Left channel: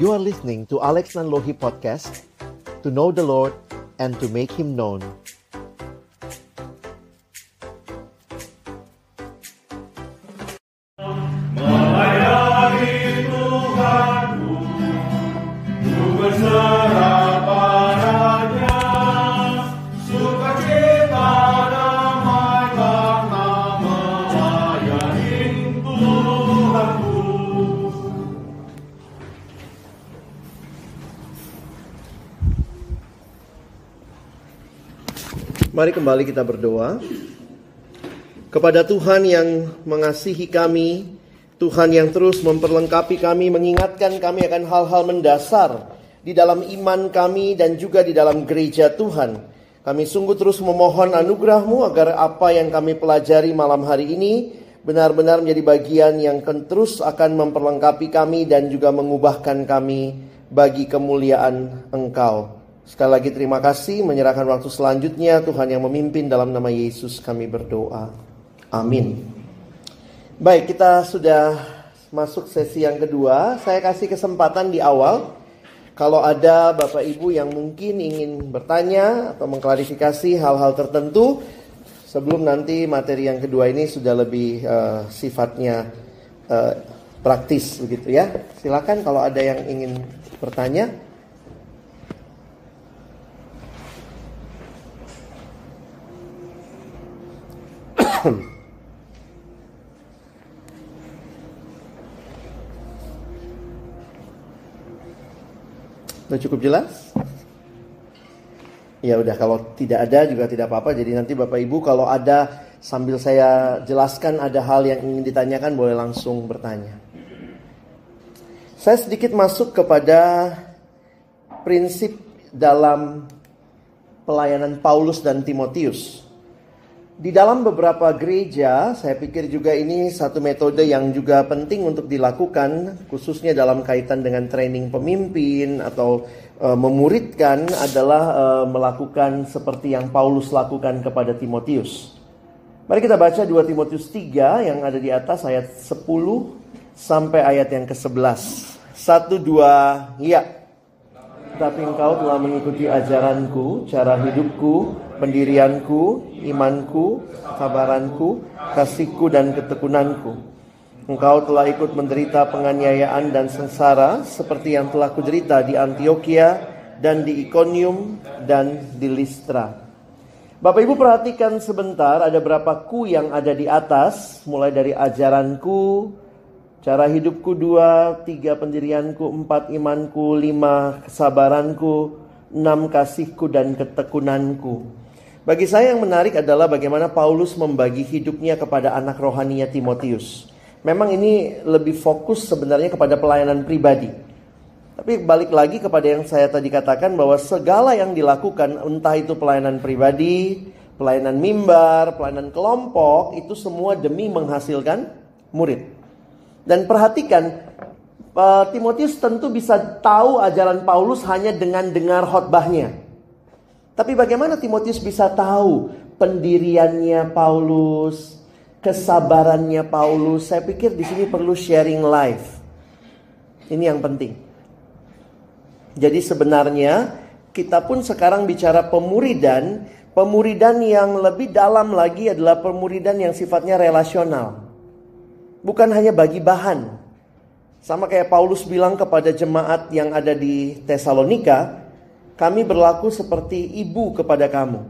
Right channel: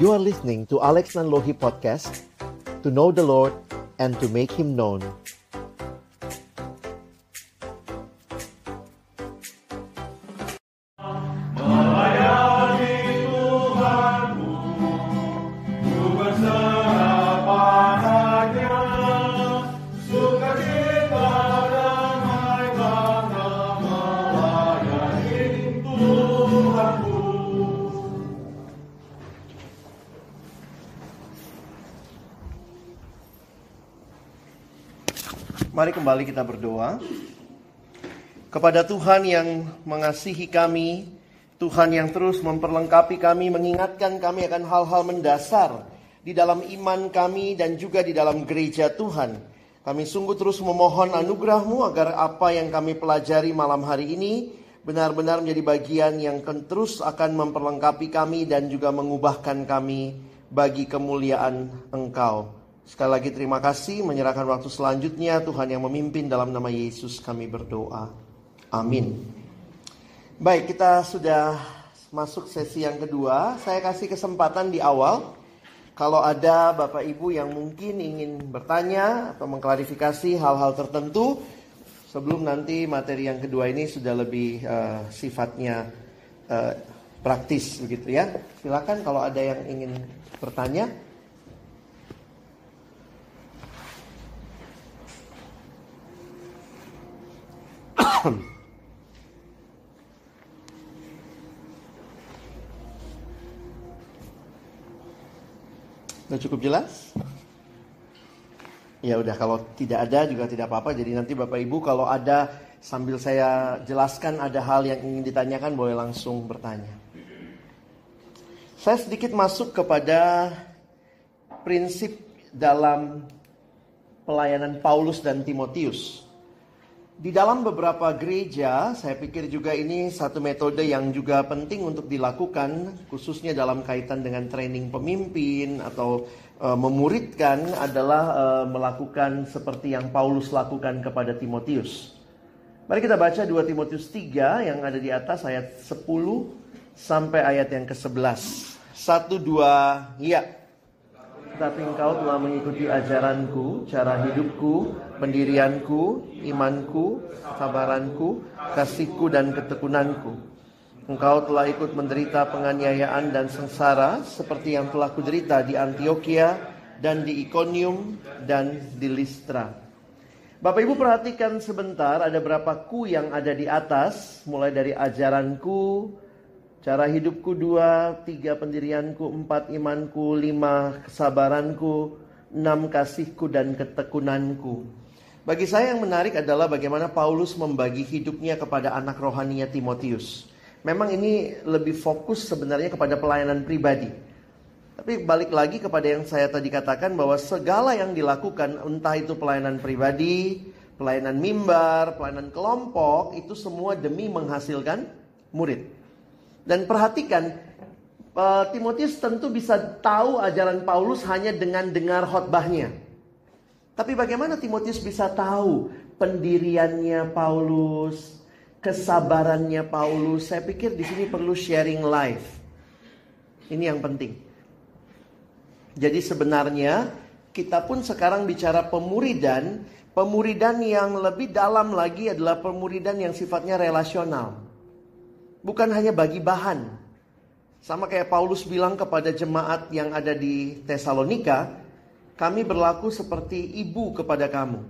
You are listening to Alex Nanlohi Podcast, to know the Lord and to make Him known. Mari kembali kita berdoa kepada Tuhan yang mengasihi kami, Tuhan yang terus memperlengkapi kami, mengingatkan kami akan hal-hal mendasar di dalam iman kami dan juga di dalam gereja Tuhan. Kami sungguh terus memohon anugerah-Mu agar apa yang kami pelajari malam hari ini benar-benar menjadi bagian yang terus akan memperlengkapi kami dan juga mengubahkan kami bagi kemuliaan Engkau. Sekali lagi terima kasih, menyerahkan waktu selanjutnya Tuhan yang memimpin, dalam nama Yesus kami berdoa. Amin. Baik, kita sudah masuk sesi yang kedua. Saya kasih kesempatan di awal, kalau ada Bapak Ibu yang mungkin ingin bertanya atau mengklarifikasi hal-hal tertentu, sebelum nanti materi yang kedua ini sudah lebih sifatnya praktis begitu ya. Silakan kalau ada yang ingin bertanya. Sudah cukup jelas? Ya udah, kalau tidak ada juga tidak apa-apa. Jadi nanti Bapak Ibu kalau ada, sambil saya jelaskan ada hal yang ingin ditanyakan, boleh langsung bertanya. Saya sedikit masuk kepada prinsip dalam pelayanan Paulus dan Timotius. Di dalam beberapa gereja, saya pikir juga ini satu metode yang juga penting untuk dilakukan, khususnya dalam kaitan dengan training pemimpin atau memuridkan, adalah melakukan seperti yang Paulus lakukan kepada Timotius. Mari kita baca 2 Timotius 3 yang ada di atas, ayat 10 sampai ayat yang ke-11. 1, 2, ya. Tapi engkau telah mengikuti ajaranku, cara hidupku, pendirianku, imanku, sabaranku, kasihku dan ketekunanku. Engkau telah ikut menderita penganiayaan dan sengsara seperti yang telah kuderita di Antiokhia dan di Ikonium dan di Listra. Bapak Ibu perhatikan sebentar, ada berapa ku yang ada di atas, mulai dari ajaranku, cara hidupku 2, 3 pendirianku, 4 imanku, 5 kesabaranku, 6 kasihku dan ketekunanku. Bagi saya yang menarik adalah bagaimana Paulus membagi hidupnya kepada anak rohaninya Timotius. Memang ini lebih fokus sebenarnya kepada pelayanan pribadi. Tapi balik lagi kepada yang saya tadi katakan, bahwa segala yang dilakukan, entah itu pelayanan pribadi, pelayanan mimbar, pelayanan kelompok, itu semua demi menghasilkan murid. Dan perhatikan, Timotius tentu bisa tahu ajaran Paulus hanya dengan dengar khotbahnya. Tapi bagaimana Timotius bisa tahu pendiriannya Paulus, kesabarannya Paulus? Saya pikir di sini perlu sharing life. Ini yang penting. Jadi sebenarnya kita pun sekarang bicara pemuridan. Pemuridan yang lebih dalam lagi adalah pemuridan yang sifatnya relasional. Bukan hanya bagi bahan. Sama kayak Paulus bilang kepada jemaat yang ada di Tesalonika, kami berlaku seperti ibu kepada kamu.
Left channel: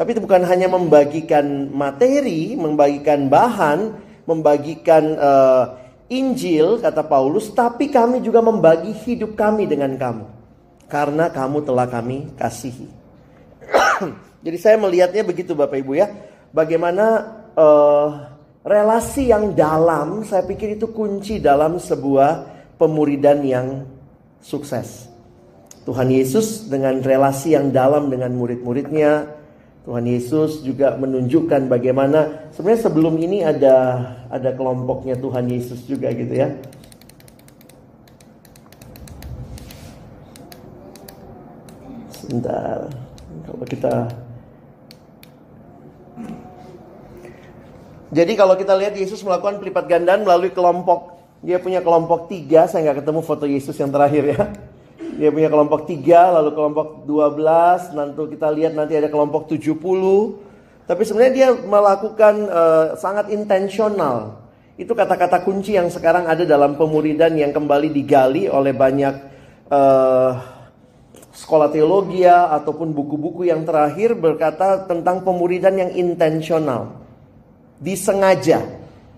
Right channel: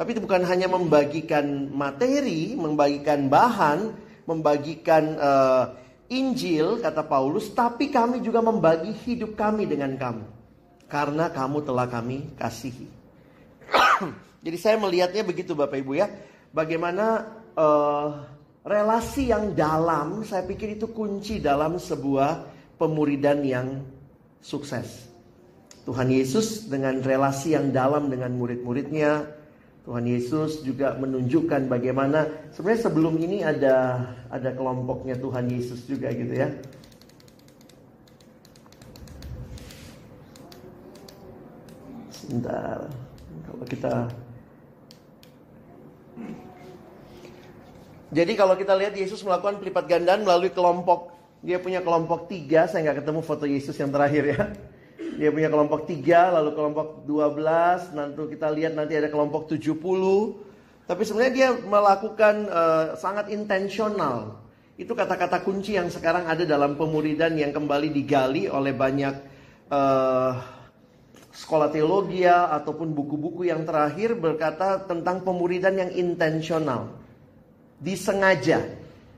Tapi itu bukan hanya membagikan materi, membagikan bahan, membagikan Injil, kata Paulus, tapi kami juga membagi hidup kami dengan kamu. Karena kamu telah kami kasihi. Jadi saya melihatnya begitu Bapak Ibu ya. Bagaimana relasi yang dalam, saya pikir itu kunci dalam sebuah pemuridan yang sukses. Tuhan Yesus dengan relasi yang dalam dengan murid-muridnya. Tuhan Yesus juga menunjukkan bagaimana sebenarnya sebelum ini ada kelompoknya Tuhan Yesus juga gitu ya. Sebentar, kalau kita Jadi kalau kita lihat Yesus melakukan pelipat gandaan melalui kelompok Dia punya kelompok 3, saya nggak ketemu foto Yesus yang terakhir ya. Dia punya kelompok 3, lalu kelompok 12, nanti kita lihat nanti ada kelompok 70. Tapi sebenarnya dia melakukan sangat intensional. Itu kata-kata kunci yang sekarang ada dalam pemuridan yang kembali digali oleh banyak sekolah teologi ataupun buku-buku yang terakhir berkata tentang pemuridan yang intensional. Disengaja.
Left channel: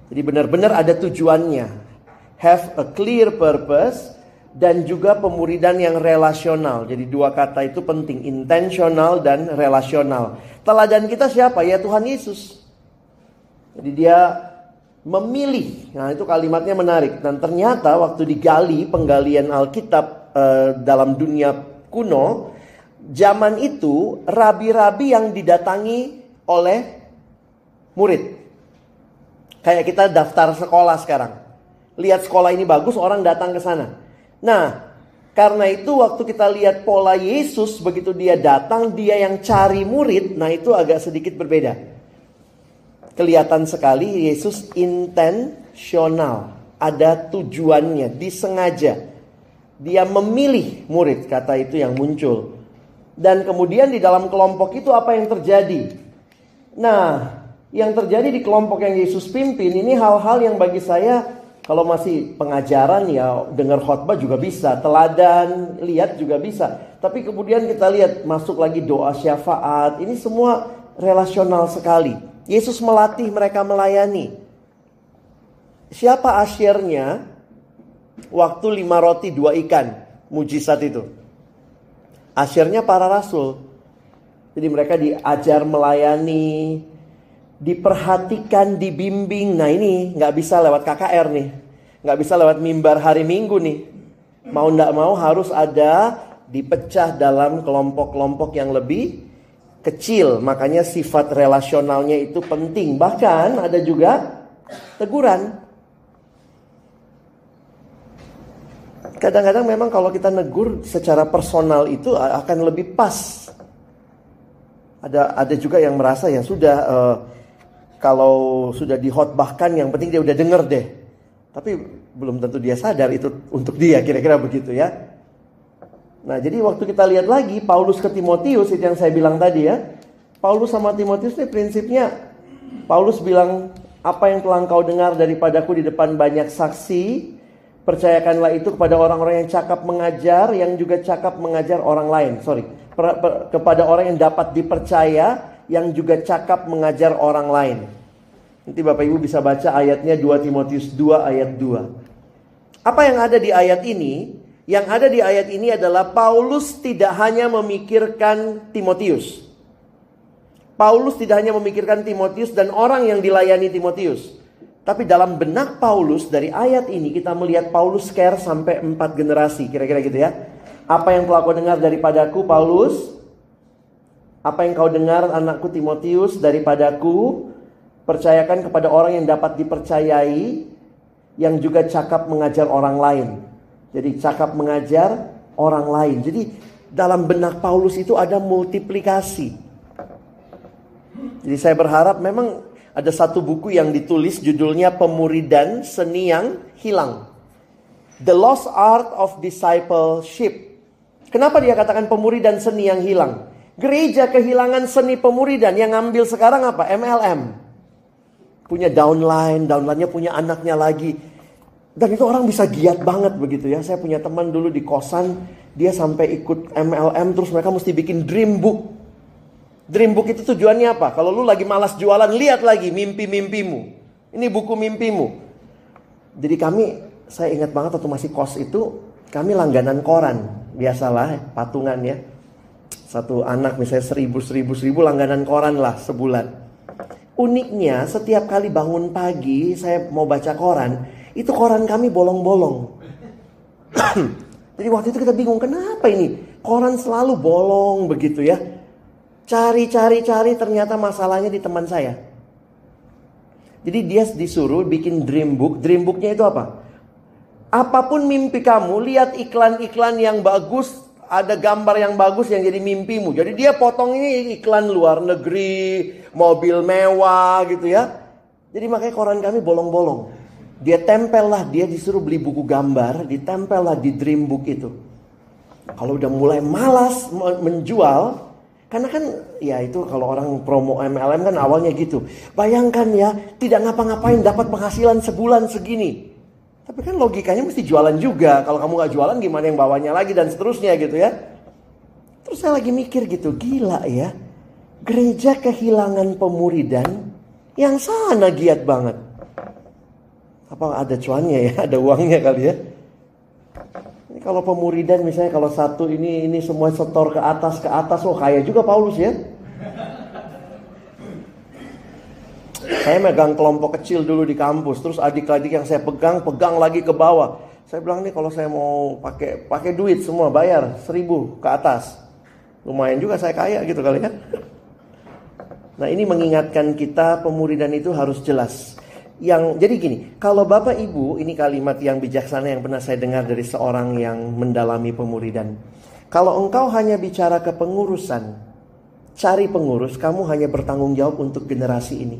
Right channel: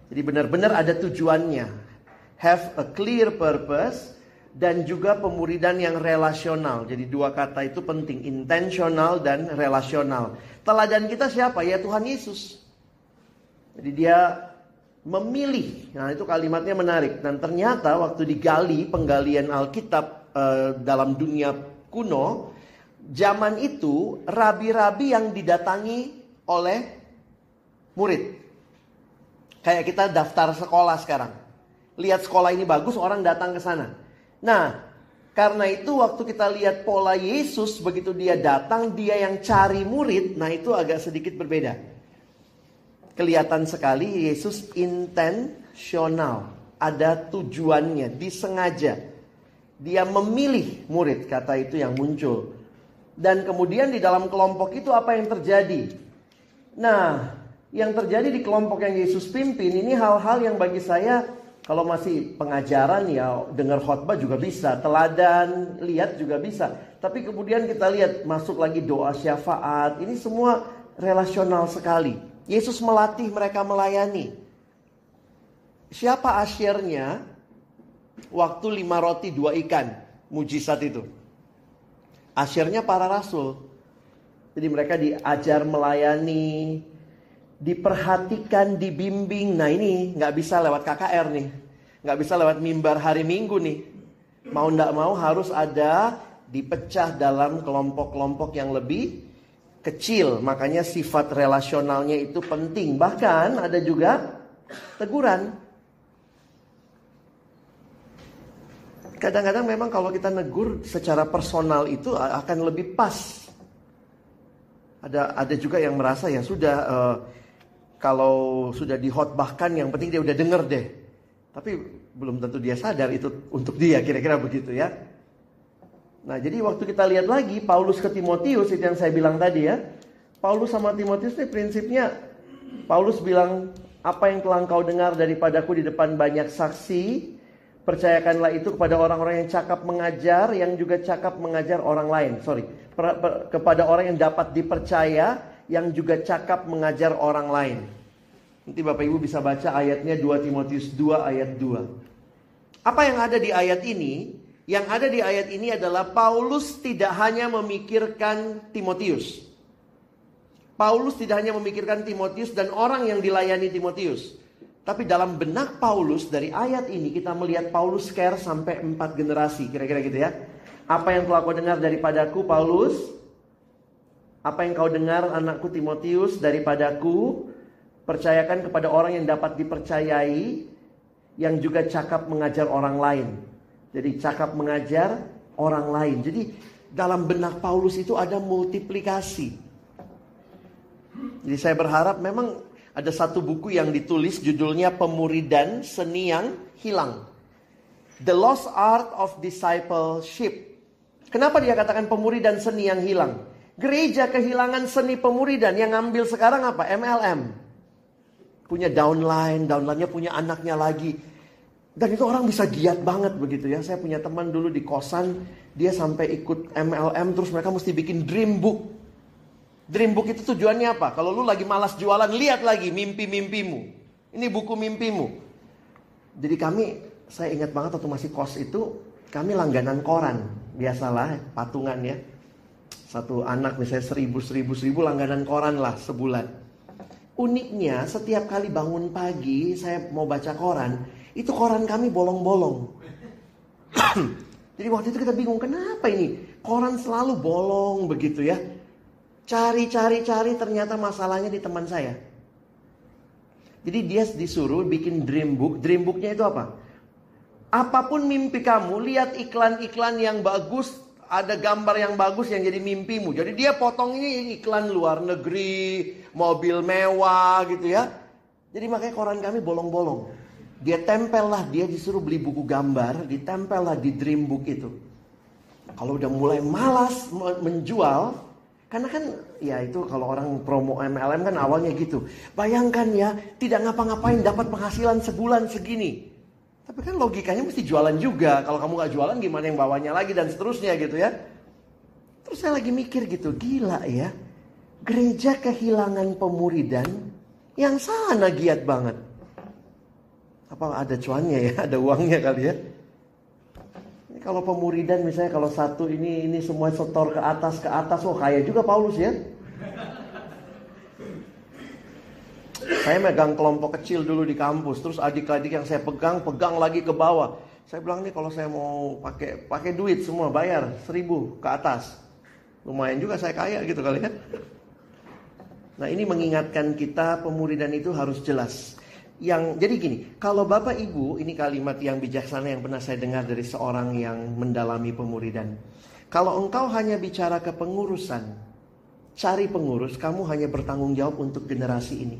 Jadi benar-benar ada tujuannya. Have a clear purpose. Dan juga pemuridan yang relasional. Jadi dua kata itu penting. Intentional dan relasional. Teladan kita siapa? Ya Tuhan Yesus. Jadi dia memilih. Nah itu kalimatnya menarik. Dan ternyata waktu digali penggalian Alkitab dalam dunia kuno. Zaman itu rabi-rabi yang didatangi oleh murid. Kayak kita daftar sekolah sekarang. Lihat sekolah ini bagus, orang datang ke sana. Nah, karena itu waktu kita lihat pola Yesus, begitu dia datang, dia yang cari murid, nah itu agak sedikit berbeda. Kelihatan sekali Yesus intensional, ada tujuannya, disengaja. Dia memilih murid, kata itu yang muncul. Dan kemudian di dalam kelompok itu apa yang terjadi? Nah, yang terjadi di kelompok yang Yesus pimpin, ini hal-hal yang bagi saya, kalau masih pengajaran ya dengar khotbah juga bisa, teladan, lihat juga bisa. Tapi kemudian kita lihat masuk lagi doa syafaat, ini semua relasional sekali. Yesus melatih mereka melayani. Siapa asyirnya waktu 5 roti 2 ikan, mujizat itu? Asyirnya para rasul. Jadi mereka diajar melayani, diperhatikan, dibimbing. Nah ini gak bisa lewat KKR nih, gak bisa lewat mimbar hari Minggu nih. Mau gak mau harus ada, dipecah dalam kelompok-kelompok yang lebih kecil. Makanya sifat relasionalnya itu penting. Bahkan ada juga teguran. Kadang-kadang memang kalau kita negur secara personal itu akan lebih pas. Ada juga yang merasa ya sudah, kalau sudah dihotbahkan yang penting dia udah denger deh. Tapi belum tentu dia sadar itu untuk dia, kira-kira begitu ya. Nah jadi waktu kita lihat lagi Paulus ke Timotius, itu yang saya bilang tadi ya. Paulus sama Timotius ini prinsipnya, Paulus bilang, apa yang telah engkau dengar daripadaku di depan banyak saksi, percayakanlah itu kepada orang-orang yang cakap mengajar, yang juga cakap mengajar orang lain. Kepada orang yang dapat dipercaya, yang juga cakap mengajar orang lain. Nanti Bapak Ibu bisa baca ayatnya 2 Timotius 2 ayat 2. Apa yang ada di ayat ini? Yang ada di ayat ini adalah Paulus tidak hanya memikirkan Timotius. Paulus tidak hanya memikirkan Timotius dan orang yang dilayani Timotius. Tapi dalam benak Paulus dari ayat ini kita melihat Paulus care sampai 4 generasi. Kira-kira gitu ya. Apa yang telah kau dengar daripadaku Paulus? Apa yang kau dengar anakku Timotius daripadaku? Percayakan kepada orang yang dapat dipercayai, yang juga cakap mengajar orang lain. Jadi cakap mengajar orang lain. Jadi dalam benak Paulus itu ada multiplikasi. Jadi saya berharap memang ada satu buku yang ditulis judulnya Pemuridan Seni yang Hilang. The Lost Art of Discipleship. Kenapa dia katakan pemuridan seni yang hilang? Gereja kehilangan seni pemuridan. Yang ngambil sekarang apa? MLM. Punya downline-nya punya anaknya lagi. Dan itu orang bisa giat banget begitu ya. Saya punya teman dulu di kosan, dia sampai ikut MLM, terus mereka mesti bikin dream book. Dream book itu tujuannya apa? Kalau lu lagi malas jualan, lihat lagi mimpi-mimpimu. Ini buku mimpimu. Jadi saya ingat banget waktu masih kos itu, kami langganan koran. Biasalah patungan ya. Satu anak misalnya 1.000 langganan koran lah sebulan. Uniknya setiap kali bangun pagi saya mau baca koran, itu koran kami bolong-bolong. Jadi waktu itu kita bingung, kenapa ini koran selalu bolong begitu ya. Cari ternyata masalahnya di teman saya. Jadi dia disuruh bikin dream book. Dream booknya itu apa? Apapun mimpi kamu, lihat iklan-iklan yang bagus, ada gambar yang bagus yang jadi mimpimu. Jadi dia potong ini iklan luar negeri, mobil mewah gitu ya. Jadi makanya koran kami bolong-bolong. Dia tempel lah, dia disuruh beli buku gambar, ditempel lah di dream book itu. Kalau udah mulai malas menjual, karena kan ya itu kalau orang promo MLM kan awalnya gitu. Bayangkan ya, tidak ngapa-ngapain dapat penghasilan sebulan segini. Tapi kan logikanya mesti jualan juga. Kalau kamu gak jualan gimana yang bawanya lagi dan seterusnya gitu ya. Terus saya lagi mikir gitu, gila ya. Gereja kehilangan pemuridan yang sana giat banget. Apa ada cuannya ya, ada uangnya kali ya. Ini kalau pemuridan misalnya kalau satu ini semua setor ke atas, oh kaya juga Paulus ya. Saya megang kelompok kecil dulu di kampus, terus adik-adik yang saya pegang lagi ke bawah. Saya bilang nih kalau saya mau pakai duit semua bayar 1.000 ke atas. Lumayan juga saya kaya gitu kali kan. Nah ini mengingatkan kita pemuridan itu harus jelas. Jadi gini, kalau Bapak Ibu, ini kalimat yang bijaksana yang pernah saya dengar dari seorang yang mendalami pemuridan. Kalau engkau hanya bicara ke pengurusan, cari pengurus, kamu hanya bertanggung jawab untuk generasi ini.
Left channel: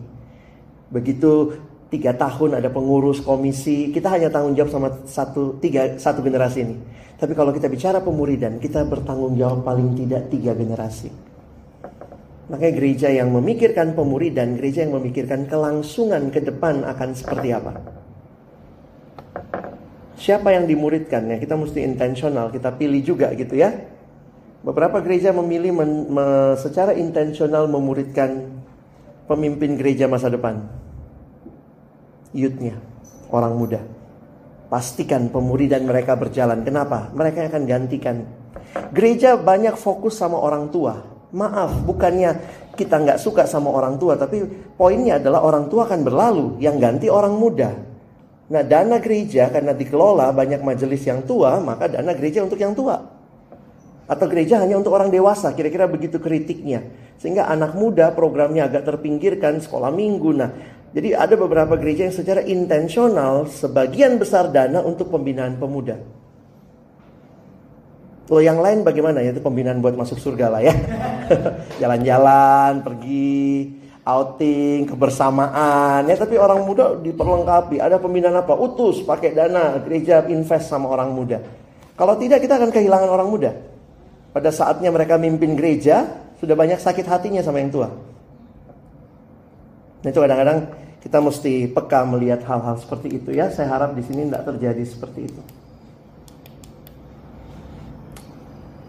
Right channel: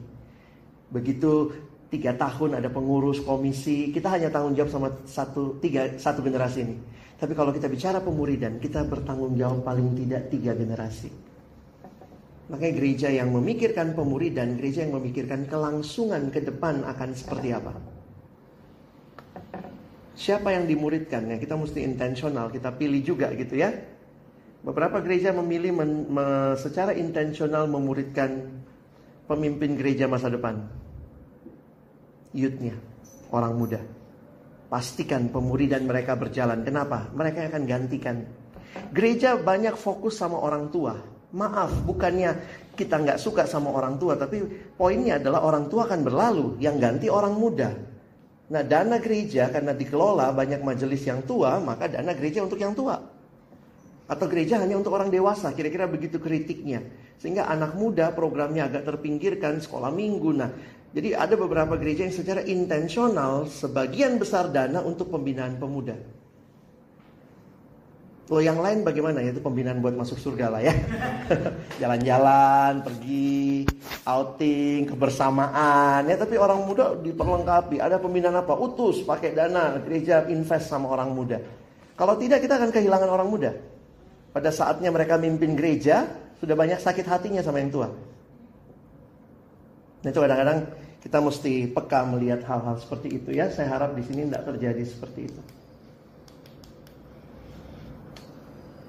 Begitu 3 tahun ada pengurus komisi, kita hanya tanggung jawab sama satu generasi ini. Tapi kalau kita bicara pemuridan, kita bertanggung jawab paling tidak 3 generasi. Makanya gereja yang memikirkan pemuridan, gereja yang memikirkan kelangsungan ke depan akan seperti apa. Siapa yang dimuridkan ya, kita mesti intensional, kita pilih juga gitu ya. Beberapa gereja memilih secara intensional memuridkan pemimpin gereja masa depan. Youth-nya, orang muda. Pastikan pemuridan mereka berjalan. Kenapa? Mereka akan gantikan. Gereja banyak fokus sama orang tua. Maaf, bukannya kita nggak suka sama orang tua, tapi poinnya adalah orang tua akan berlalu, yang ganti orang muda. Nah, dana gereja karena dikelola banyak majelis yang tua, maka dana gereja untuk yang tua. Atau gereja hanya untuk orang dewasa, kira-kira begitu kritiknya. Sehingga anak muda programnya agak terpinggirkan, sekolah minggu. Nah, jadi ada beberapa gereja yang secara intensional sebagian besar dana untuk pembinaan pemuda. Loh yang lain bagaimana ya, itu pembinaan buat masuk surga lah ya. Jalan-jalan, pergi, outing, kebersamaan ya. Tapi orang muda diperlengkapi. Ada pembinaan apa? Utus, pakai dana, gereja invest sama orang muda. Kalau tidak kita akan kehilangan orang muda. Pada saatnya mereka mimpin gereja, sudah banyak sakit hatinya sama yang tua. Nah itu kadang-kadang kita mesti peka melihat hal-hal seperti itu ya. Saya harap di sini tidak terjadi seperti itu.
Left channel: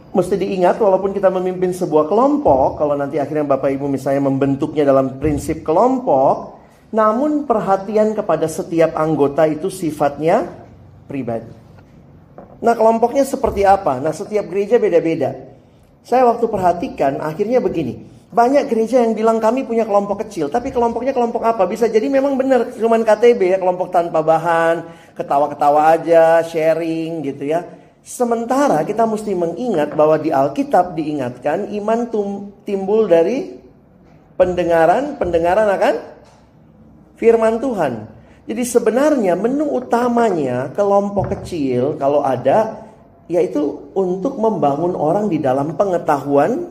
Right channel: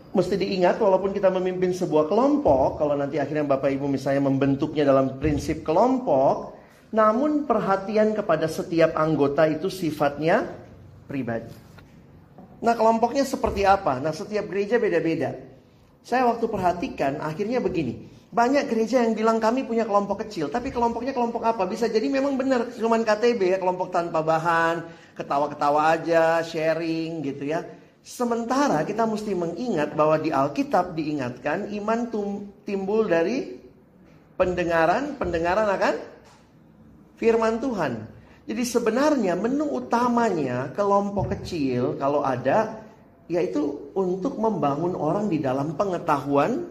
Mesti diingat walaupun kita memimpin sebuah kelompok, kalau nanti akhirnya Bapak Ibu misalnya membentuknya dalam prinsip kelompok, namun perhatian kepada setiap anggota itu sifatnya pribadi. Nah kelompoknya seperti apa? Nah setiap gereja beda-beda. Saya waktu perhatikan akhirnya begini. Banyak gereja yang bilang kami punya kelompok kecil, tapi kelompoknya kelompok apa? Bisa jadi memang benar cuman KTB ya, kelompok tanpa bahan, ketawa-ketawa aja, sharing gitu ya. Sementara kita mesti mengingat bahwa di Alkitab diingatkan iman timbul dari pendengaran akan firman Tuhan. Jadi sebenarnya menu utamanya kelompok kecil kalau ada yaitu untuk membangun orang di dalam pengetahuan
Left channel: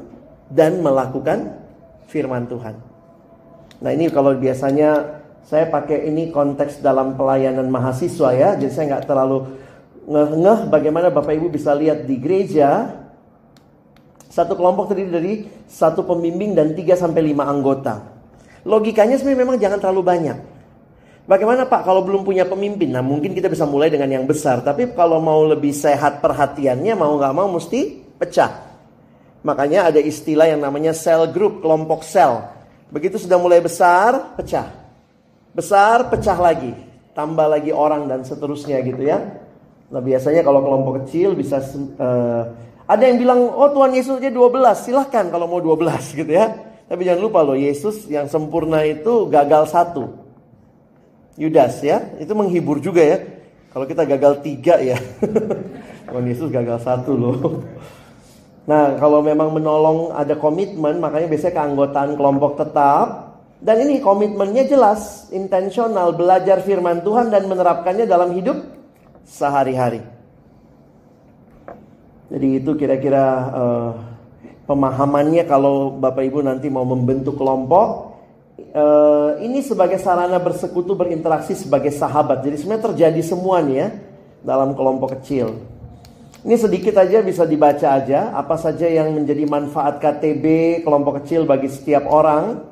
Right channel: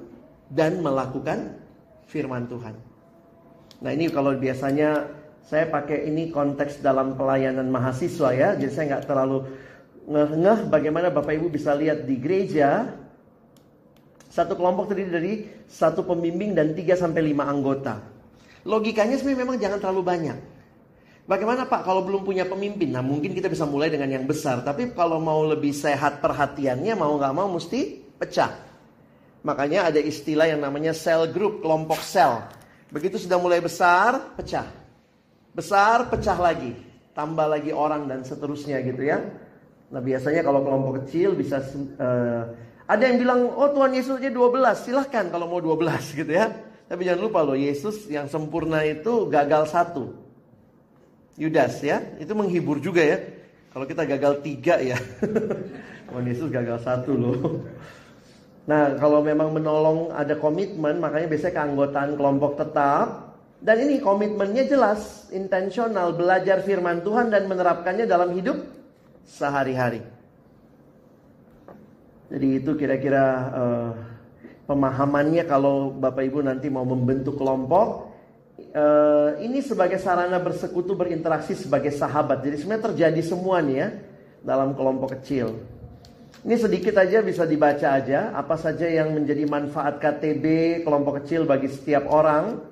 dan melakukan firman Tuhan. Nah ini kalau biasanya saya pakai ini konteks dalam pelayanan mahasiswa ya, jadi saya nggak terlalu ngeh bagaimana Bapak Ibu bisa lihat di gereja satu kelompok terdiri dari satu pembimbing dan 3-5 anggota. Logikanya sebenarnya memang jangan terlalu banyak. Bagaimana Pak kalau belum punya pemimpin? Nah mungkin kita bisa mulai dengan yang besar. Tapi kalau mau lebih sehat perhatiannya mau gak mau mesti pecah. Makanya ada istilah yang namanya cell group, kelompok sel. Begitu sudah mulai besar, pecah. Besar, pecah lagi. Tambah lagi orang dan seterusnya gitu ya. Nah biasanya kalau kelompok kecil bisa ada yang bilang oh Tuhan Yesus aja 12, silahkan kalau mau 12 gitu ya. Tapi jangan lupa loh Yesus yang sempurna itu gagal 1. Yudas ya, itu menghibur juga ya. Kalau kita gagal 3 ya. Tuhan Yesus gagal 1 loh. Nah kalau memang menolong ada komitmen, makanya biasanya keanggotaan kelompok tetap. Dan ini komitmennya jelas, intensional, belajar firman Tuhan dan menerapkannya dalam hidup sehari-hari. Jadi itu kira-kira pemahamannya kalau Bapak Ibu nanti mau membentuk kelompok. ini sebagai sarana bersekutu, berinteraksi sebagai sahabat. Jadi sebenarnya terjadi semua nih ya dalam kelompok kecil. Ini sedikit aja bisa dibaca aja apa saja yang menjadi manfaat KTB kelompok kecil bagi setiap orang.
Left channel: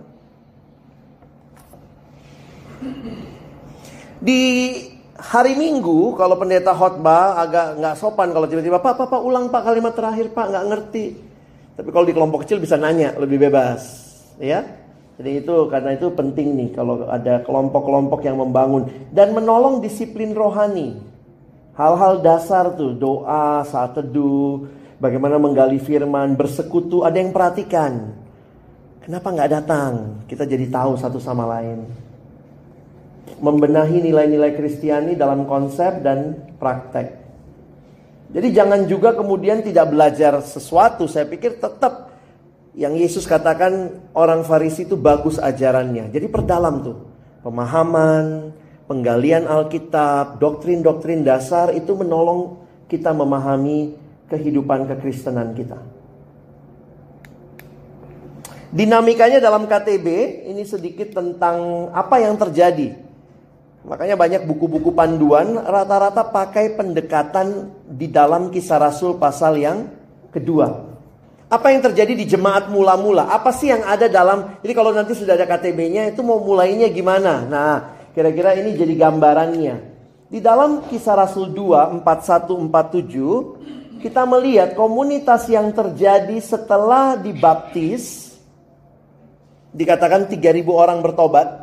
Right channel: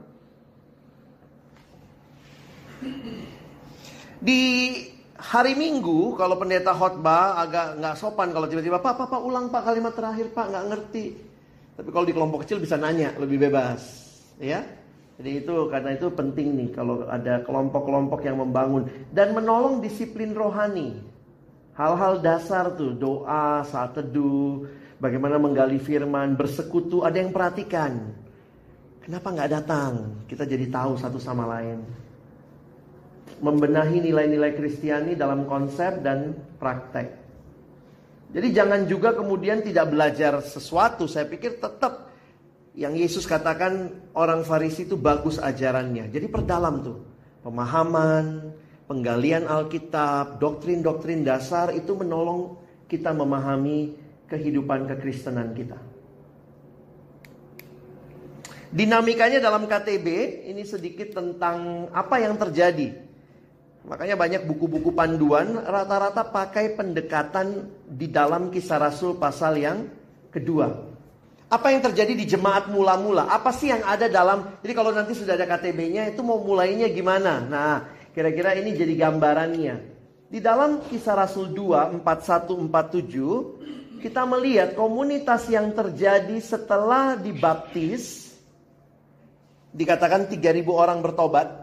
Di hari Minggu kalau pendeta khotbah agak nggak sopan kalau tiba-tiba Pak ulang Pak kalimat terakhir Pak, nggak ngerti. Tapi kalau di kelompok kecil bisa nanya lebih bebas, ya. Jadi karena itu penting nih kalau ada kelompok-kelompok yang membangun dan menolong disiplin rohani. Hal-hal dasar tuh, doa, saat teduh, bagaimana menggali firman, bersekutu, ada yang perhatikan. Kenapa nggak datang? Kita jadi tahu satu sama lain. Membenahi nilai-nilai Kristiani dalam konsep dan praktek. Jadi jangan juga kemudian tidak belajar sesuatu. Saya pikir tetap yang Yesus katakan orang Farisi itu bagus ajarannya. Jadi perdalam tuh pemahaman, penggalian Alkitab, doktrin-doktrin dasar itu menolong kita memahami kehidupan kekristenan kita. Dinamikanya dalam KTB ini sedikit tentang apa yang terjadi. Makanya banyak buku-buku panduan rata-rata pakai pendekatan di dalam Kisah Rasul pasal yang kedua. Apa yang terjadi di jemaat mula-mula? Apa sih yang ada dalam? Jadi kalau nanti sudah ada KTB-nya itu mau mulainya gimana? Nah, kira-kira ini jadi gambarannya. Di dalam Kisah Rasul 2, 41-47, kita melihat komunitas yang terjadi setelah dibaptis. Dikatakan 3.000 orang bertobat.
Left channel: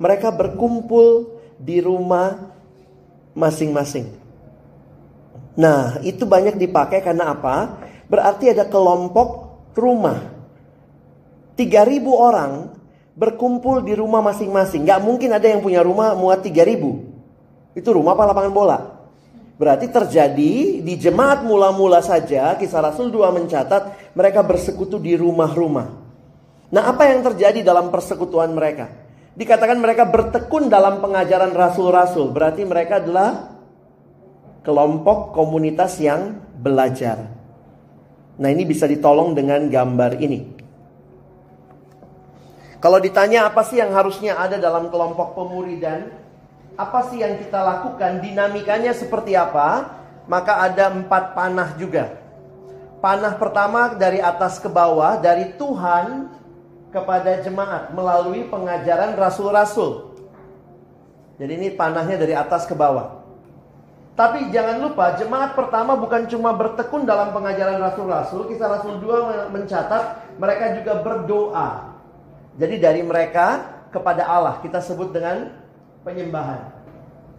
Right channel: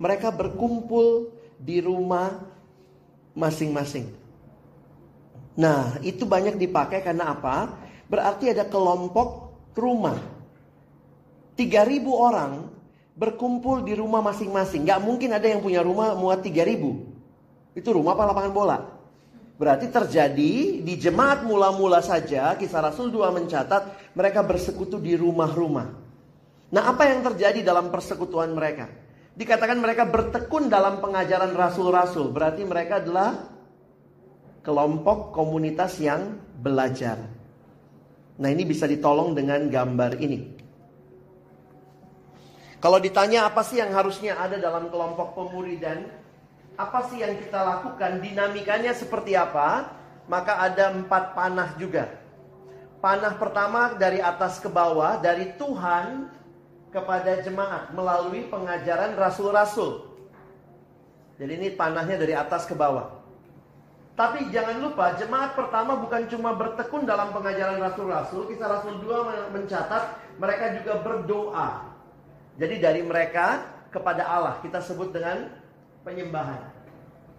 Mereka berkumpul di rumah masing-masing. Nah, itu banyak dipakai karena apa? Berarti ada kelompok rumah. 3.000 orang berkumpul di rumah masing-masing. Gak mungkin ada yang punya rumah muat 3.000. Itu rumah apa lapangan bola? Berarti terjadi di jemaat mula-mula saja. Kisah Rasul 2 mencatat mereka bersekutu di rumah-rumah. Nah, apa yang terjadi dalam persekutuan mereka? Dikatakan mereka bertekun dalam pengajaran rasul-rasul. Berarti mereka adalah kelompok komunitas yang belajar. Nah, ini bisa ditolong dengan gambar ini. Kalau ditanya apa sih yang harusnya ada dalam kelompok pemuridan, apa sih yang kita lakukan, dinamikanya seperti apa, maka ada 4 panah juga. Panah pertama dari atas ke bawah, dari Tuhan kepada jemaat melalui pengajaran rasul-rasul. Jadi ini panahnya dari atas ke bawah. Tapi jangan lupa jemaat pertama bukan cuma bertekun dalam pengajaran rasul-rasul. Kisah Rasul 2 mencatat mereka juga berdoa. Jadi dari mereka kepada Allah kita sebut dengan penyembahan.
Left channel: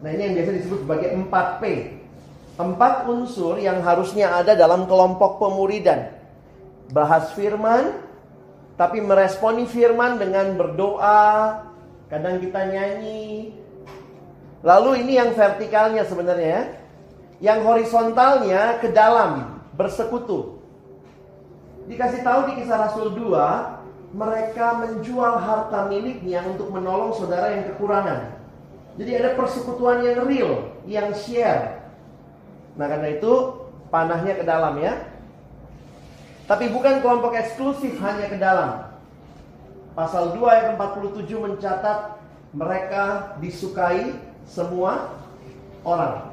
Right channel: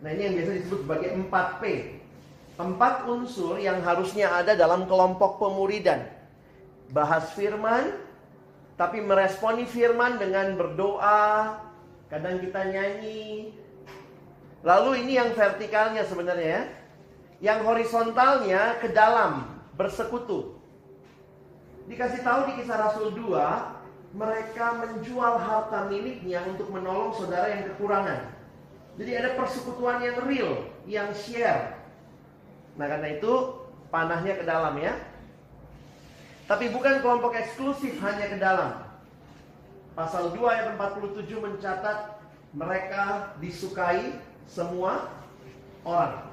Nah, ini yang biasa disebut sebagai 4P. 4 unsur yang harusnya ada dalam kelompok pemuridan. Bahas firman, tapi meresponi firman dengan berdoa, kadang kita nyanyi. Lalu ini yang vertikalnya sebenarnya ya. Yang horizontalnya ke dalam, bersekutu. Dikasih tahu di Kisah Rasul 2, mereka menjual harta miliknya untuk menolong saudara yang kekurangan. Jadi ada persekutuan yang real, yang share. Nah, karena itu panahnya ke dalam ya. Tapi bukan kelompok eksklusif hanya ke dalam. Pasal 2 ayat 47 mencatat mereka disukai semua orang.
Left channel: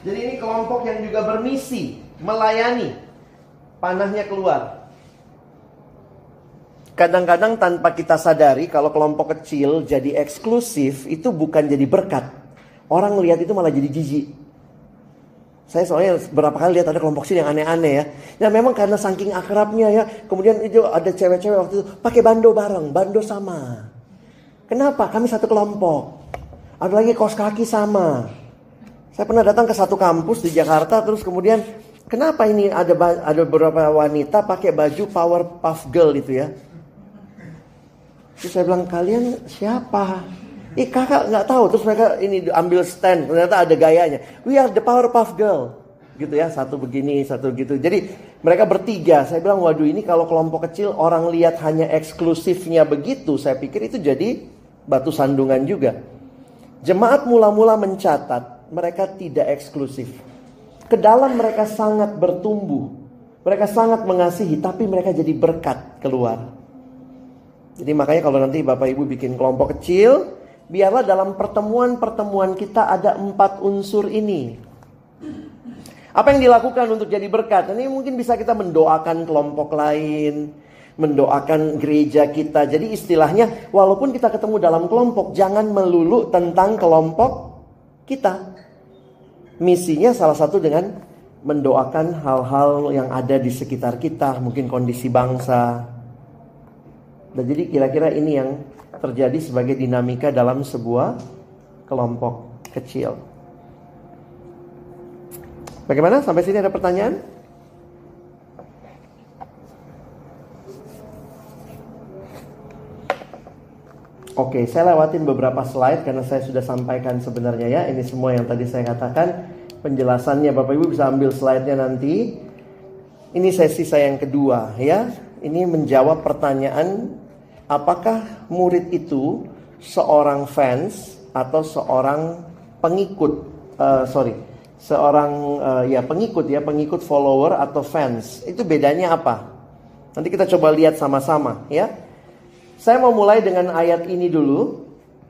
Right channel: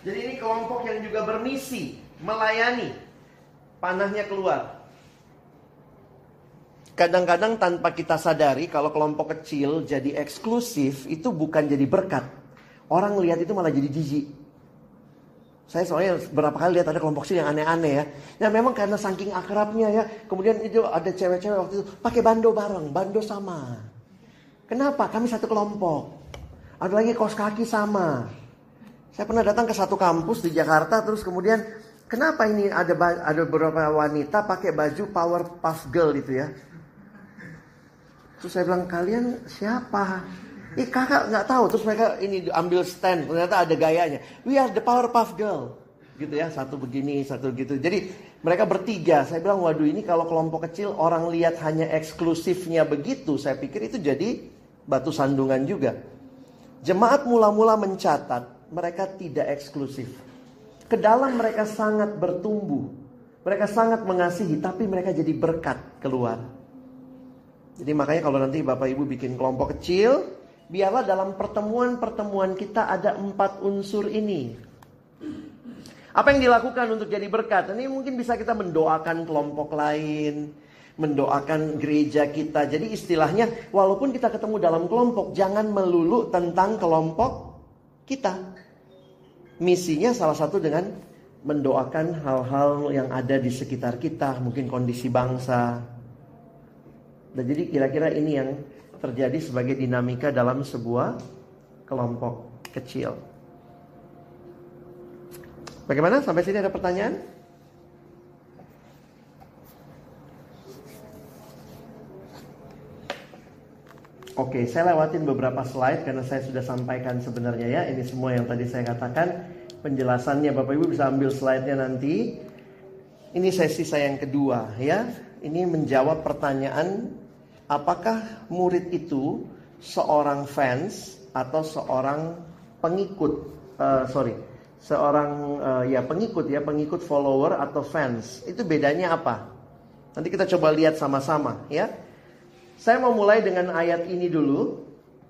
Jadi ini kelompok yang juga bermisi, melayani. Panahnya keluar. Kadang-kadang tanpa kita sadari kalau kelompok kecil jadi eksklusif itu bukan jadi berkat. Orang lihat itu malah jadi jijik. Saya soalnya berapa kali lihat ada kelompok sini yang aneh-aneh ya. Ya memang karena saking akrabnya ya. Kemudian itu ada cewek-cewek waktu itu pakai bando bareng, bando sama. Kenapa? Kami satu kelompok. Ada lagi kaos kaki sama. Saya pernah datang ke satu kampus di Jakarta, terus kemudian kenapa ini ada beberapa wanita pakai baju Powerpuff Girl itu ya. Terus saya bilang, kalian siapa? Kakak nggak tahu. Terus mereka ini ambil stand, ternyata ada gayanya. We are the Powerpuff Girl, gitu ya. Satu begini, satu gitu. Jadi mereka bertiga. Saya bilang, waduh ini kalau kelompok kecil orang lihat hanya eksklusifnya begitu, saya pikir itu jadi batu sandungan juga. Jemaat mula-mula mencatat mereka tidak eksklusif. Ke dalam mereka sangat bertumbuh. Mereka sangat mengasihi, tapi mereka jadi berkat keluar. Jadi makanya kalau nanti Bapak Ibu bikin kelompok kecil, biarlah dalam pertemuan-pertemuan kita ada 4 unsur ini. Apa yang dilakukan untuk jadi berkat? Ini mungkin bisa kita mendoakan kelompok lain, mendoakan gereja kita. Jadi istilahnya, walaupun kita ketemu dalam kelompok, jangan melulu tentang kelompok kita. Misinya salah satu dengan mendoakan hal-hal yang ada di sekitar kita, mungkin kondisi bangsa. Dan jadi kira-kira ini yang terjadi sebagai dinamika dalam sebuah kelompok kecil. Bagaimana? Sampai sini ada pertanyaan? Oke, saya lewatin beberapa slide karena saya sudah sampaikan sebenarnya ya. Ini semua yang tadi saya katakan. Penjelasannya Bapak Ibu bisa ambil slide-nya nanti. Ini sesi saya yang kedua ya. Ini menjawab pertanyaan, apakah murid itu seorang fans atau seorang pengikut? Pengikut follower atau fans. Itu bedanya apa? Nanti kita coba lihat sama-sama ya. Saya mau mulai dengan ayat ini dulu.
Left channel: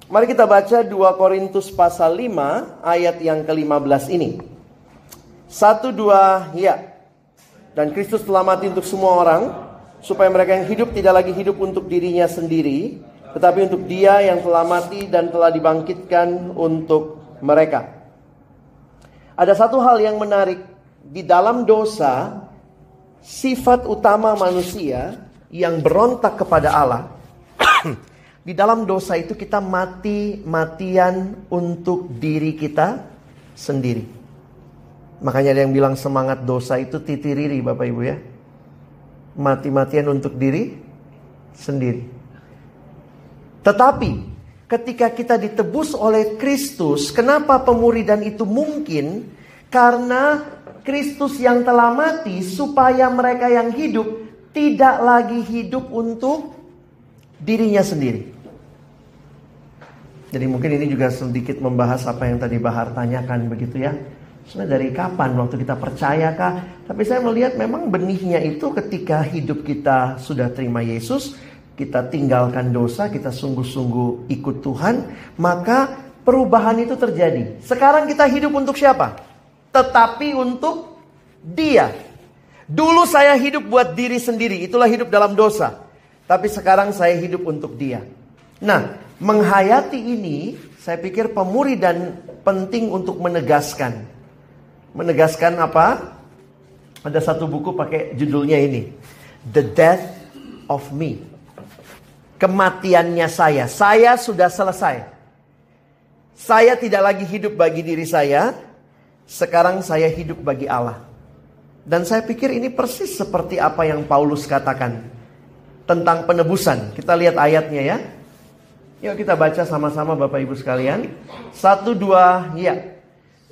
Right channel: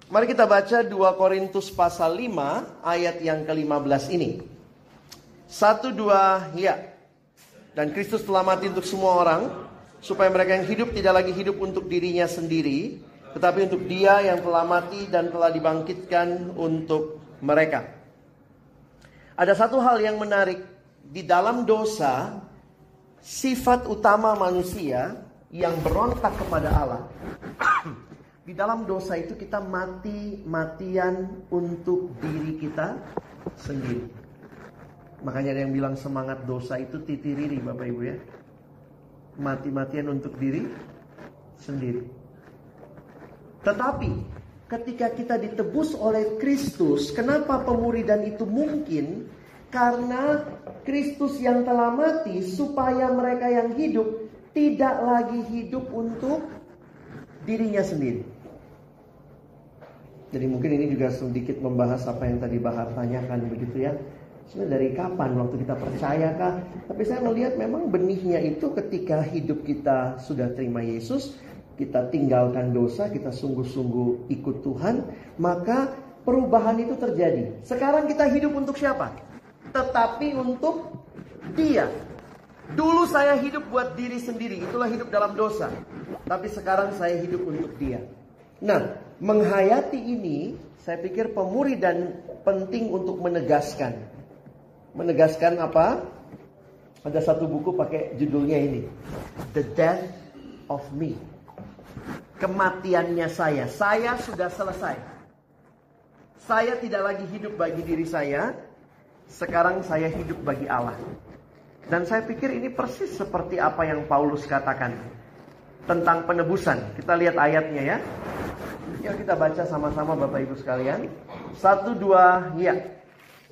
Mari kita baca 2 Korintus pasal 5 ayat yang ke-15 ini. 1, 2, ya. Dan Kristus telah mati untuk semua orang, supaya mereka yang hidup tidak lagi hidup untuk dirinya sendiri, tetapi untuk Dia yang telah mati dan telah dibangkitkan untuk mereka. Ada satu hal yang menarik. Di dalam dosa, sifat utama manusia yang berontak kepada Allah, di dalam dosa itu kita mati-matian untuk diri kita sendiri. Makanya ada yang bilang semangat dosa itu titiriri Bapak Ibu ya. Mati-matian untuk diri sendiri. Tetapi ketika kita ditebus oleh Kristus, kenapa pemuridan itu mungkin? Karena Kristus yang telah mati supaya mereka yang hidup tidak lagi hidup untuk dirinya sendiri. Jadi mungkin ini juga sedikit membahas apa yang tadi Bahar tanyakan begitu ya. Sebenarnya dari kapan waktu kita percayakah? Tapi saya melihat memang benihnya itu ketika hidup kita sudah terima Yesus, kita tinggalkan dosa, kita sungguh-sungguh ikut Tuhan, maka perubahan itu terjadi. Sekarang kita hidup untuk siapa? Tetapi untuk Dia. Dulu saya hidup buat diri sendiri, itulah hidup dalam dosa. Tapi sekarang saya hidup untuk Dia. Nah, menghayati ini, saya pikir pemuridan penting untuk menegaskan. Menegaskan apa? Ada satu buku pakai judulnya ini, The Death of Me. Kematiannya saya. Saya sudah selesai. Saya tidak lagi hidup bagi diri saya. Sekarang saya hidup bagi Allah. Dan saya pikir ini persis seperti apa yang Paulus katakan tentang penebusan. Kita lihat ayatnya ya. Yuk kita baca sama-sama Bapak Ibu sekalian. 1, 2, ya.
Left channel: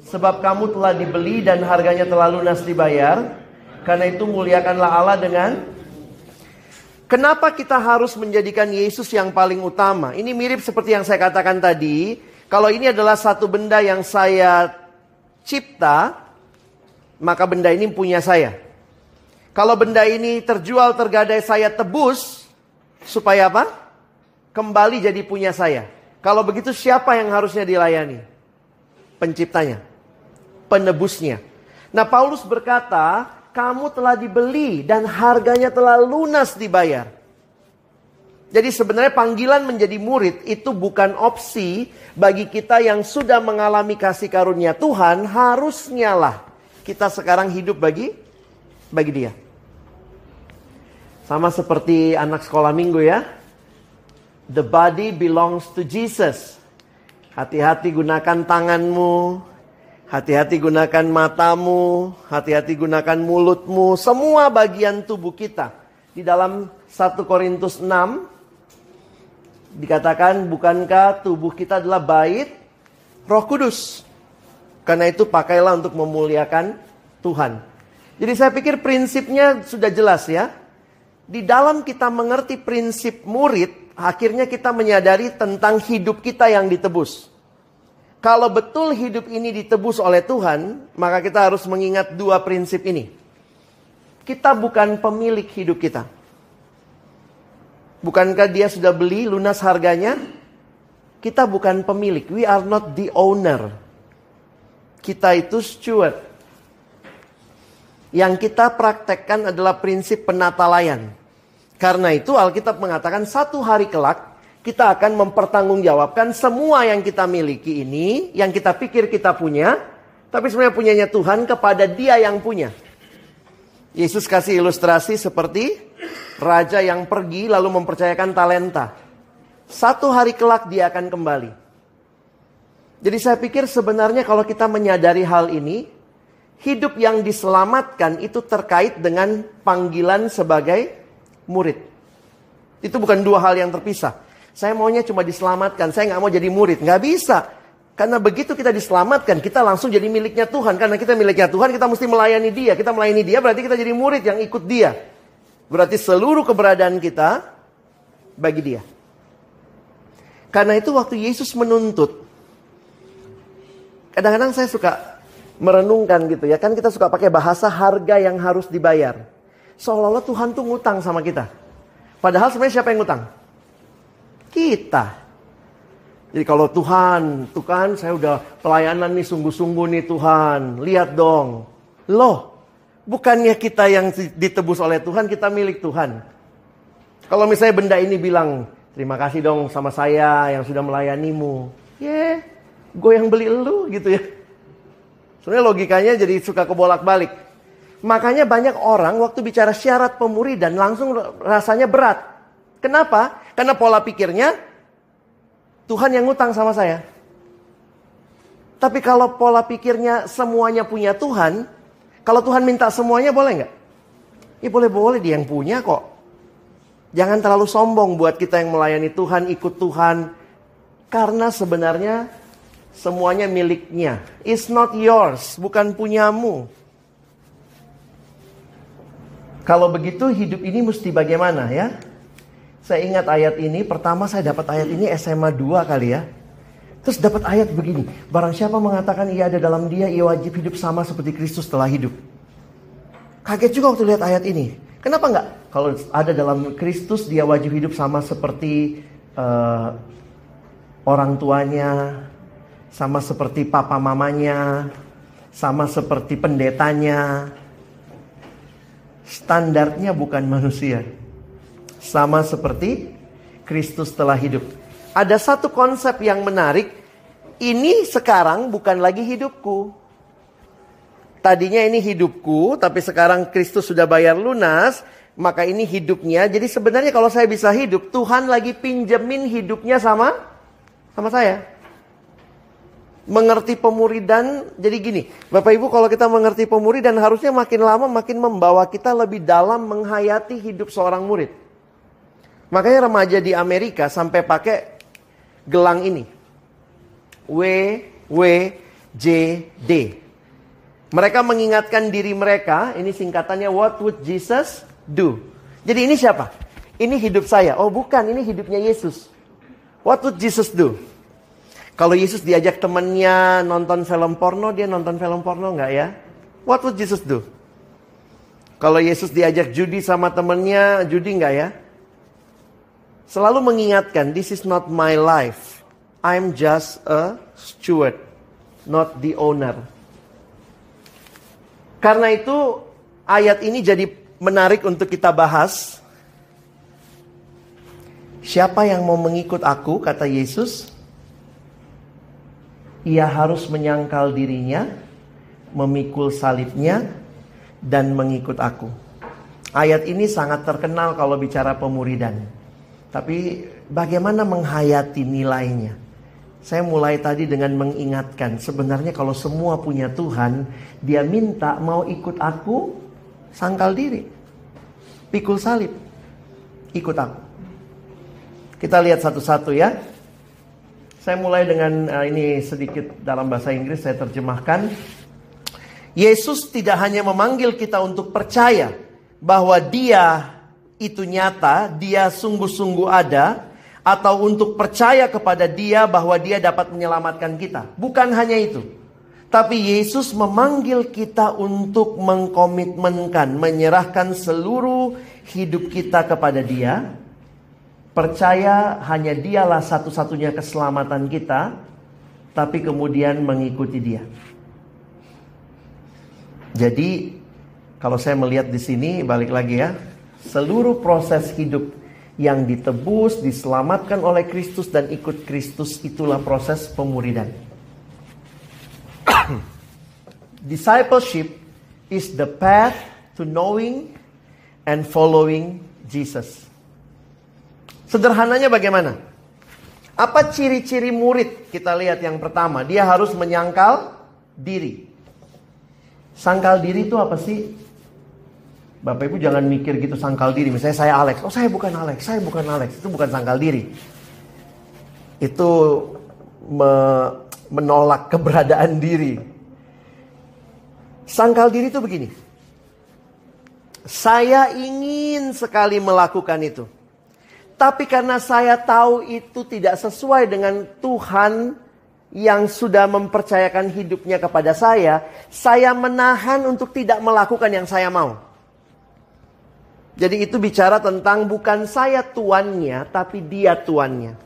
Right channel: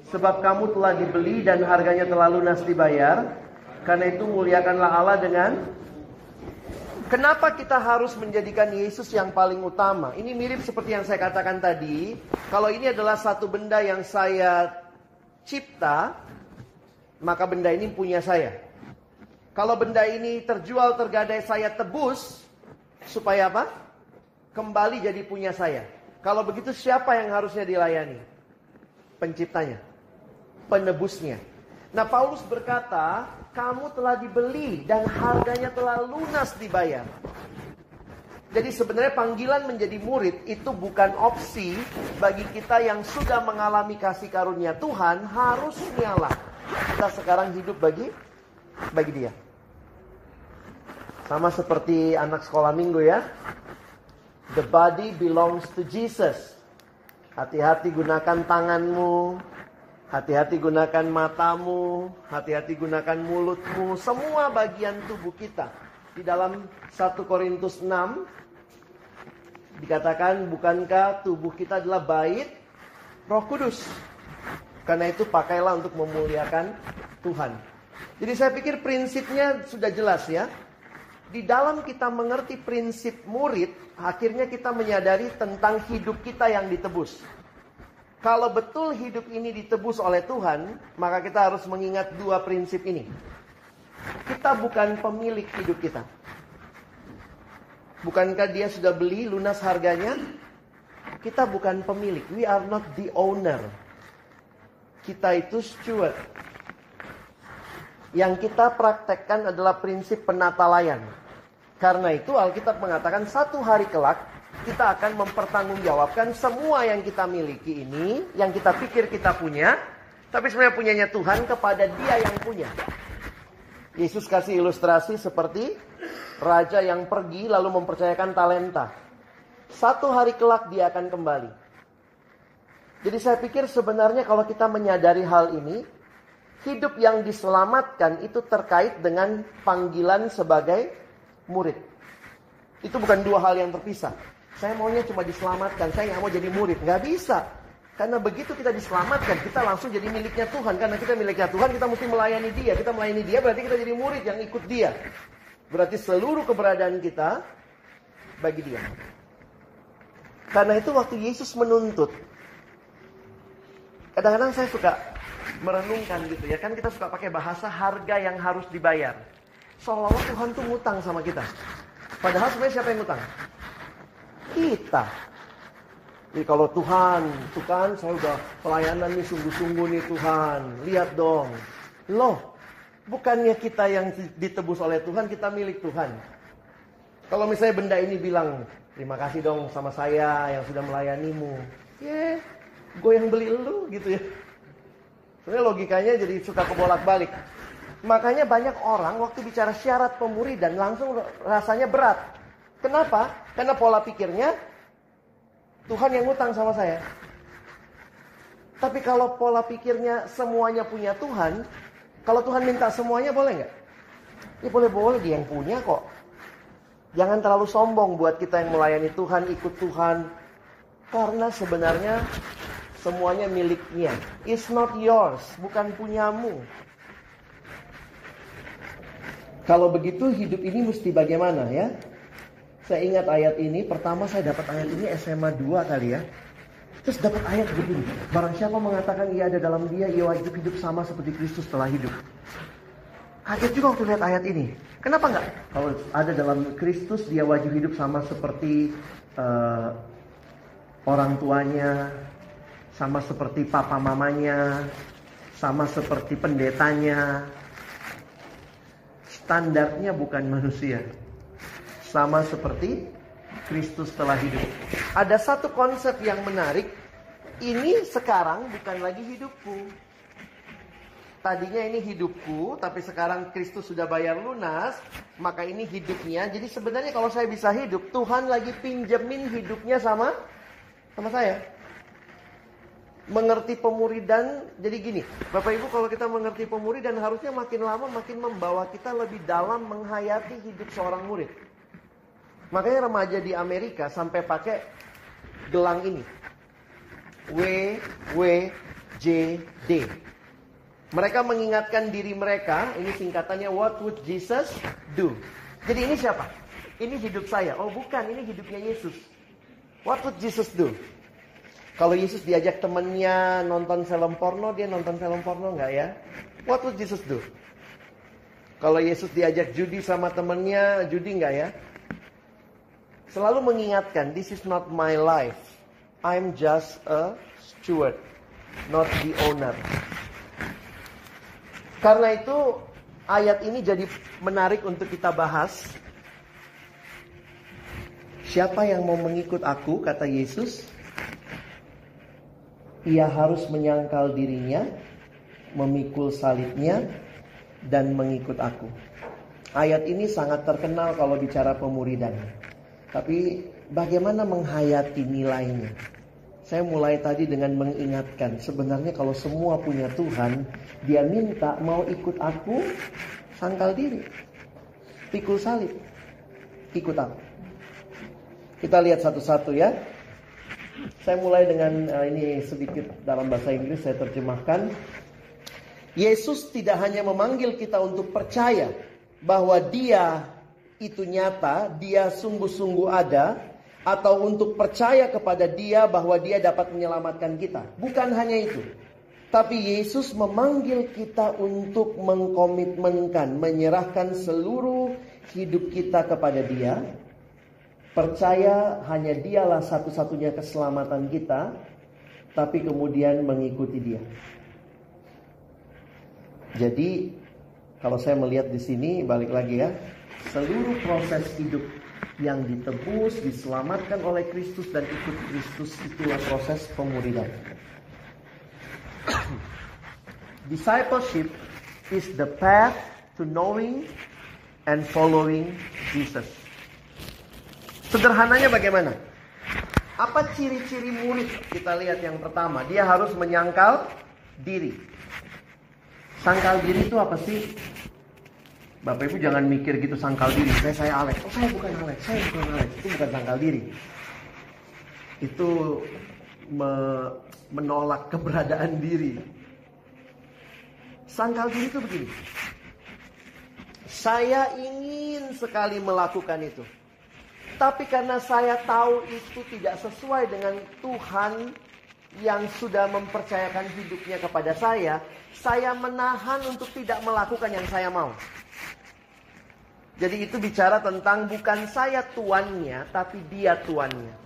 Sebab kamu telah dibeli dan harganya telah lunas dibayar. Karena itu muliakanlah Allah dengan... Kenapa kita harus menjadikan Yesus yang paling utama? Ini mirip seperti yang saya katakan tadi. Kalau ini adalah satu benda yang saya cipta, maka benda ini punya saya. Kalau benda ini terjual tergadai saya tebus, supaya apa? Kembali jadi punya saya. Kalau begitu siapa yang harusnya dilayani? Penciptanya, penebusnya. Nah Paulus berkata, kamu telah dibeli dan harganya telah lunas dibayar. Jadi sebenarnya panggilan menjadi murid itu bukan opsi bagi kita yang sudah mengalami kasih karunia Tuhan. Harusnya lah kita sekarang hidup bagi Dia. Sama seperti anak sekolah minggu ya. The body belongs to Jesus. Hati-hati gunakan tanganmu, hati-hati gunakan matamu, hati-hati gunakan mulutmu, semua bagian tubuh kita. Di dalam 1 Korintus 6 dikatakan, bukankah tubuh kita adalah bait Roh Kudus? Karena itu pakailah untuk memuliakan Tuhan. Jadi saya pikir prinsipnya sudah jelas ya. Di dalam kita mengerti prinsip murid, akhirnya kita menyadari tentang hidup kita yang ditebus. Kalau betul hidup ini ditebus oleh Tuhan, maka kita harus mengingat dua prinsip ini. Kita bukan pemilik hidup kita. Bukankah dia sudah beli lunas harganya? Kita bukan pemilik. We are not the owner. Kita itu steward. Yang kita praktekkan adalah prinsip penatalayan. Karena itu Alkitab mengatakan satu hari kelak kita akan mempertanggungjawabkan semua yang kita miliki ini, yang kita pikir kita punya, tapi sebenarnya punyanya Tuhan kepada Dia yang punya. Yesus kasih ilustrasi seperti raja yang pergi lalu mempercayakan talenta. Satu hari kelak dia akan kembali. Jadi saya pikir sebenarnya kalau kita menyadari hal ini, hidup yang diselamatkan itu terkait dengan panggilan sebagai murid. Itu bukan dua hal yang terpisah. Saya maunya cuma diselamatkan, saya nggak mau jadi murid. Nggak bisa. Karena begitu kita diselamatkan, kita langsung jadi miliknya Tuhan. Karena kita miliknya Tuhan, kita mesti melayani Dia. Kita melayani Dia berarti kita jadi murid yang ikut Dia. Berarti seluruh keberadaan kita bagi Dia. Karena itu waktu Yesus menuntut, kadang-kadang saya suka merenungkan gitu ya. Kan kita suka pakai bahasa harga yang harus dibayar. Seolah-olah Tuhan tuh ngutang sama kita. Padahal sebenarnya siapa yang ngutang? Kita. Jadi kalau Tuhan, tuh kan saya udah pelayanan nih sungguh-sungguh nih Tuhan. Lihat dong. Loh, bukannya kita yang ditebus oleh Tuhan, kita milik Tuhan. Kalau misalnya benda ini bilang, terima kasih dong sama saya yang sudah melayanimu. Gue yang beli elu gitu ya. Sebenarnya logikanya jadi suka kebolak-balik. Makanya banyak orang waktu bicara syarat pemuridan langsung rasanya berat. Kenapa? Karena pola pikirnya, Tuhan yang ngutang sama saya. Tapi kalau pola pikirnya semuanya punya Tuhan, kalau Tuhan minta semuanya boleh nggak? Ya boleh-boleh, Dia yang punya kok. Jangan terlalu sombong buat kita yang melayani Tuhan, ikut Tuhan. Karena sebenarnya semuanya miliknya. It's not yours, bukan punyamu. Kalau begitu hidup ini mesti bagaimana ya? Saya ingat ayat ini, pertama saya dapat ayat ini SMA 2 kali ya. Terus dapat ayat begini, barang siapa mengatakan ia ada dalam Dia, ia wajib hidup sama seperti Kristus telah hidup. Kaget juga waktu lihat ayat ini. Kenapa enggak? Kalau ada dalam Kristus, dia wajib hidup sama seperti orang tuanya, sama seperti papa mamanya, sama seperti pendetanya. Standarnya bukan manusia. Sama seperti Kristus telah hidup. Ada satu konsep yang menarik. Ini sekarang bukan lagi hidupku. Tadinya ini hidupku, tapi sekarang Kristus sudah bayar lunas. Maka ini hidupnya. Jadi sebenarnya kalau saya bisa hidup, Tuhan lagi pinjemin hidupnya sama saya. Mengerti pemuridan, jadi gini. Bapak Ibu, kalau kita mengerti pemuridan, harusnya makin lama makin membawa kita lebih dalam menghayati hidup seorang murid. Makanya remaja di Amerika sampai pakai gelang ini. WWJD. Mereka mengingatkan diri mereka, ini singkatannya What would Jesus do? Jadi ini siapa? Ini hidup saya. Oh bukan, ini hidupnya Yesus. What would Jesus do? Kalau Yesus diajak temannya nonton film porno, dia nonton film porno nggak ya? What would Jesus do? Kalau Yesus diajak judi sama temannya, judi nggak ya? Selalu mengingatkan, this is not my life. I'm just a steward, not the owner. Karena itu ayat ini jadi menarik untuk kita bahas. Siapa yang mau mengikut aku, kata Yesus, ia harus menyangkal dirinya, memikul salibnya, dan mengikut aku. Ayat ini sangat terkenal kalau bicara pemuridan. Tapi bagaimana menghayati nilainya? Saya mulai tadi dengan mengingatkan, sebenarnya kalau semua punya Tuhan, Dia minta mau ikut aku, sangkal diri, pikul salib, ikut aku. Kita lihat satu-satu ya. Saya mulai dengan ini sedikit dalam bahasa Inggris saya terjemahkan. Yesus tidak hanya memanggil kita untuk percaya bahwa Dia itu nyata, Dia sungguh-sungguh ada, atau untuk percaya kepada Dia bahwa Dia dapat menyelamatkan kita. Bukan hanya itu. Tapi Yesus memanggil kita untuk mengkomitmenkan, menyerahkan seluruh hidup kita kepada Dia. percaya hanya dialah satu-satunya keselamatan kita, tapi kemudian mengikuti dia. Jadi kalau saya melihat di sini, balik lagi ya, seluruh proses hidup yang ditebus, diselamatkan oleh Kristus dan ikut Kristus, itulah proses pemuridan. Discipleship is the path to knowing and following Jesus. Sederhananya bagaimana? Apa ciri-ciri murid? Kita lihat yang pertama, dia harus menyangkal diri. Sangkal diri itu apa sih? Bapak Ibu jangan mikir gitu sangkal diri. Misalnya saya Alex, oh saya bukan Alex, saya bukan Alex. Itu bukan sangkal diri. Itu menolak keberadaan diri. Sangkal diri itu begini. Saya ingin sekali melakukan itu. Tapi karena saya tahu itu tidak sesuai dengan Tuhan yang sudah mempercayakan hidupnya kepada saya menahan untuk tidak melakukan yang saya mau. Jadi itu bicara tentang bukan saya tuannya, tapi dia tuannya.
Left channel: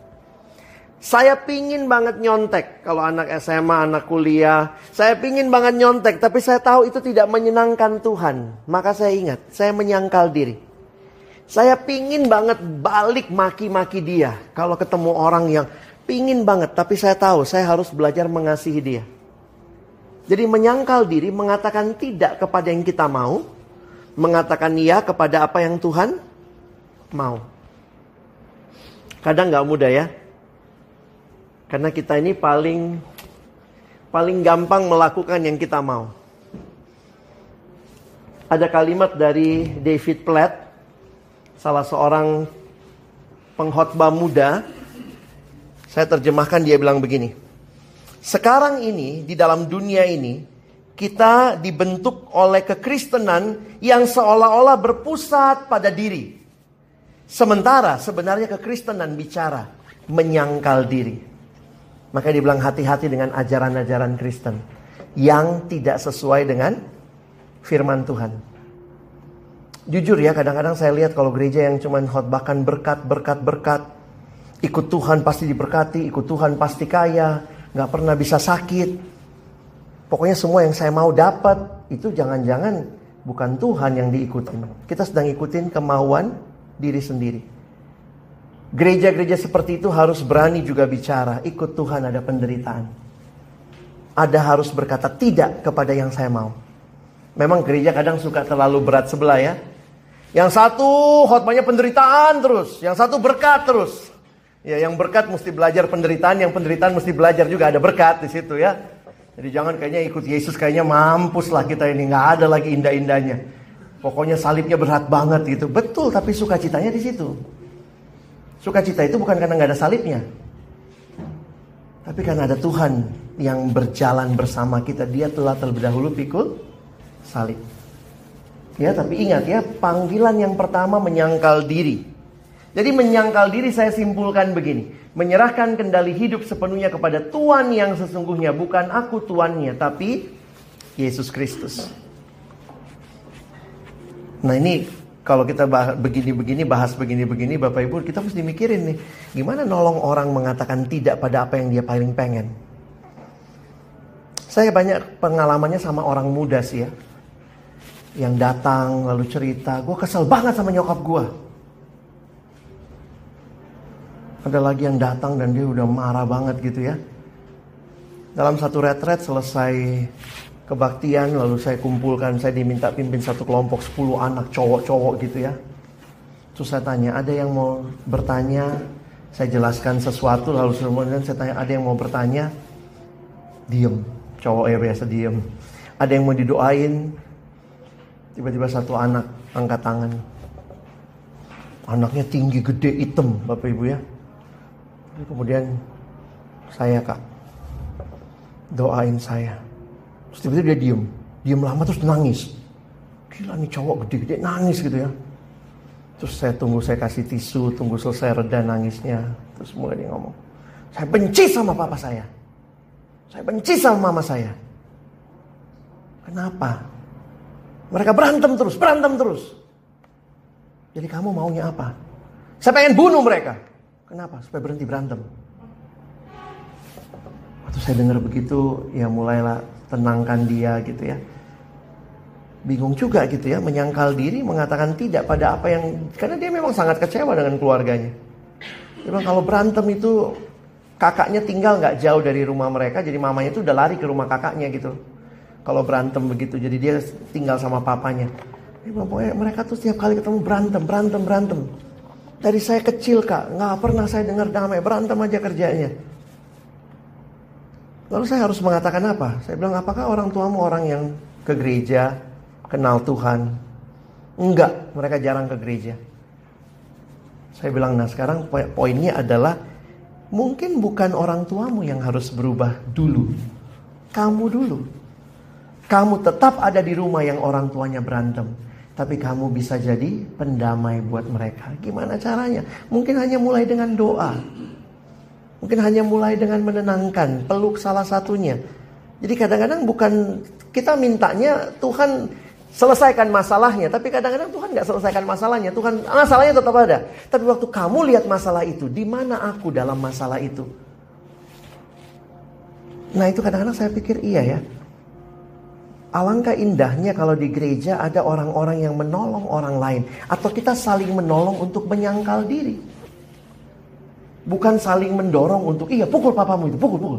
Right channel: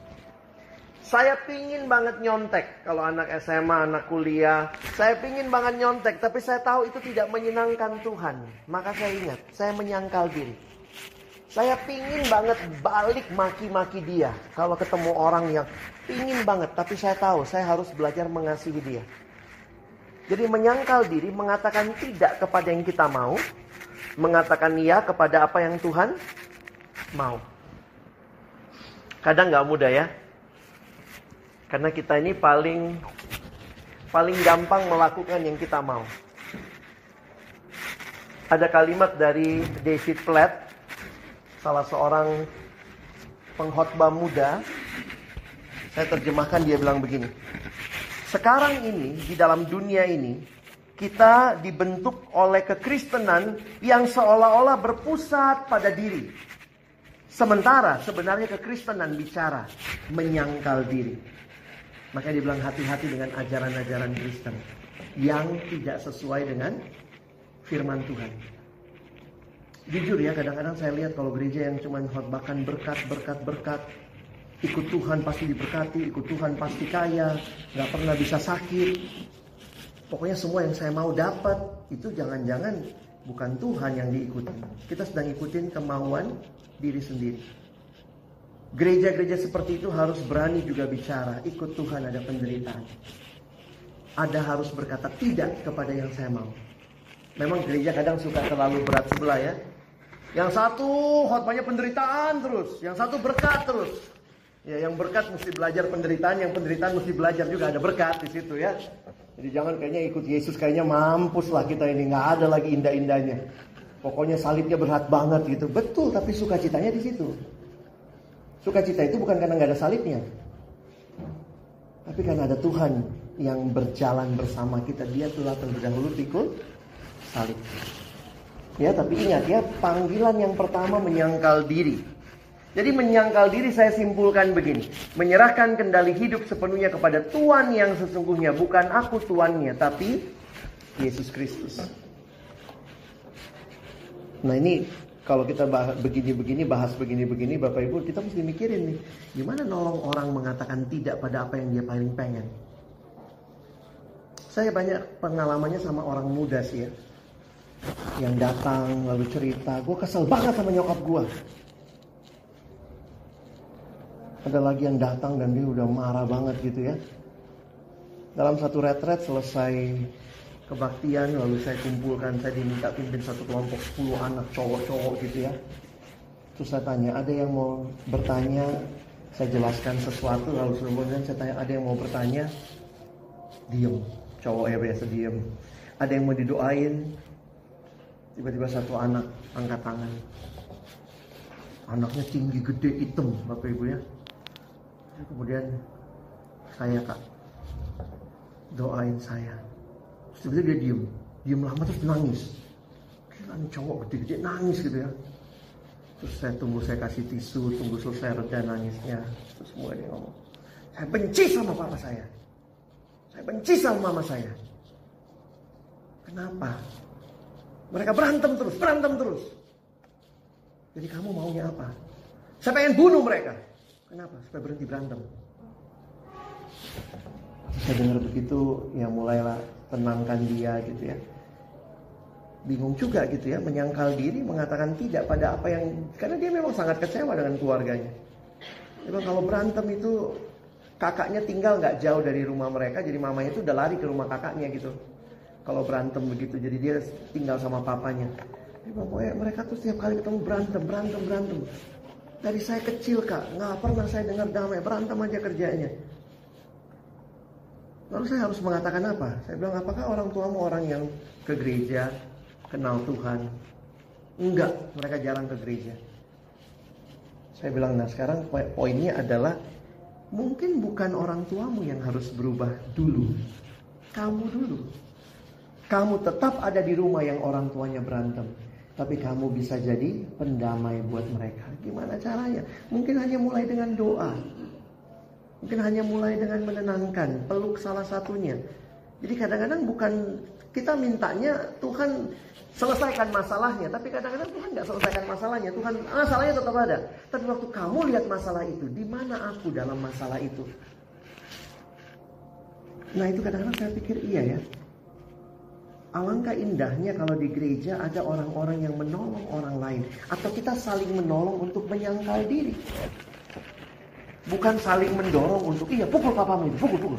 Saya pingin banget nyontek. Kalau anak SMA, anak kuliah, saya pingin banget nyontek, tapi saya tahu itu tidak menyenangkan Tuhan. Maka saya ingat, saya menyangkal diri. Saya pingin banget balik maki-maki dia. Kalau ketemu orang yang pingin banget, tapi saya tahu saya harus belajar mengasihi dia. Jadi menyangkal diri, mengatakan tidak kepada yang kita mau, mengatakan iya kepada apa yang Tuhan mau. Kadang gak mudah ya. Karena kita ini paling gampang melakukan yang kita mau. Ada kalimat dari David Platt, salah seorang pengkhotbah muda. Saya terjemahkan, dia bilang begini. Sekarang ini, di dalam dunia ini, kita dibentuk oleh kekristenan yang seolah-olah berpusat pada diri. Sementara sebenarnya kekristenan bicara menyangkal diri. Maka dibilang hati-hati dengan ajaran-ajaran Kristen yang tidak sesuai dengan firman Tuhan. Jujur ya, kadang-kadang saya lihat kalau gereja yang cuma khotbahkan berkat. Ikut Tuhan pasti diberkati, ikut Tuhan pasti kaya, gak pernah bisa sakit. Pokoknya semua yang saya mau dapat, itu jangan-jangan bukan Tuhan yang diikutin. Kita sedang ikutin kemauan diri sendiri. Gereja-gereja seperti itu harus berani juga bicara, ikut Tuhan ada penderitaan. Ada harus berkata tidak kepada yang saya mau. Memang gereja kadang suka terlalu berat sebelah ya. Yang satu khotbahnya penderitaan terus, yang satu berkat terus. Ya, yang berkat mesti belajar penderitaan, yang penderitaan mesti belajar juga ada berkat di situ ya. Jadi jangan kayaknya ikut Yesus kayaknya mampus lah kita ini, nggak ada lagi indah-indahnya. Pokoknya salibnya berat banget gitu. Betul, tapi sukacitanya di situ. Sukacita itu bukan karena nggak ada salibnya, tapi karena ada Tuhan yang berjalan bersama kita. Dia telah terlebih dahulu pikul salib. Ya, tapi ingat ya, panggilan yang pertama menyangkal diri. Jadi menyangkal diri saya simpulkan begini. Menyerahkan kendali hidup sepenuhnya kepada Tuhan yang sesungguhnya. Bukan aku tuannya, tapi Yesus Kristus. Nah ini kalau kita bahas begini, Bapak Ibu, kita mesti mikirin nih. Gimana nolong orang mengatakan tidak pada apa yang dia paling pengen. Saya banyak pengalamannya sama orang muda sih ya. Yang datang lalu cerita, gue kesel banget sama nyokap gue. Ada lagi yang datang dan dia udah marah banget gitu ya. Dalam satu retret selesai kebaktian, lalu saya kumpulkan, saya diminta pimpin satu kelompok 10 anak cowok-cowok gitu ya. Terus saya tanya, ada yang mau bertanya? Saya jelaskan sesuatu, lalu kemudian saya tanya, ada yang mau bertanya? Diem, cowok ya biasa diem. Ada yang mau didoain? Tiba-tiba satu anak angkat tangan. Anaknya tinggi, gede, hitam, Bapak Ibu ya. Kemudian saya, Kak, doain saya. Terus tiba-tiba dia diem lama terus nangis. Gila nih cowok gede-gede nangis gitu ya. Terus saya tunggu, saya kasih tisu, tunggu selesai reda nangisnya. Terus mulai dia ngomong, saya benci sama papa saya. Saya benci sama mama saya. Kenapa? Mereka berantem terus. Jadi kamu maunya apa? Saya pengen bunuh mereka. Kenapa? Supaya berhenti berantem. Waktu saya dengar begitu, ya mulailah tenangkan dia gitu ya. Bingung juga gitu ya, menyangkal diri, mengatakan tidak pada apa yang... Karena dia memang sangat kecewa dengan keluarganya. Memang kalau berantem itu, kakaknya tinggal gak jauh dari rumah mereka, jadi mamanya itu udah lari ke rumah kakaknya gitu. Kalau berantem begitu, jadi dia tinggal sama papanya. Pokoknya mereka tuh setiap kali ketemu berantem. Dari saya kecil kak, gak pernah saya dengar damai, berantem aja kerjanya. Lalu saya harus mengatakan apa? Saya bilang, apakah orang tuamu orang yang ke gereja, kenal Tuhan? Enggak, mereka jarang ke gereja. Saya bilang, nah sekarang poinnya adalah mungkin bukan orang tuamu yang harus berubah dulu. Kamu dulu. Kamu tetap ada di rumah yang orang tuanya berantem, tapi kamu bisa jadi pendamai buat mereka. Gimana caranya? Mungkin hanya mulai dengan doa. Mungkin hanya mulai dengan menenangkan, peluk salah satunya. Jadi kadang-kadang bukan kita mintanya Tuhan selesaikan masalahnya, tapi kadang-kadang Tuhan gak selesaikan masalahnya. Tuhan, masalahnya tetap ada. Tapi waktu kamu lihat masalah itu, di mana aku dalam masalah itu? Nah itu kadang-kadang saya pikir iya ya. Alangkah indahnya kalau di gereja ada orang-orang yang menolong orang lain. Atau kita saling menolong untuk menyangkal diri. Bukan saling mendorong untuk, iya pukul papamu itu, pukul.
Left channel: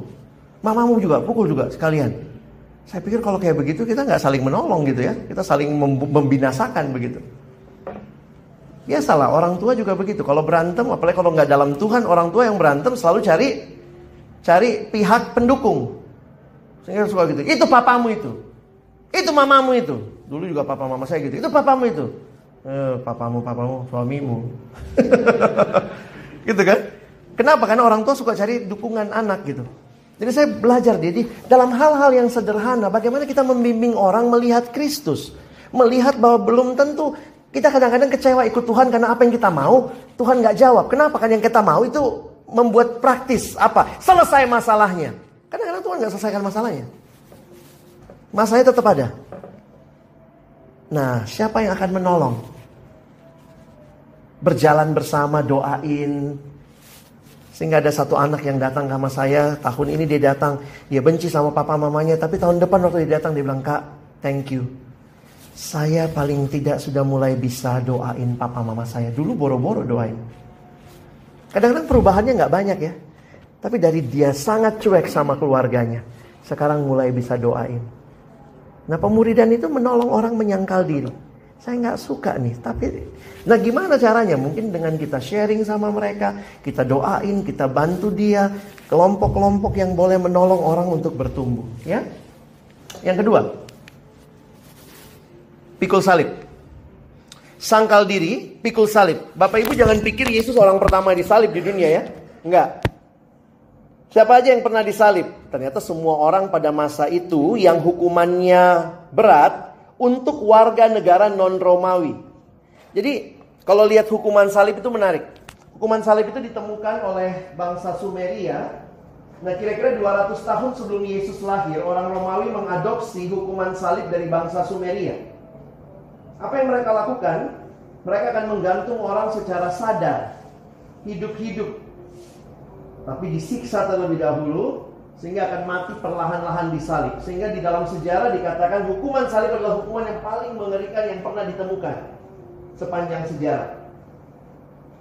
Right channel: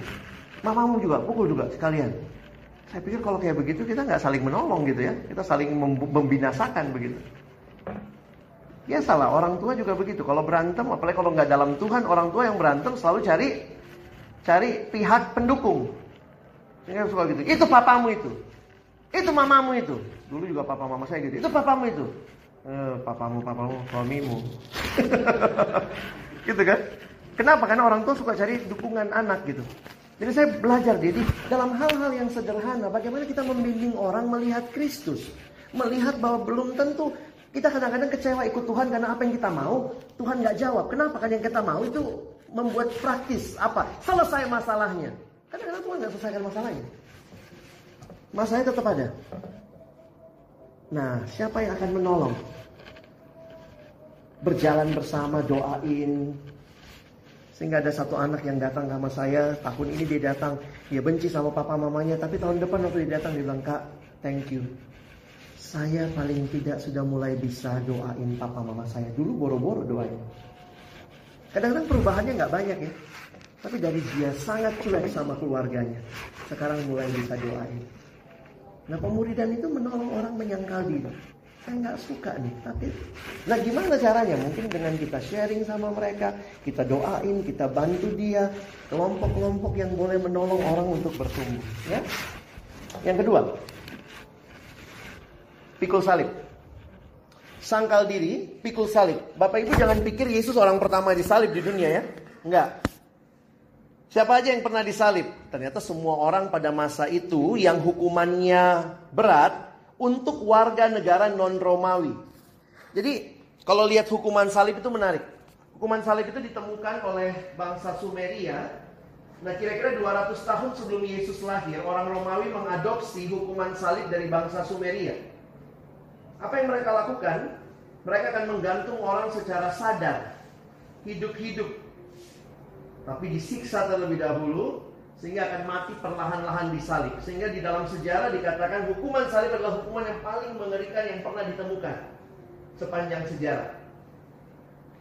Mamamu juga, pukul juga sekalian. Saya pikir kalau kayak begitu kita gak saling menolong gitu ya. Kita saling membinasakan begitu. Biasalah orang tua juga begitu. Kalau berantem, apalagi kalau gak dalam Tuhan, orang tua yang berantem selalu cari pihak pendukung. Saya suka gitu, itu papamu itu mamamu itu. Dulu juga papa mama saya gitu. Itu papamu itu. Papamu, suamimu. Gitu kan? Kenapa? Karena orang tua suka cari dukungan anak gitu. Jadi saya belajar jadi dalam hal-hal yang sederhana bagaimana kita membimbing orang melihat Kristus. Melihat bahwa belum tentu kita kadang-kadang kecewa ikut Tuhan karena apa yang kita mau Tuhan gak jawab. Kenapa? Karena yang kita mau itu membuat praktis apa? Selesai masalahnya. Kadang-kadang Tuhan gak selesaikan masalahnya. Masalahnya tetap ada. Nah, siapa yang akan menolong? Berjalan bersama, doain. Sehingga ada satu anak yang datang sama saya. Tahun ini dia datang, dia benci sama papa mamanya. Tapi tahun depan waktu dia datang, dia bilang, Kak, thank you. Saya paling tidak sudah mulai bisa doain papa mama saya. Dulu boro-boro doain. Kadang-kadang perubahannya gak banyak ya. Tapi dari dia sangat cuek sama keluarganya, sekarang mulai bisa doain. Nah pemuridan itu menolong orang menyangkal diri. Saya gak suka nih, tapi nah gimana caranya? Mungkin dengan kita sharing sama mereka, kita doain, kita bantu dia. Kelompok-kelompok yang boleh menolong orang untuk bertumbuh ya. Yang kedua, pikul salib. Sangkal diri, pikul salib. Bapak ibu jangan pikir Yesus orang pertama disalib di dunia ya. Enggak. Siapa aja yang pernah disalib? Ternyata semua orang pada masa itu yang hukumannya berat untuk warga negara non-Romawi. Jadi kalau lihat hukuman salib itu menarik. Hukuman salib itu ditemukan oleh bangsa Sumeria. Nah kira-kira 200 tahun sebelum Yesus lahir, orang Romawi mengadopsi hukuman salib dari bangsa Sumeria. Apa yang mereka lakukan? Mereka akan menggantung orang secara sadar, hidup-hidup, tapi disiksa terlebih dahulu sehingga akan mati perlahan-lahan disalib. Sehingga di dalam sejarah dikatakan hukuman salib adalah hukuman yang paling mengerikan yang pernah ditemukan sepanjang sejarah.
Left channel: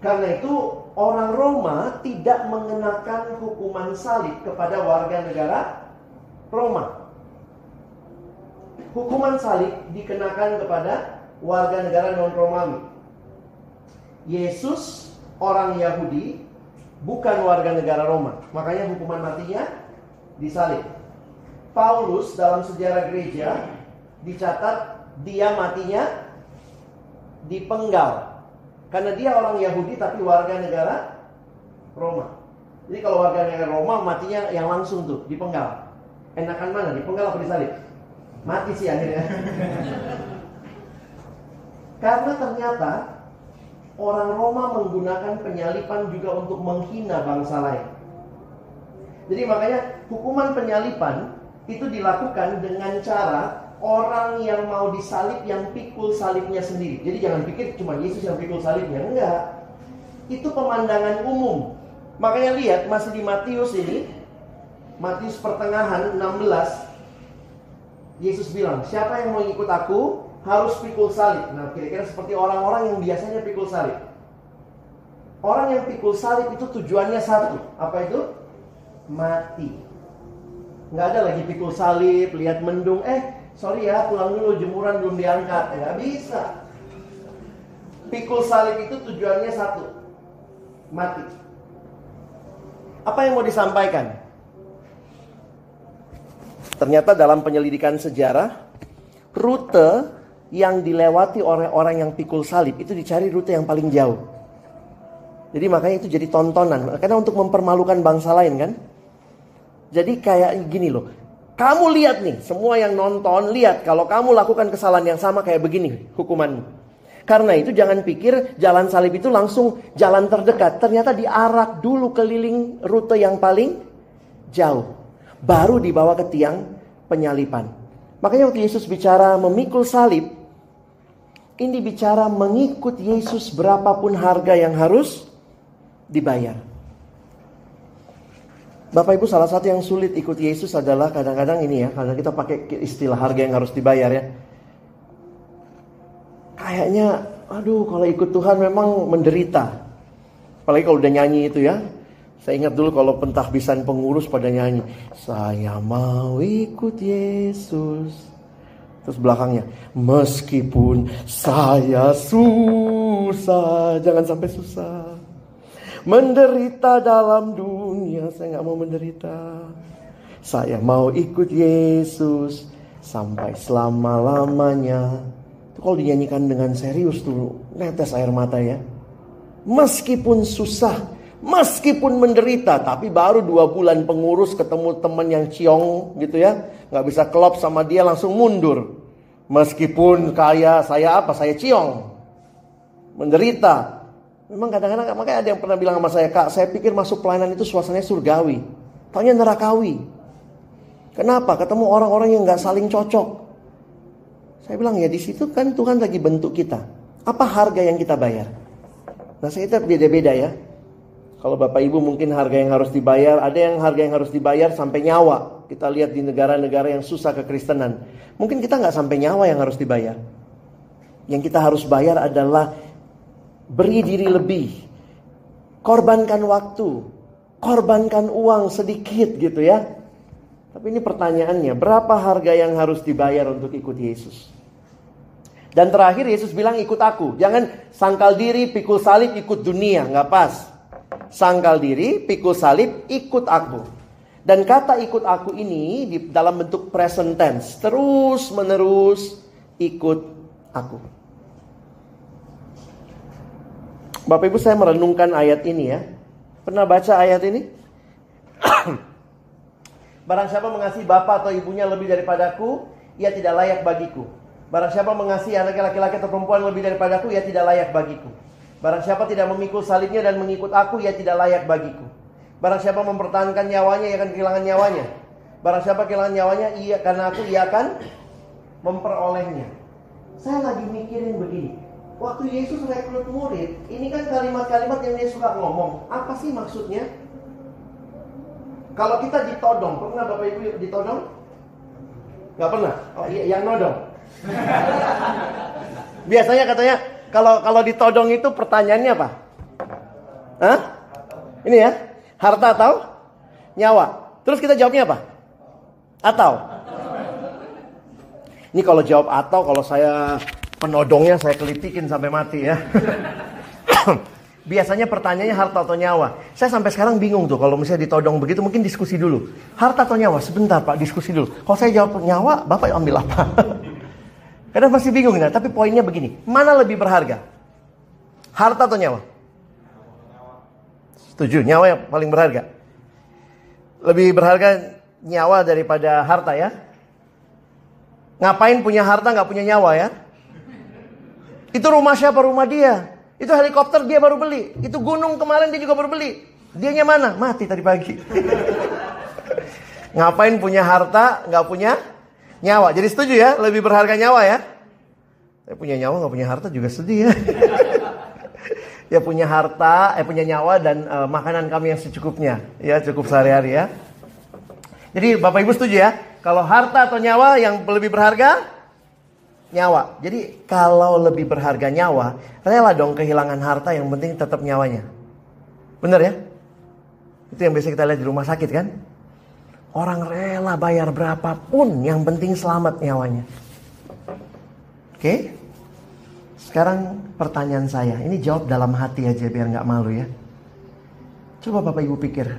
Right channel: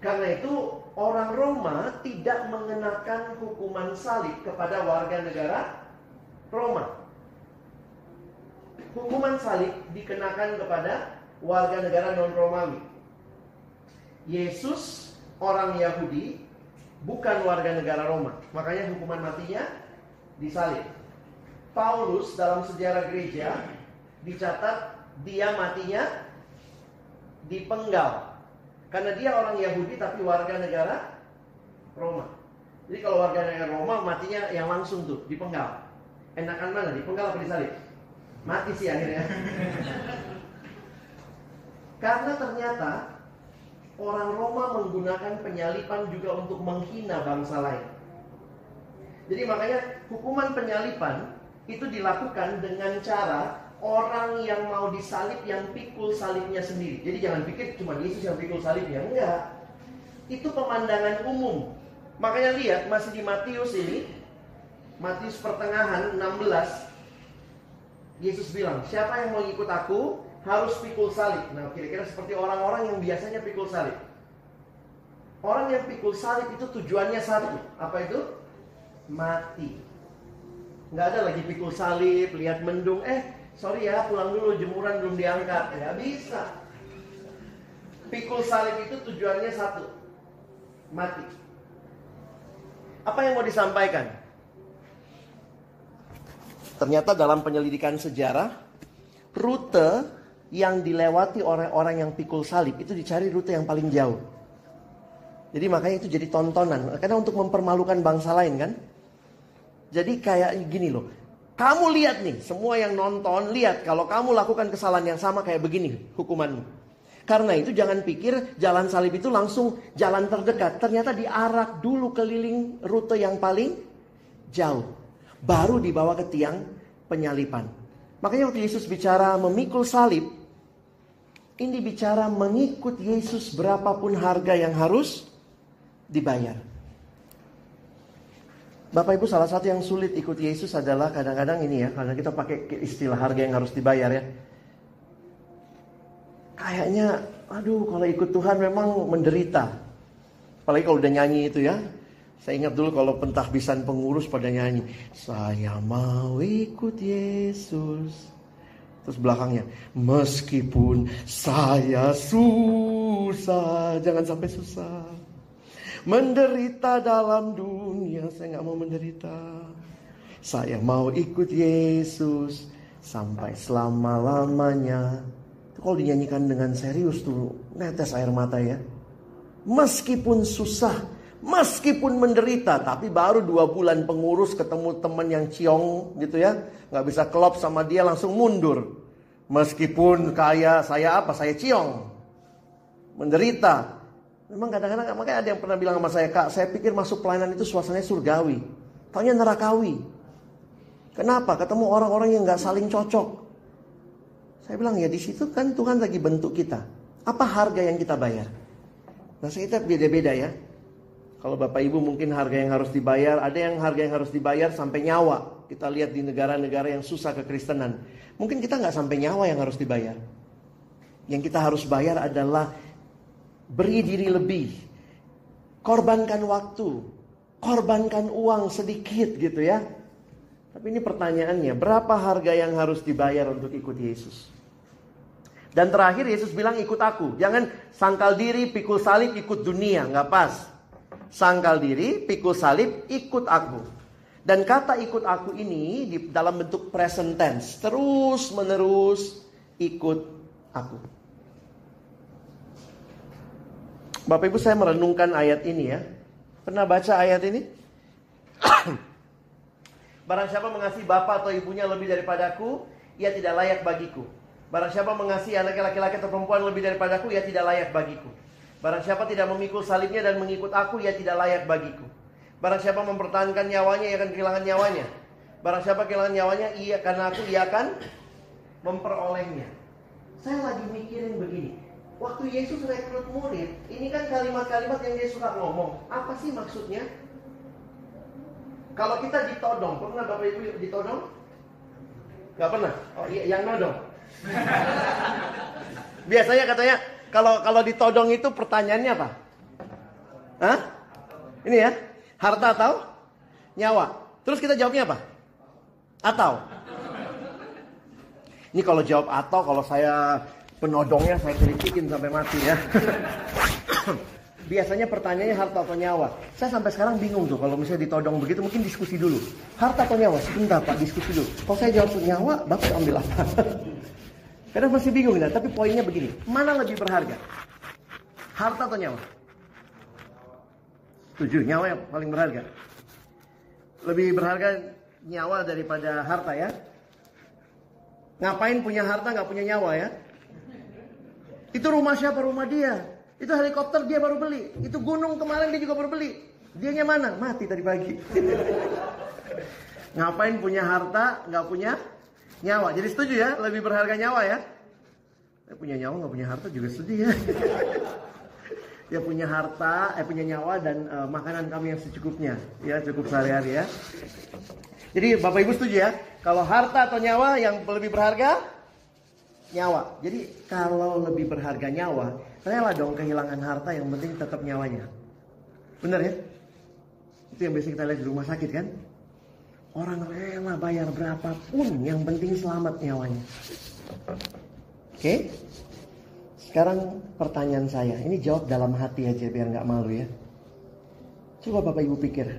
Karena itu orang Roma tidak mengenakan hukuman salib kepada warga negara Roma. Hukuman salib dikenakan kepada warga negara non-Romawi. Yesus orang Yahudi, bukan warga negara Roma. Makanya hukuman matinya disalib. Paulus dalam sejarah gereja dicatat dia matinya dipenggal. Karena dia orang Yahudi tapi warga negara Roma. Jadi kalau warga negara Roma matinya yang langsung tuh dipenggal. Enakan mana? Dipenggal apa disalib? Mati sih akhirnya. Karena ternyata orang Roma menggunakan penyalipan juga untuk menghina bangsa lain. Jadi makanya hukuman penyalipan itu dilakukan dengan cara orang yang mau disalib yang pikul salibnya sendiri. Jadi jangan pikir cuma Yesus yang pikul salibnya. Enggak. Itu pemandangan umum. Makanya lihat masih di Matius ini. Matius pertengahan 16. Yesus bilang, siapa yang mau ikut aku harus pikul salib. Nah, kira-kira seperti orang-orang yang biasanya pikul salib. Orang yang pikul salib itu tujuannya satu. Apa itu? Mati. Nggak ada lagi pikul salib, lihat mendung. Sorry ya, pulang dulu, jemuran belum diangkat. Nggak bisa. Pikul salib itu tujuannya satu. Mati. Apa yang mau disampaikan? Ternyata dalam penyelidikan sejarah, rute yang dilewati oleh orang yang pikul salib itu dicari rute yang paling jauh. Jadi makanya itu jadi tontonan. Karena untuk mempermalukan bangsa lain kan. Jadi kayak gini loh. Kamu lihat nih, semua yang nonton lihat kalau kamu lakukan kesalahan yang sama kayak begini hukumanmu. Karena itu jangan pikir jalan salib itu langsung jalan terdekat. Ternyata diarak dulu keliling rute yang paling jauh. Baru dibawa ke tiang penyalipan. Makanya waktu Yesus bicara memikul salib, ini bicara mengikut Yesus berapapun harga yang harus dibayar. Bapak Ibu, salah satu yang sulit ikut Yesus adalah kadang-kadang ini ya, karena kita pakai istilah harga yang harus dibayar ya. Kayaknya, aduh kalau ikut Tuhan memang menderita. Apalagi kalau udah nyanyi itu ya. Saya ingat dulu kalau pentahbisan pengurus pada nyanyi, saya mau ikut Yesus. Terus belakangnya, meskipun saya susah, jangan sampai susah. Menderita dalam dunia, saya gak mau menderita. Saya mau ikut Yesus sampai selama-lamanya. Itu kalau dinyanyikan dengan serius tuh, netes air mata ya. Meskipun susah, meskipun menderita, tapi baru 2 bulan pengurus ketemu teman yang ciong gitu ya. Gak bisa klop sama dia langsung mundur. Meskipun kaya, saya ciong. Menderita. Memang kadang-kadang, makanya ada yang pernah bilang sama saya, Kak, saya pikir masuk pelayanan itu suasananya surgawi. Taunya nerakawi. Kenapa? Ketemu orang-orang yang gak saling cocok. Saya bilang ya di situ kan Tuhan lagi bentuk kita. Apa harga yang kita bayar? Nah saya itu beda-beda ya. Kalau Bapak Ibu mungkin harga yang harus dibayar, ada yang harga yang harus dibayar sampai nyawa. Kita lihat di negara-negara yang susah kekristenan. Mungkin kita gak sampai nyawa yang harus dibayar. Yang kita harus bayar adalah beri diri lebih, korbankan waktu, korbankan uang sedikit gitu ya. Tapi ini pertanyaannya, berapa harga yang harus dibayar untuk ikut Yesus? Dan terakhir Yesus bilang ikut aku. Jangan sangkal diri, pikul salib, ikut dunia, nggak pas. Sangkal diri, pikul salib, ikut aku. Dan kata ikut aku ini dalam bentuk present tense, terus menerus ikut aku. Bapak Ibu, saya merenungkan ayat ini ya. Pernah baca ayat ini? Barang siapa mengasihi bapa atau ibunya lebih daripadaku, ia tidak layak bagiku. Barang siapa mengasihi anak laki-laki atau perempuan lebih daripadaku, ia tidak layak bagiku. Barang siapa tidak memikul salibnya dan mengikut aku, ia tidak layak bagiku. Barang siapa mempertahankan nyawanya, ia akan kehilangan nyawanya. Barang siapa kehilangan nyawanya, karena aku, ia akan memperolehnya. Saya lagi mikirin begini. Waktu Yesus rekrut murid, ini kan kalimat-kalimat yang dia suka ngomong. Apa sih maksudnya? Kalau kita ditodong, pernah Bapak Ibu ditodong? Gak pernah? Oh iya, yang nodong. Biasanya katanya, kalau ditodong itu pertanyaannya apa? Hah? Ini ya, harta atau nyawa? Terus kita jawabnya apa? Atau? Ini kalau jawab atau, kalau saya penodongnya saya kelipikin sampai mati ya. Biasanya pertanyaannya harta atau nyawa. Saya sampai sekarang bingung tuh kalau misalnya ditodong begitu, mungkin diskusi dulu. Harta atau nyawa? Sebentar Pak, diskusi dulu. Kalau saya jawab nyawa, Bapak ambil apa? Kadang masih bingung nah, tapi poinnya begini. Mana lebih berharga? Harta atau nyawa? Setuju, nyawa yang paling berharga. Lebih berharga nyawa daripada harta ya. Ngapain punya harta gak punya nyawa ya? Itu rumah siapa? Rumah dia. Itu helikopter dia baru beli. Itu gunung kemarin dia juga baru beli. Dianya mana? Mati tadi pagi. Ngapain punya harta, gak punya nyawa. Jadi setuju ya, lebih berharga nyawa ya. Saya punya nyawa gak punya harta juga sedih ya. Ya punya harta, punya nyawa dan makanan kami yang secukupnya. Ya cukup sehari-hari ya. Jadi Bapak Ibu setuju ya? Kalau harta atau nyawa yang lebih berharga? Nyawa. Jadi kalau lebih berharga nyawa, rela dong kehilangan harta, yang penting tetap nyawanya. Bener ya? Itu yang biasa kita lihat di rumah sakit kan? Orang rela bayar berapapun, yang penting selamat nyawanya. Oke? Sekarang pertanyaan saya, ini jawab dalam hati aja biar gak malu ya. Coba Bapak Ibu pikir.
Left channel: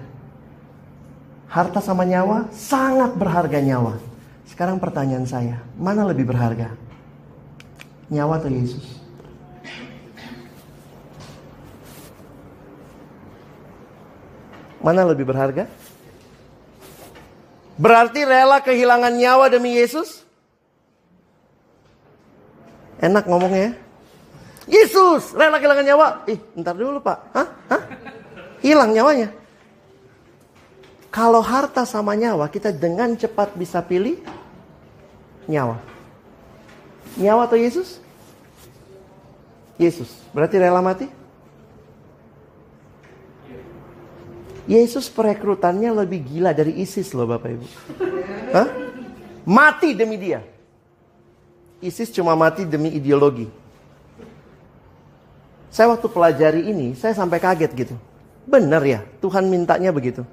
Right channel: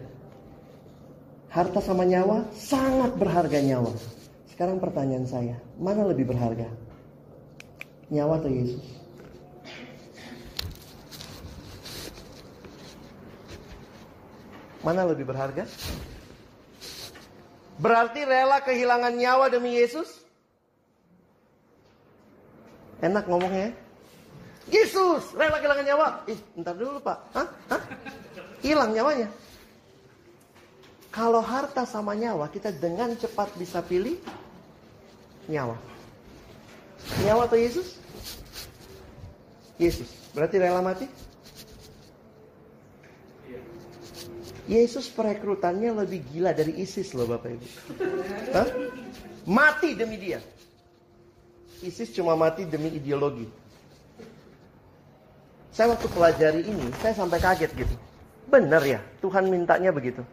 Harta sama nyawa, sangat berharga nyawa. Sekarang pertanyaan saya, mana lebih berharga? Nyawa atau Yesus? Mana lebih berharga? Berarti rela kehilangan nyawa demi Yesus? Enak ngomongnya ya. Yesus rela kehilangan nyawa. Ntar dulu Pak. Hah? Hilang nyawanya. Kalau harta sama nyawa, kita dengan cepat bisa pilih nyawa. Nyawa atau Yesus? Yesus. Berarti rela mati? Yesus perekrutannya lebih gila dari ISIS loh Bapak Ibu. Hah? Mati demi dia. ISIS cuma mati demi ideologi. Saya waktu pelajari ini, saya sampai kaget gitu. Benar ya, Tuhan mintanya begitu.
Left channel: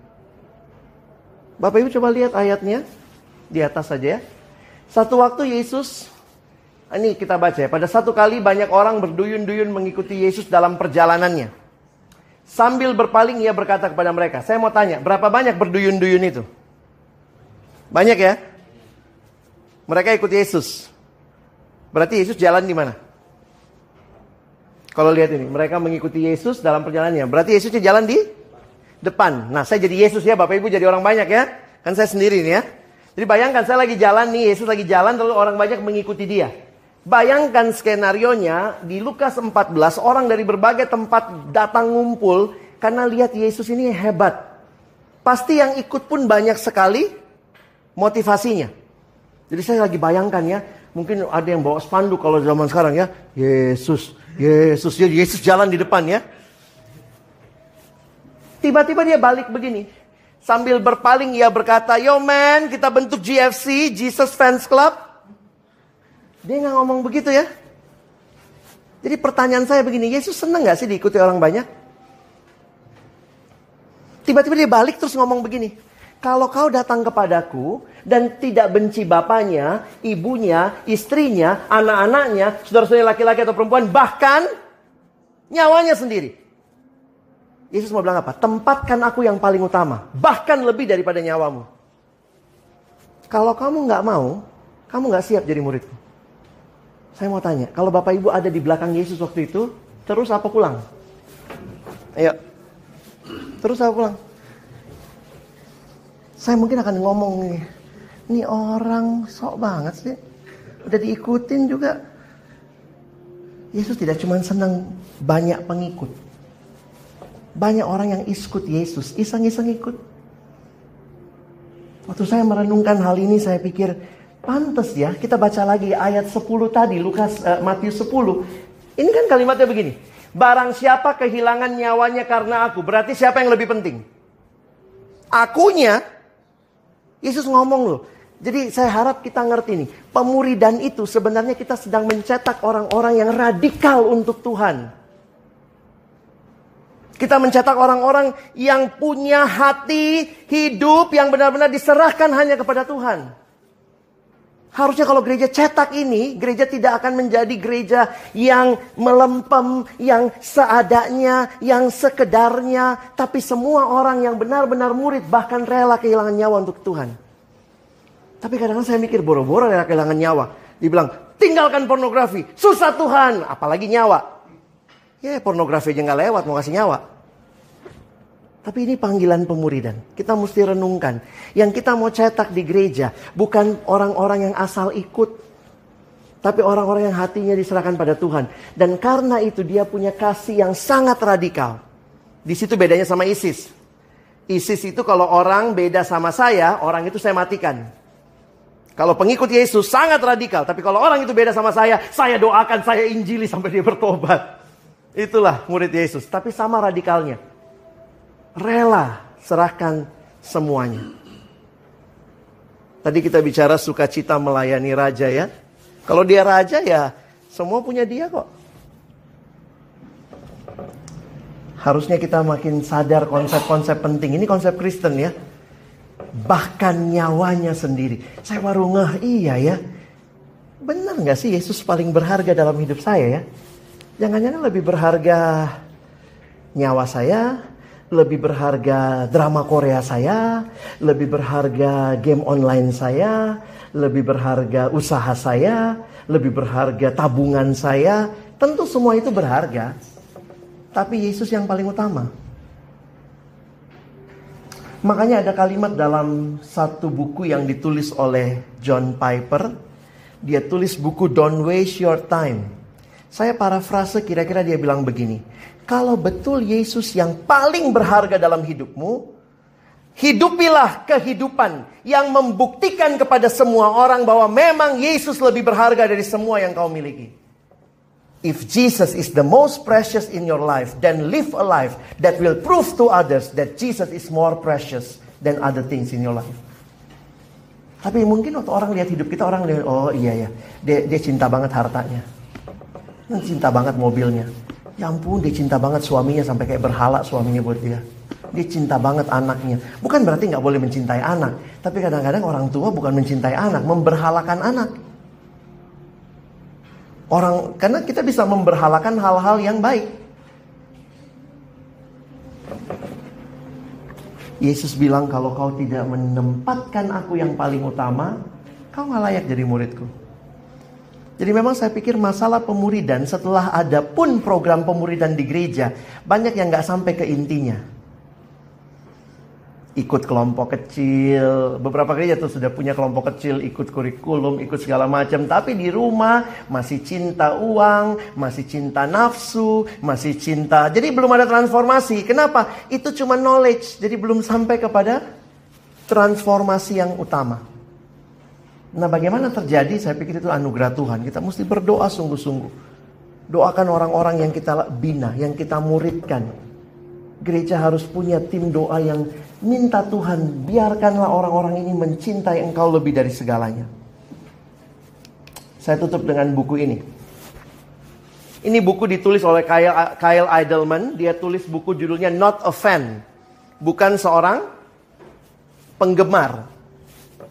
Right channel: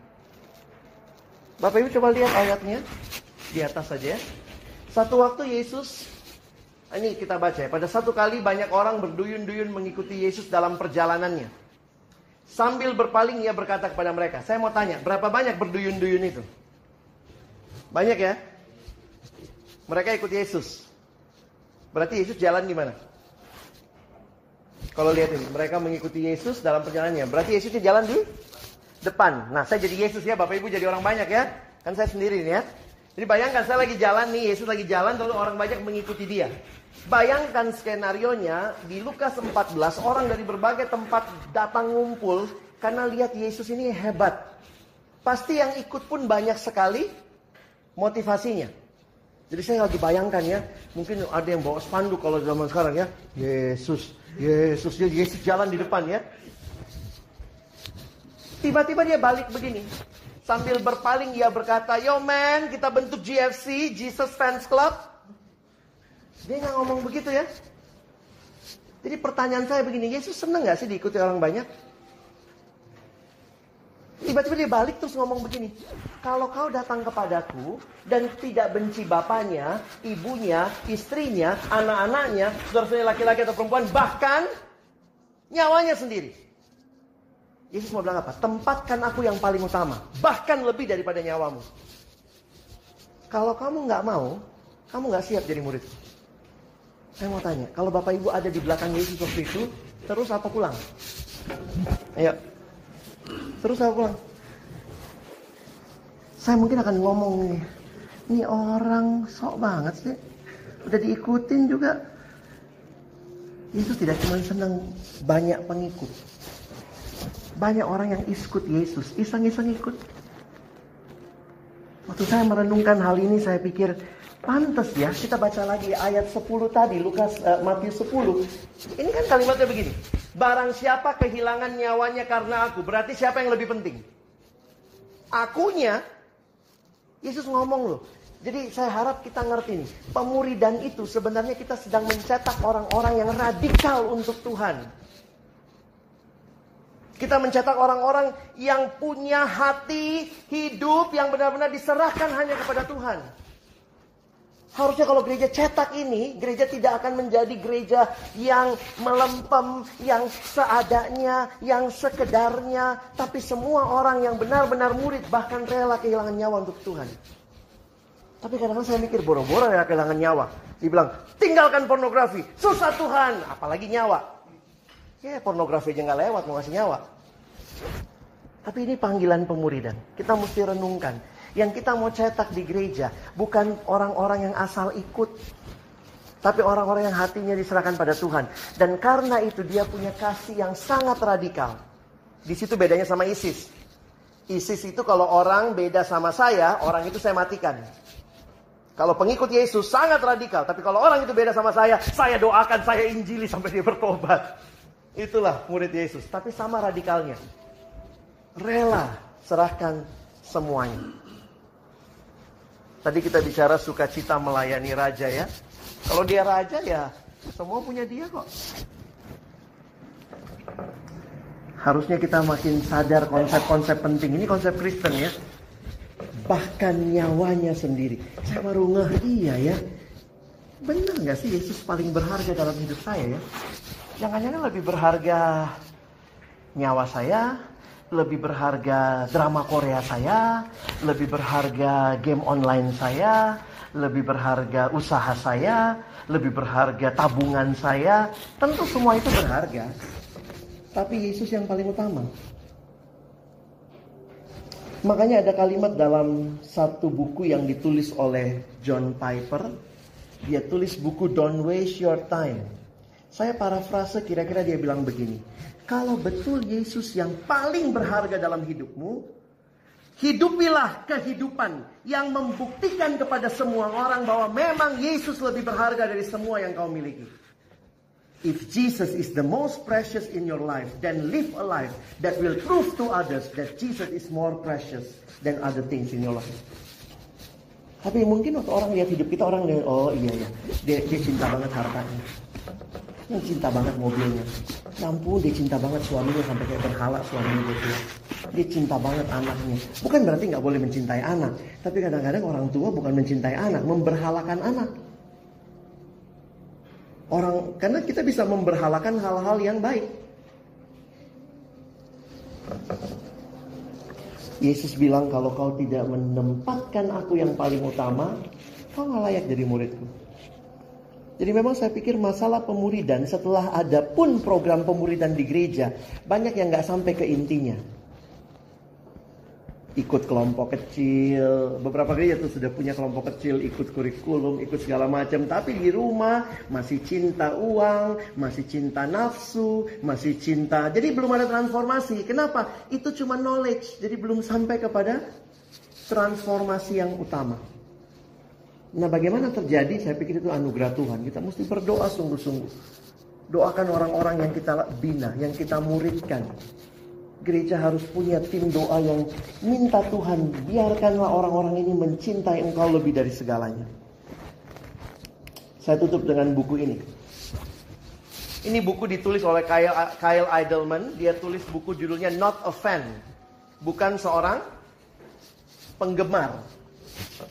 Bapak Ibu coba lihat ayatnya. Di atas saja ya. Satu waktu Yesus, ini kita baca ya. Pada satu kali banyak orang berduyun-duyun mengikuti Yesus dalam perjalanannya. Sambil berpaling ia berkata kepada mereka. Saya mau tanya, berapa banyak berduyun-duyun itu? Banyak ya? Mereka ikut Yesus. Berarti Yesus jalan di mana? Kalau lihat ini, mereka mengikuti Yesus dalam perjalanannya. Berarti Yesusnya jalan di depan. Nah, saya jadi Yesus ya, Bapak Ibu jadi orang banyak ya. Kan saya sendiri nih ya. Jadi bayangkan saya lagi jalan nih, Yesus lagi jalan lalu orang banyak mengikuti dia. Bayangkan skenarionya di Lukas 14, orang dari berbagai tempat datang ngumpul karena lihat Yesus ini hebat. Pasti yang ikut pun banyak sekali motivasinya. Jadi saya lagi bayangkan ya, mungkin ada yang bawa spanduk kalau zaman sekarang ya. Yesus, Yesus, Yesus jalan di depan ya. Tiba-tiba dia balik begini. Sambil berpaling ia berkata, "Yo man, kita bentuk GFC, Jesus Fans Club." Dia nggak ngomong begitu ya. Jadi pertanyaan saya begini, Yesus senang nggak sih diikuti orang banyak? Tiba-tiba dia balik terus ngomong begini, "Kalau kau datang kepadaku dan tidak benci bapaknya, ibunya, istrinya, anak-anaknya, saudara-saudara laki-laki atau perempuan, bahkan nyawanya sendiri." Yesus mau bilang apa? Tempatkan aku yang paling utama, bahkan lebih daripada nyawamu. Kalau kamu nggak mau, kamu nggak siap jadi muridku. Saya mau tanya, kalau Bapak Ibu ada di belakang Yesus waktu itu, terus apa pulang? Ayo, terus apa pulang? Saya mungkin akan ngomong nih, ini orang sok banget sih, udah diikutin juga. Yesus tidak cuma senang banyak pengikut. Banyak orang yang ikut Yesus, iseng-iseng ikut. Waktu saya merenungkan hal ini, saya pikir, pantas ya, kita baca lagi ayat 10 tadi, Matius 10. Ini kan kalimatnya begini. Barang siapa kehilangan nyawanya karena aku, berarti siapa yang lebih penting? Akunya. Yesus ngomong loh. Jadi saya harap kita ngerti nih. Pemuridan itu sebenarnya kita sedang mencetak orang-orang yang radikal untuk Tuhan. Kita mencetak orang-orang yang punya hati hidup yang benar-benar diserahkan hanya kepada Tuhan. Harusnya kalau gereja cetak ini, gereja tidak akan menjadi gereja yang melempem, yang seadanya, yang sekedarnya. Tapi semua orang yang benar-benar murid bahkan rela kehilangan nyawa untuk Tuhan. Tapi kadang-kadang saya mikir boro-boro rela kehilangan nyawa. Dibilang, tinggalkan pornografi, susah Tuhan, apalagi nyawa. Ya pornografi aja gak lewat, mau kasih nyawa. Tapi ini panggilan pemuridan. Kita mesti renungkan. Yang kita mau cetak di gereja bukan orang-orang yang asal ikut. Tapi orang-orang yang hatinya diserahkan pada Tuhan. Dan karena itu dia punya kasih yang sangat radikal. Di situ bedanya sama ISIS. ISIS itu kalau orang beda sama saya, orang itu saya matikan. Kalau pengikut Yesus sangat radikal. Tapi kalau orang itu beda sama saya doakan, saya injili sampai dia bertobat. Itulah murid Yesus. Tapi sama radikalnya. Rela serahkan semuanya. Tadi kita bicara sukacita melayani raja ya. Kalau dia raja ya semua punya dia kok. Harusnya kita makin sadar konsep-konsep penting. Ini konsep Kristen ya. Bahkan nyawanya sendiri. Saya baru iya ya. Benar gak sih Yesus paling berharga dalam hidup saya ya? Jangan-jangan lebih berharga nyawa saya, lebih berharga drama Korea saya, lebih berharga game online saya, lebih berharga usaha saya, lebih berharga tabungan saya. Tentu semua itu berharga. Tapi Yesus yang paling utama. Makanya ada kalimat dalam satu buku yang ditulis oleh John Piper. Dia tulis buku Don't Waste Your Time. Saya parafrase kira-kira dia bilang begini. Kalau betul Yesus yang paling berharga dalam hidupmu, hidupilah kehidupan yang membuktikan kepada semua orang bahwa memang Yesus lebih berharga dari semua yang kau miliki. If Jesus is the most precious in your life, then live a life that will prove to others that Jesus is more precious than other things in your life. Tapi mungkin waktu orang lihat hidup kita, orang lihat, oh iya ya, dia cinta banget hartanya. Dia cinta banget mobilnya. Ya ampun, dia cinta banget suaminya sampai kayak berhala suaminya buat dia. Dia cinta banget anaknya. Bukan berarti gak boleh mencintai anak. Tapi kadang-kadang orang tua bukan mencintai anak, memberhalakan anak. Karena kita bisa memberhalakan hal-hal yang baik. Yesus bilang kalau kau tidak menempatkan aku yang paling utama, kau gak layak jadi muridku. Jadi memang saya pikir masalah pemuridan setelah ada pun program pemuridan di gereja, banyak yang gak sampai ke intinya. Ikut kelompok kecil, beberapa gereja tuh sudah punya kelompok kecil, ikut kurikulum, ikut segala macam. Tapi di rumah masih cinta uang, masih cinta nafsu, masih cinta. Jadi belum ada transformasi. Kenapa? Itu cuma knowledge, jadi belum sampai kepada transformasi yang utama. Nah bagaimana terjadi? Saya pikir itu anugerah Tuhan. Kita mesti berdoa sungguh-sungguh. Doakan orang-orang yang kita bina, yang kita muridkan. Gereja harus punya tim doa yang minta Tuhan, biarkanlah orang-orang ini mencintai Engkau lebih dari segalanya. Saya tutup dengan buku ini. Ini buku ditulis oleh Kyle Idleman. Dia tulis buku judulnya Not a Fan. Bukan seorang penggemar.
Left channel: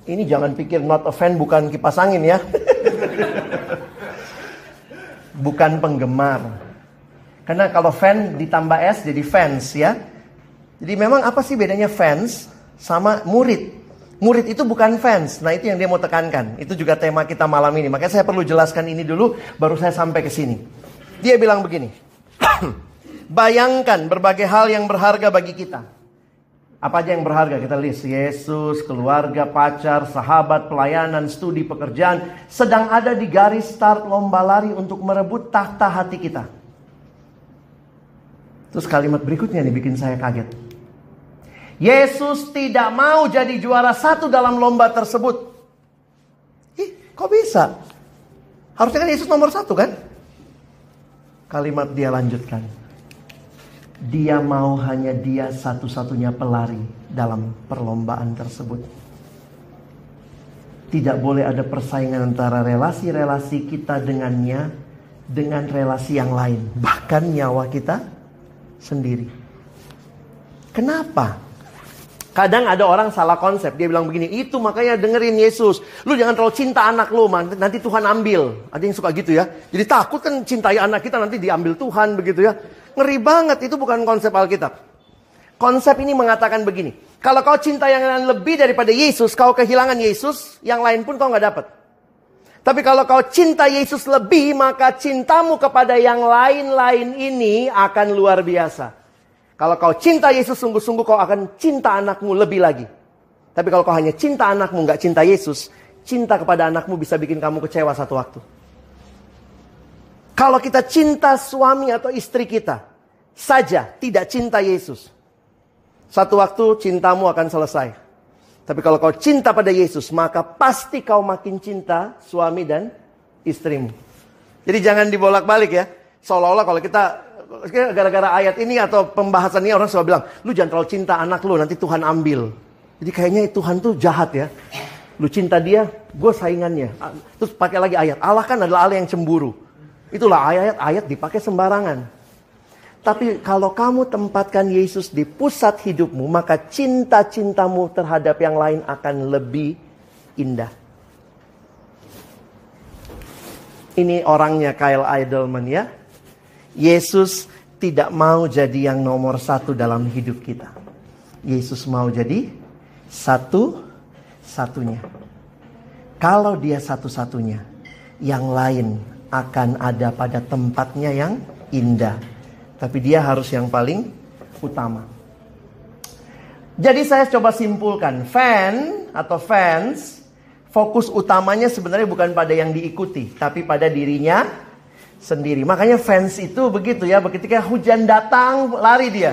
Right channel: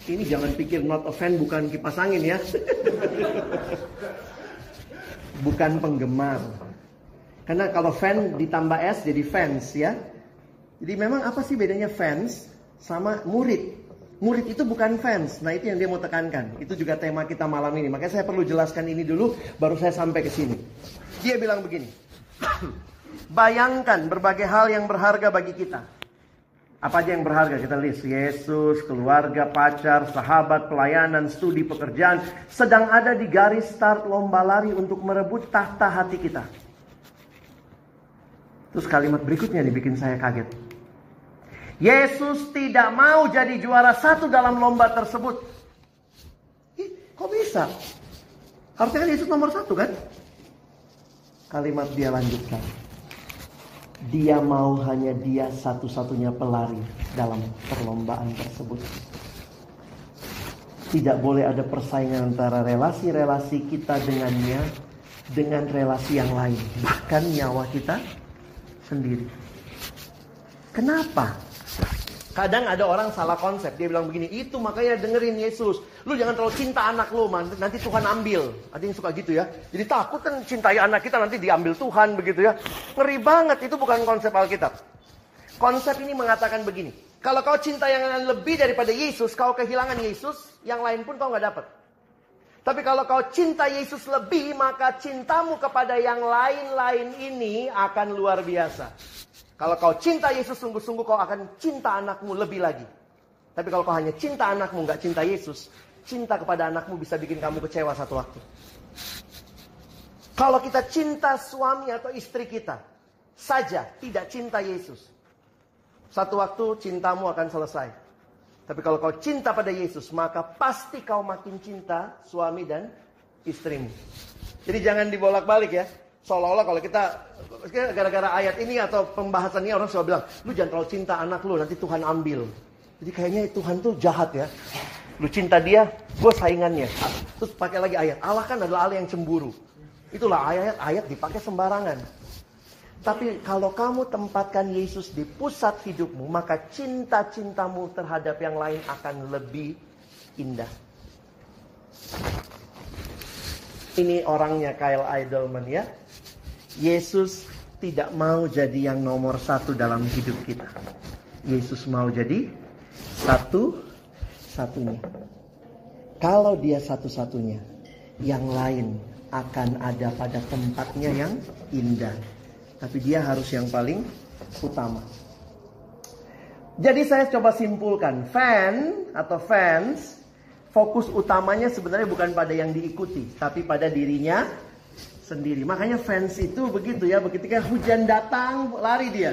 Ini jangan pikir not a fan bukan kipas angin ya. Bukan penggemar. Karena kalau fan ditambah S jadi fans ya. Jadi memang apa sih bedanya fans sama murid? Murid itu bukan fans. Nah itu yang dia mau tekankan. Itu juga tema kita malam ini. Makanya saya perlu jelaskan ini dulu baru saya sampai ke sini. Dia bilang begini. Bayangkan berbagai hal yang berharga bagi kita. Apa aja yang berharga? Kita list. Yesus, keluarga, pacar, sahabat, pelayanan, studi, pekerjaan. Sedang ada di garis start lomba lari untuk merebut tahta hati kita. Terus kalimat berikutnya nih bikin saya kaget. Yesus tidak mau jadi juara satu dalam lomba tersebut. Kok bisa? Harusnya kan Yesus nomor satu kan? Kalimat dia lanjutkan. Dia mau hanya dia satu-satunya pelari dalam perlombaan tersebut. Tidak boleh ada persaingan antara relasi-relasi kita dengannya dengan relasi yang lain. Bahkan nyawa kita sendiri. Kenapa? Kadang ada orang salah konsep. Dia bilang begini, itu makanya dengerin Yesus. Lu jangan terlalu cinta anak lu, nanti Tuhan ambil. Ada yang suka gitu ya. Jadi takut kan cintai anak kita nanti diambil Tuhan begitu ya. Ngeri banget, itu bukan konsep Alkitab. Konsep ini mengatakan begini. Kalau kau cinta yang lain lebih daripada Yesus, kau kehilangan Yesus, yang lain pun kau gak dapat. Tapi kalau kau cinta Yesus lebih, maka cintamu kepada yang lain-lain ini akan luar biasa. Kalau kau cinta Yesus sungguh-sungguh, kau akan cinta anakmu lebih lagi. Tapi kalau kau hanya cinta anakmu, gak cinta Yesus, cinta kepada anakmu bisa bikin kamu kecewa satu waktu. Kalau kita cinta suami atau istri kita saja, tidak cinta Yesus, satu waktu cintamu akan selesai. Tapi kalau kau cinta pada Yesus, maka pasti kau makin cinta suami dan istrimu. Jadi jangan dibolak-balik ya. Seolah-olah kalau kita gara-gara ayat ini atau pembahasan ini orang selalu bilang, lu jangan terlalu cinta anak lu, nanti Tuhan ambil. Jadi kayaknya Tuhan tuh jahat ya. Lu cinta dia, gue saingannya. Terus pakai lagi ayat, Allah kan adalah Allah yang cemburu. Itulah ayat-ayat dipakai sembarangan. Tapi kalau kamu tempatkan Yesus di pusat hidupmu, maka cinta-cintamu terhadap yang lain akan lebih indah. Ini orangnya Kyle Idleman ya. Yesus tidak mau jadi yang nomor satu dalam hidup kita. Yesus mau jadi satu-satunya. Kalau dia satu-satunya, yang lain akan ada pada tempatnya yang indah. Tapi dia harus yang paling utama. Jadi saya coba simpulkan, fans, fokus utamanya sebenarnya bukan pada yang diikuti, tapi pada dirinya sendiri. Makanya fans itu begitu ya, ketika hujan datang lari dia.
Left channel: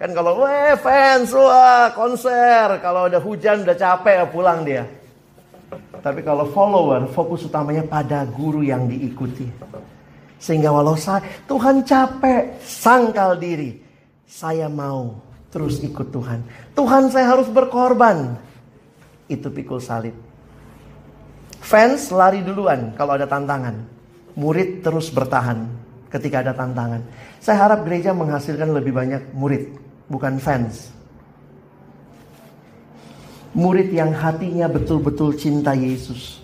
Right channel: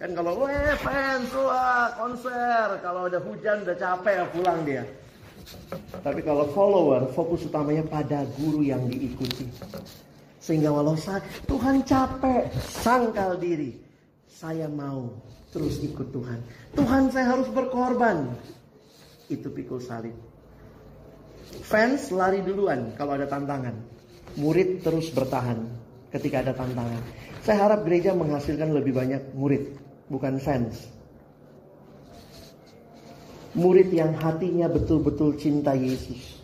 Kan kalau fans, wah konser, kalau udah hujan udah capek pulang dia. Tapi kalau follower, fokus utamanya pada guru yang diikuti. Sehingga walau Tuhan capek, sangkal diri, saya mau terus ikut Tuhan. Tuhan, saya harus berkorban. Itu pikul salib. Fans lari duluan kalau ada tantangan. Murid terus bertahan ketika ada tantangan. Saya harap gereja menghasilkan lebih banyak murid, bukan fans. Murid yang hatinya betul-betul cinta Yesus.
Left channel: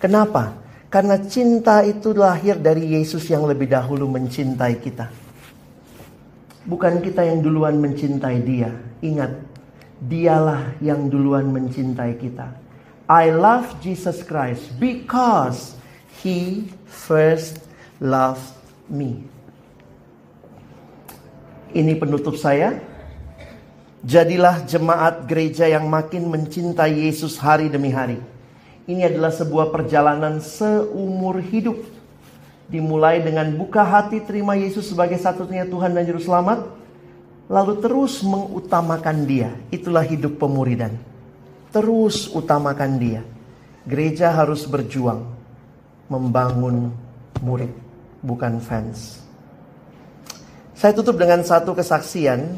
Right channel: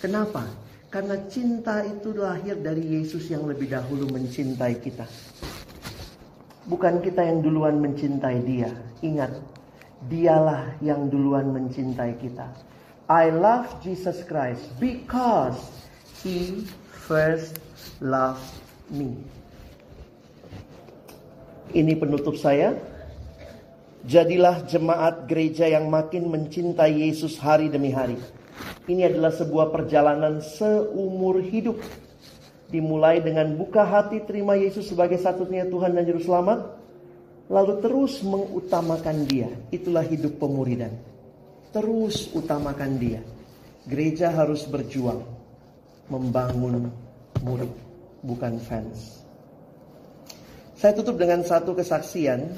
Kenapa? Karena cinta itu lahir dari Yesus yang lebih dahulu mencintai kita. Bukan kita yang duluan mencintai dia. Ingat, dialah yang duluan mencintai kita. I love Jesus Christ because He first loved me. Ini penutup saya. Jadilah jemaat gereja yang makin mencintai Yesus hari demi hari. Ini adalah sebuah perjalanan seumur hidup. Dimulai dengan buka hati terima Yesus sebagai satu-satunya Tuhan dan Juru Selamat. Lalu terus mengutamakan dia. Itulah hidup pemuridan. Terus utamakan dia. Gereja harus berjuang membangun murid, bukan fans. Saya tutup dengan satu kesaksian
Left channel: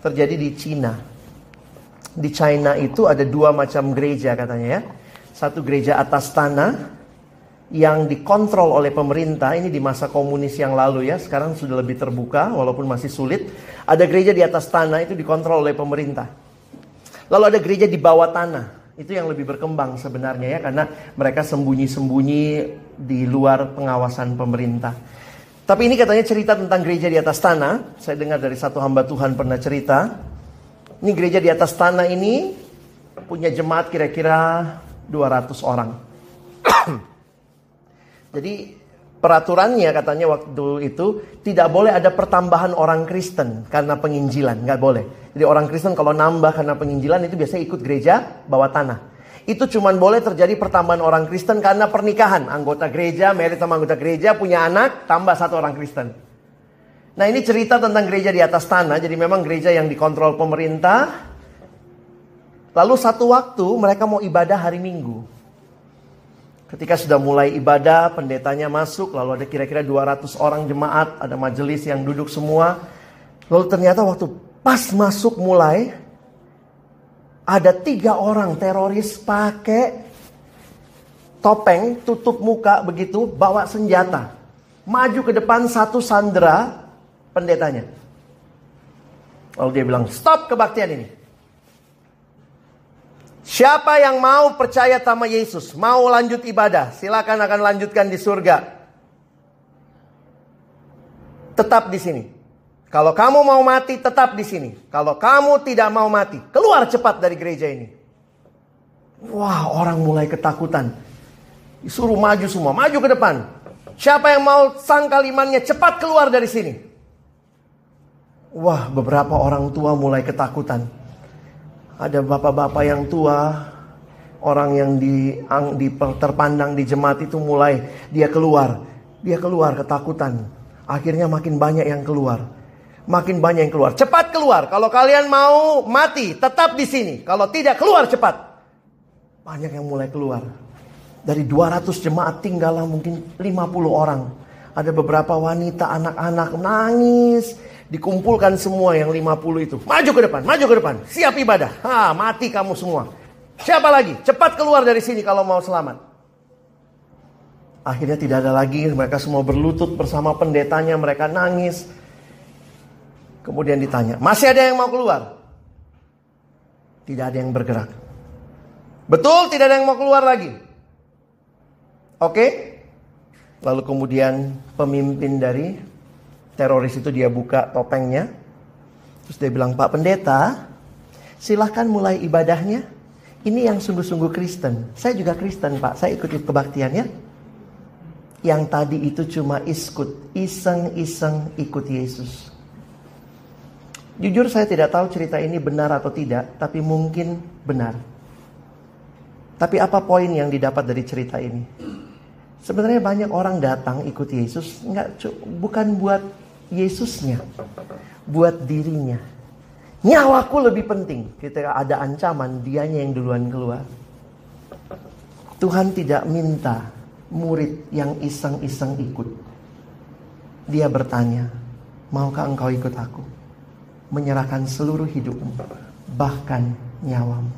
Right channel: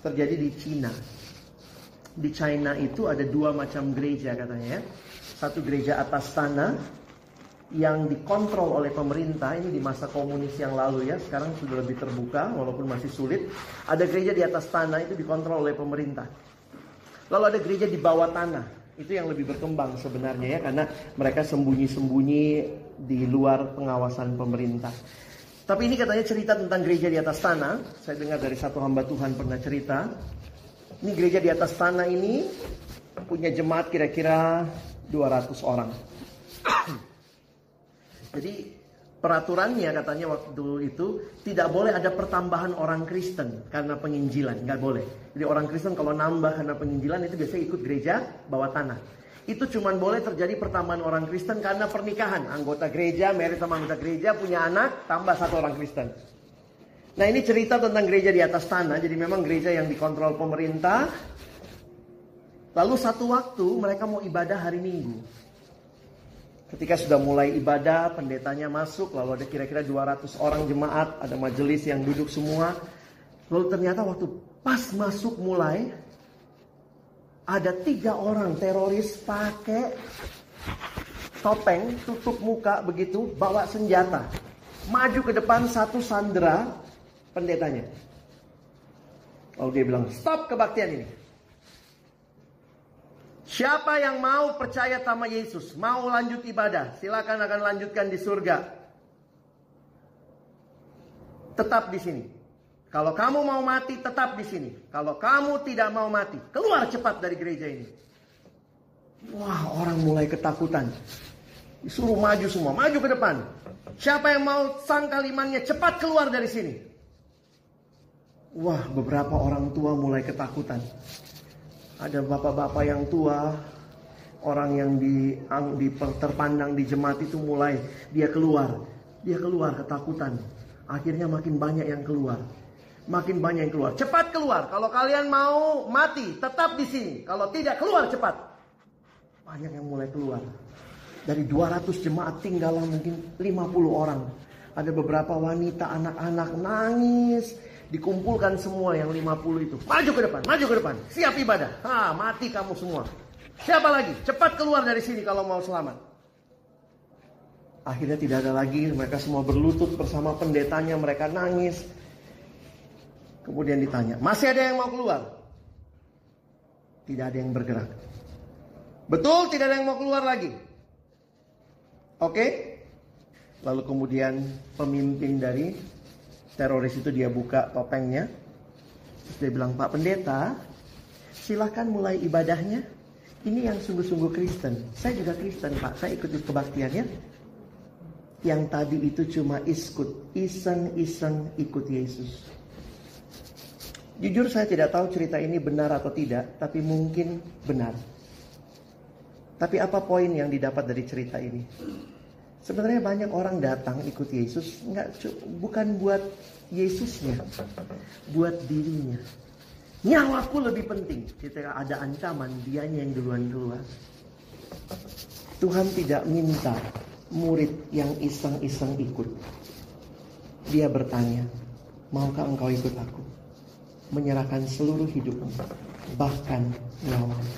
terjadi di Cina. Di China itu ada dua macam gereja katanya ya. Satu gereja atas tanah yang dikontrol oleh pemerintah. Ini di masa komunis yang lalu ya. Sekarang sudah lebih terbuka walaupun masih sulit. Ada gereja di atas tanah itu dikontrol oleh pemerintah. Lalu ada gereja di bawah tanah. Itu yang lebih berkembang sebenarnya ya. Karena mereka sembunyi-sembunyi di luar pengawasan pemerintah. Tapi ini katanya cerita tentang gereja di atas tanah. Saya dengar dari satu hamba Tuhan pernah cerita. Ini gereja di atas tanah ini punya jemaat kira-kira 200 orang. Jadi peraturannya katanya waktu itu tidak boleh ada pertambahan orang Kristen karena penginjilan. Nggak boleh. Jadi orang Kristen kalau nambah karena penginjilan itu biasanya ikut gereja bawah tanah. Itu cuma boleh terjadi pertambahan orang Kristen karena pernikahan. Anggota gereja, married sama anggota gereja, punya anak, tambah satu orang Kristen. Nah ini cerita tentang gereja di atas tanah. Jadi memang gereja yang dikontrol pemerintah. Lalu satu waktu mereka mau ibadah hari Minggu. Ketika sudah mulai ibadah, pendetanya masuk. Lalu ada kira-kira 200 orang jemaat. Ada majelis yang duduk semua. Lalu ternyata waktu pas masuk mulai, ada 3 orang teroris pakai topeng, tutup muka begitu, bawa senjata. Maju ke depan, satu sandera pendetanya. Lalu dia bilang, stop kebaktian ini. Siapa yang mau percaya sama Yesus, mau lanjut ibadah, silakan akan lanjutkan di surga. Tetap di sini. Kalau kamu mau mati, tetap di sini. Kalau kamu tidak mau mati, keluar cepat dari gereja ini. Wah, orang mulai ketakutan. Disuruh maju semua, maju ke depan. Siapa yang mau sangkal imannya, cepat keluar dari sini. Wah, beberapa orang tua mulai ketakutan. Ada bapak-bapak yang tua, orang yang terpandang di jemaat itu mulai dia keluar ketakutan. Akhirnya makin banyak yang keluar. Makin banyak yang keluar. Cepat keluar. Kalau kalian mau mati, tetap di sini. Kalau tidak, keluar cepat. Banyak yang mulai keluar. Dari 200 jemaat tinggallah mungkin 50 orang. Ada beberapa wanita, anak-anak nangis. Dikumpulkan semua yang 50 itu. Maju ke depan, maju ke depan. Siap ibadah. Mati kamu semua. Siapa lagi? Cepat keluar dari sini kalau mau selamat. Akhirnya tidak ada lagi. Mereka semua berlutut bersama pendetanya. Mereka nangis. Kemudian ditanya, masih ada yang mau keluar? Tidak ada yang bergerak. Betul, tidak ada yang mau keluar lagi. Oke. Lalu kemudian pemimpin dari teroris itu dia buka topengnya. Terus dia bilang, Pak Pendeta, silahkan mulai ibadahnya. Ini yang sungguh-sungguh Kristen. Saya juga Kristen Pak, saya ikuti kebaktiannya. Yang tadi itu cuma iseng-iseng ikut Yesus. Jujur saya tidak tahu cerita ini benar atau tidak, tapi mungkin benar. Tapi apa poin yang didapat dari cerita ini? Sebenarnya banyak orang datang ikut Yesus bukan buat Yesusnya, buat dirinya. Nyawaku lebih penting. Ketika ada ancaman, dianya yang duluan keluar. Tuhan tidak minta murid yang iseng-iseng ikut. Dia bertanya, maukah engkau ikut aku? Menyerahkan seluruh hidupmu, bahkan nyawamu.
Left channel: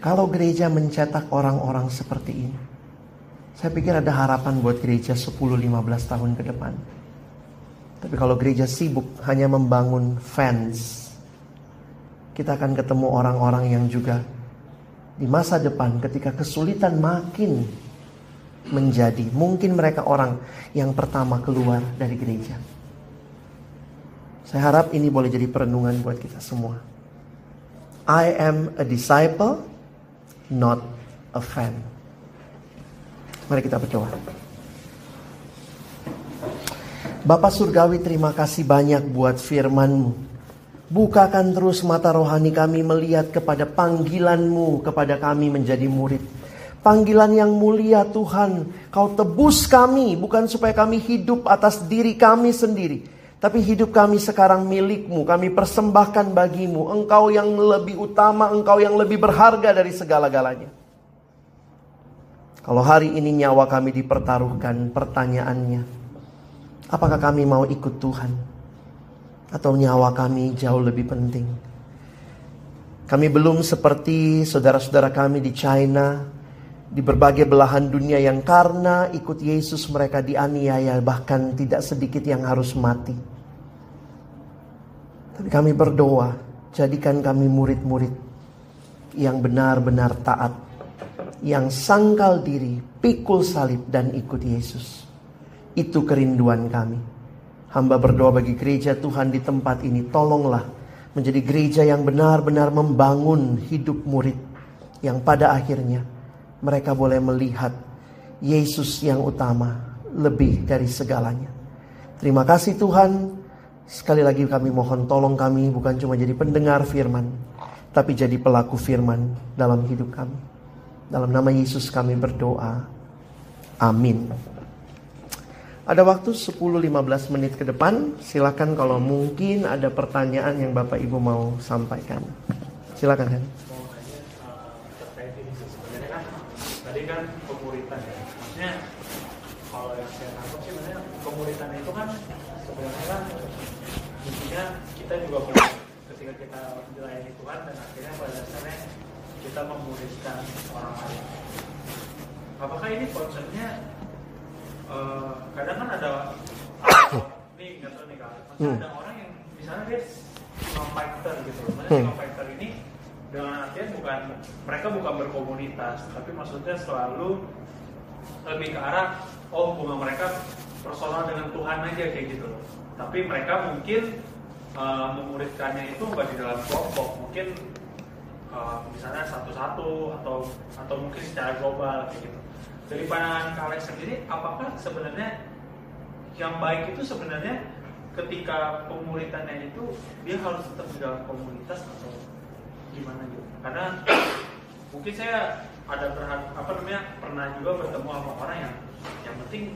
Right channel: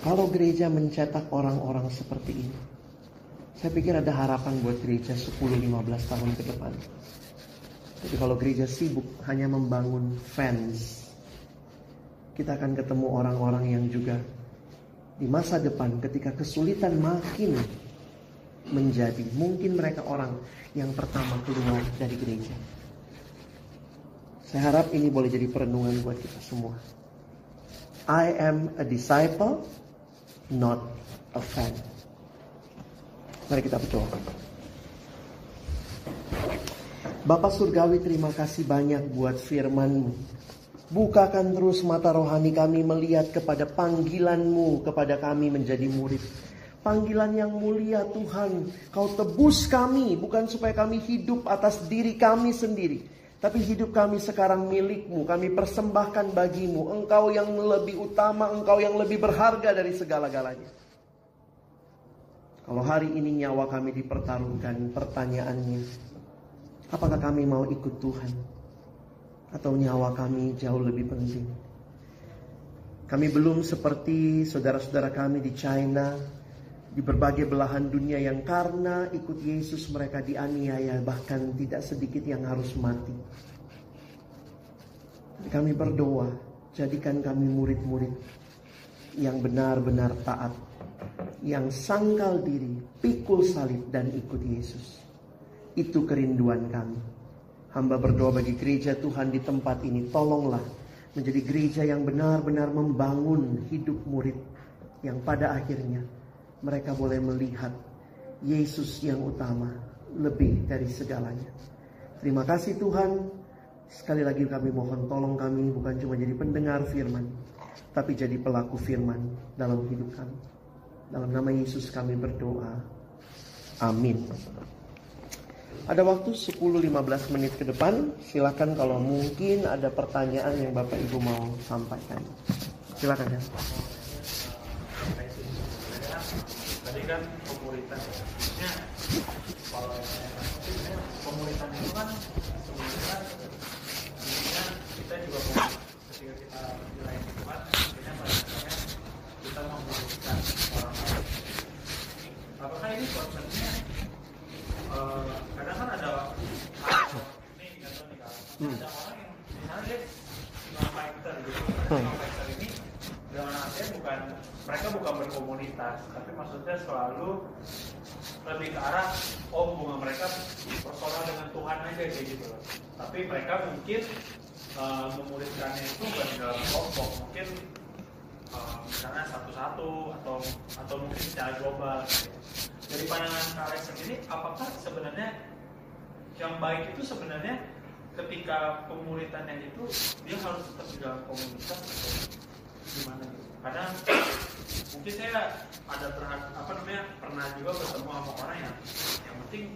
Kalau gereja mencetak orang-orang seperti ini, saya pikir ada harapan buat gereja 10-15 tahun ke depan. Tapi kalau gereja sibuk hanya membangun fans, kita akan ketemu orang-orang yang juga di masa depan ketika kesulitan makin menjadi, mungkin mereka orang yang pertama keluar dari gereja. Saya harap ini boleh jadi perenungan buat kita semua. I am a disciple, not a fan. Mari kita berdoa. Bapa Surgawi, terima kasih banyak buat firman-Mu. Bukakan terus mata rohani kami melihat kepada panggilan-Mu kepada kami menjadi murid. Panggilan yang mulia Tuhan, Kau tebus kami bukan supaya kami hidup atas diri kami sendiri, tapi hidup kami sekarang milik-Mu. Kami persembahkan bagi-Mu. Engkau yang lebih utama, Engkau yang lebih berharga dari segala-galanya. Kalau hari ini nyawa kami dipertaruhkan, pertanyaannya, apakah kami mau ikut Tuhan? Atau nyawa kami jauh lebih penting? Kami belum seperti saudara-saudara kami di China, di berbagai belahan dunia yang karena ikut Yesus mereka dianiaya, bahkan tidak sedikit yang harus mati. Tapi kami berdoa, jadikan kami murid-murid yang benar-benar taat, yang sangkal diri, pikul salib dan ikut Yesus. Itu kerinduan kami. Hamba berdoa bagi gereja Tuhan di tempat ini, tolonglah menjadi gereja yang benar-benar membangun hidup murid, yang pada akhirnya mereka boleh melihat Yesus yang utama lebih dari segalanya. Terima kasih Tuhan. Sekali lagi kami mohon tolong kami bukan cuma jadi pendengar firman, tapi jadi pelaku firman dalam hidup kami. Dalam nama Yesus kami berdoa. Amin. Ada waktu 10-15 menit ke depan. Silakan kalau mungkin ada pertanyaan yang Bapak Ibu mau sampaikan. Silakan. Tadi kan pemuritan ya. Maksudnya kalau yang saya tangkap sih sebenarnya pemuritan itu kan sebenarnya intinya kita juga mau ketika kita dilayani Tuhan, akhirnya pada dasarnya kita memuridkan orang lain. Apakah ini konsepnya kadang kan ada nih nggak tahu nih kalau ada orang yang misalnya dia fighter gitu, fighter ini dengan artian mereka bukan berkomunitas, tapi maksudnya selalu lebih ke arah hubungan mereka personal dengan Tuhan aja kayak gitu loh. Tapi mereka mungkin memuridkannya itu bukan di dalam kelompok, mungkin misalnya satu-satu atau mungkin secara global gitu. Dari pandangan Kak sendiri, apakah sebenarnya yang baik itu sebenarnya ketika pemuridannya itu dia harus tetap di dalam komunitas atau gimana gitu? Karena mungkin saya ada pernah juga bertemu sama orang yang penting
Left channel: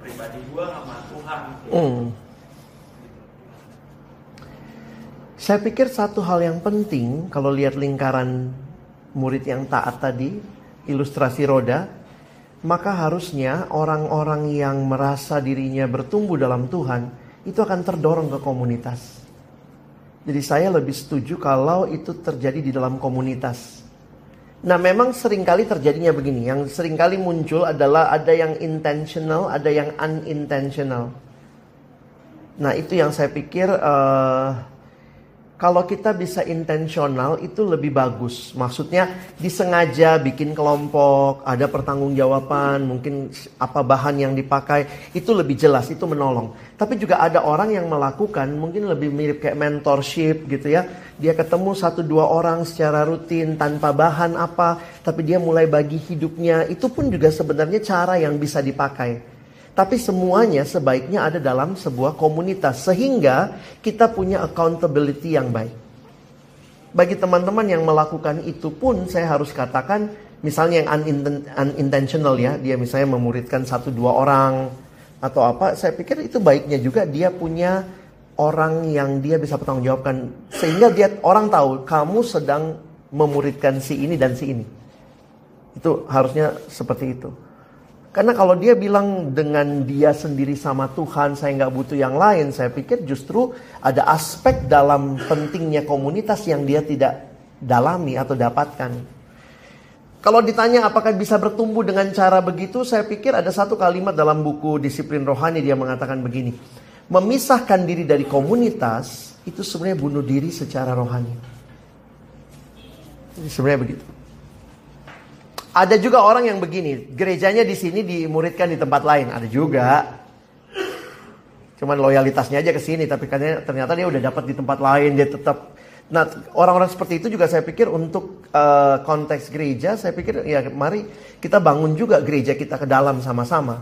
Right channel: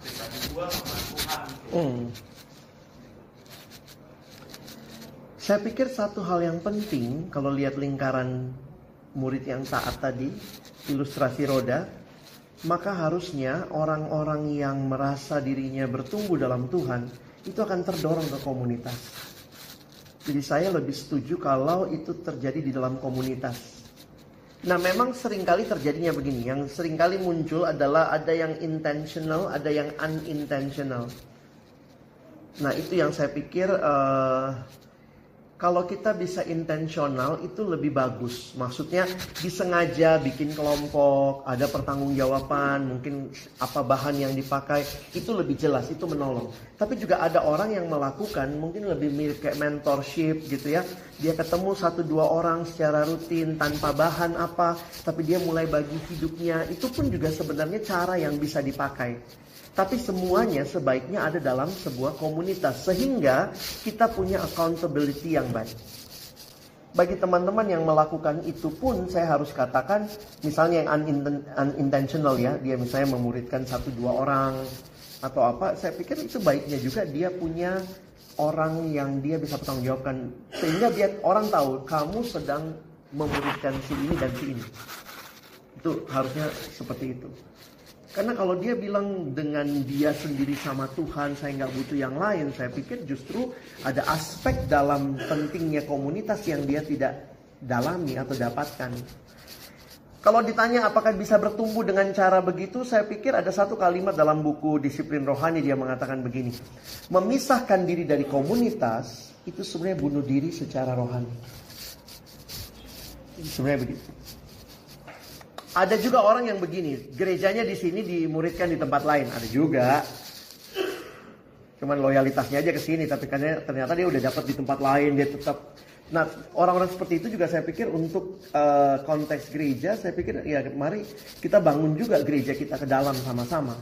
pribadi gua sama Tuhan. Saya pikir satu hal yang penting kalau lihat lingkaran murid yang taat tadi, ilustrasi roda, maka harusnya orang-orang yang merasa dirinya bertumbuh dalam Tuhan itu akan terdorong ke komunitas. Jadi saya lebih setuju kalau itu terjadi di dalam komunitas. Nah memang seringkali terjadinya begini. Yang seringkali muncul adalah ada yang intentional, ada yang unintentional. Nah itu yang saya pikir kalau kita bisa intensional itu lebih bagus. Maksudnya disengaja bikin kelompok, ada pertanggungjawaban, mungkin apa bahan yang dipakai, itu lebih jelas, itu menolong. Tapi juga ada orang yang melakukan mungkin lebih mirip kayak mentorship gitu ya. Dia ketemu 1-2 orang secara rutin tanpa bahan apa, tapi dia mulai bagi hidupnya. Itu pun juga sebenarnya cara yang bisa dipakai. Tapi semuanya sebaiknya ada dalam sebuah komunitas. Sehingga kita punya accountability yang baik. Bagi teman-teman yang melakukan itu pun saya harus katakan. Misalnya yang unintentional ya. Dia misalnya memuridkan 1-2 orang atau apa. Saya pikir itu baiknya juga dia punya orang yang dia bisa bertanggungjawabkan. Sehingga orang tahu kamu sedang memuridkan si ini dan si ini. Itu harusnya seperti itu. Karena kalau dia bilang dengan dia sendiri sama Tuhan, saya nggak butuh yang lain. Saya pikir justru ada aspek dalam pentingnya komunitas yang dia tidak dalami atau dapatkan. Kalau ditanya apakah bisa bertumbuh dengan cara begitu, saya pikir ada satu kalimat dalam buku Disiplin Rohani, dia mengatakan begini. Memisahkan diri dari komunitas, itu sebenarnya bunuh diri secara rohani. Sebenarnya begitu. Ada juga orang yang begini, gerejanya di sini dimuridkan di tempat lain, ada juga. Cuman loyalitasnya aja ke sini, tapi ternyata dia udah dapat di tempat lain, dia tetap. Nah, orang-orang seperti itu juga saya pikir untuk konteks gereja, saya pikir ya mari kita bangun juga gereja kita ke dalam sama-sama.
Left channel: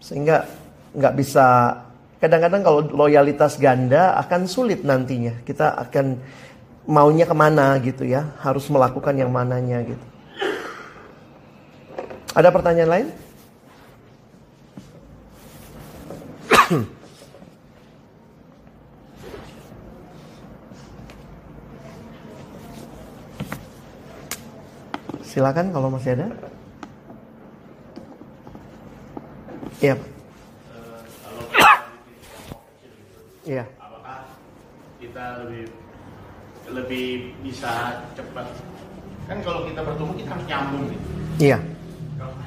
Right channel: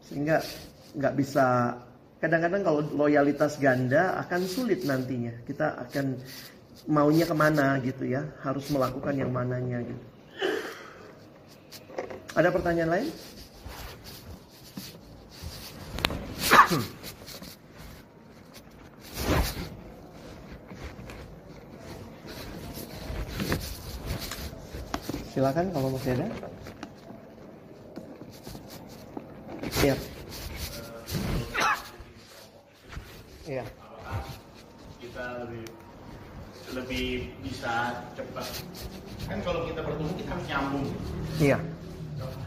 Sehingga nggak bisa, kadang-kadang kalau loyalitas ganda akan sulit nantinya. Kita akan maunya kemana gitu ya, harus melakukan yang mananya gitu. Ada pertanyaan lain? Silakan kalau masih ada. Iya. Iya. Apakah kita lebih bisa cepat? Kan kalau kita bertumbuh kita harus nyambung gitu. Iya.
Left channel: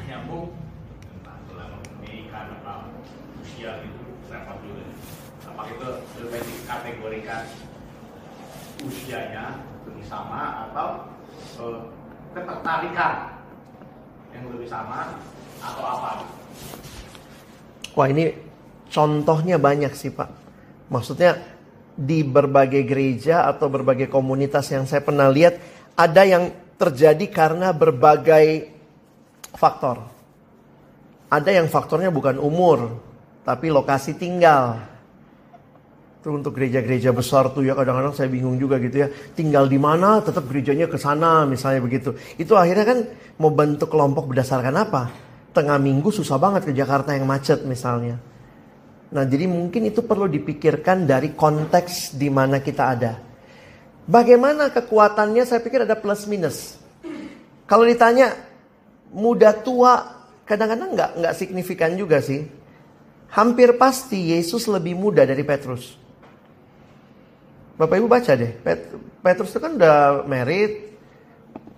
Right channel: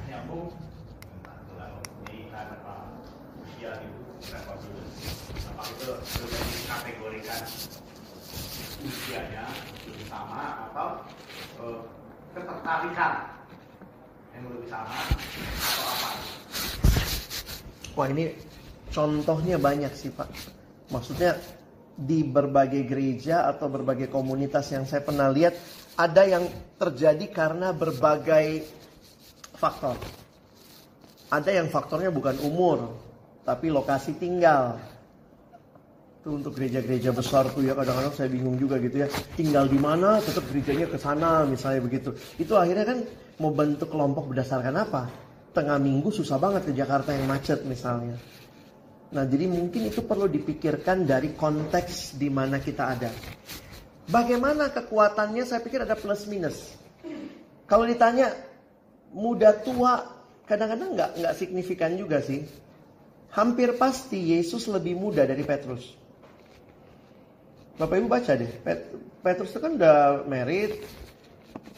Nyambung ini karena usia gitu repot juga. Apakah itu sudah dikategorikan usianya lebih sama atau ketertarikan yang lebih sama atau apa? Wah, ini contohnya banyak sih Pak. Maksudnya di berbagai gereja atau berbagai komunitas yang saya pernah lihat, ada yang terjadi karena berbagai faktor. Ada yang faktornya bukan umur, tapi lokasi tinggal. Itu untuk gereja-gereja besar tuh ya, kadang-kadang saya bingung juga gitu ya. Tinggal di mana, tetap gerejanya ke sana, misalnya begitu. Itu akhirnya kan mau bentuk kelompok berdasarkan apa? Tengah minggu susah banget ke Jakarta yang macet misalnya. Nah, jadi mungkin itu perlu dipikirkan dari konteks di mana kita ada. Bagaimana kekuatannya, saya pikir ada plus minus. Kalau ditanya muda tua, kadang-kadang nggak signifikan juga sih. Hampir pasti Yesus lebih muda dari Petrus. Bapak Ibu baca deh, Petrus itu kan udah married,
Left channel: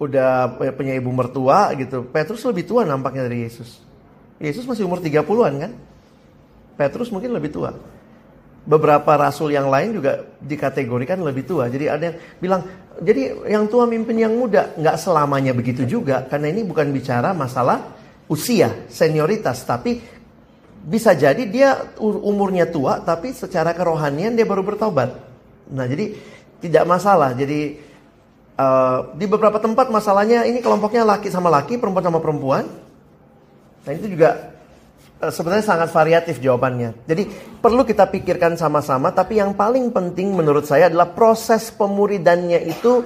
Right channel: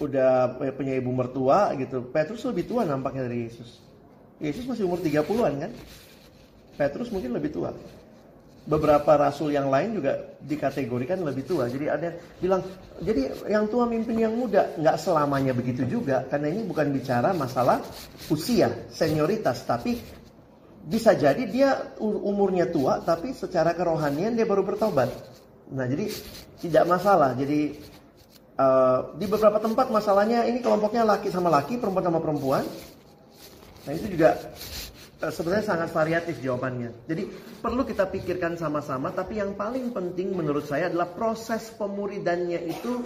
udah punya ibu mertua gitu. Petrus lebih tua nampaknya dari Yesus. Yesus masih umur 30-an kan? Petrus mungkin lebih tua. Beberapa rasul yang lain juga dikategorikan lebih tua. Jadi ada yang bilang, jadi yang tua mimpin yang muda. Nggak selamanya begitu juga. Karena ini bukan bicara masalah usia, senioritas. Tapi bisa jadi dia umurnya tua, tapi secara kerohanian dia baru bertobat. Nah, jadi tidak masalah. Jadi di beberapa tempat masalahnya ini kelompoknya laki sama laki, perempuan sama perempuan. Nah, itu juga sebenarnya sangat variatif jawabannya. Jadi perlu kita pikirkan sama-sama. Tapi yang paling penting menurut saya adalah proses pemuridannya itu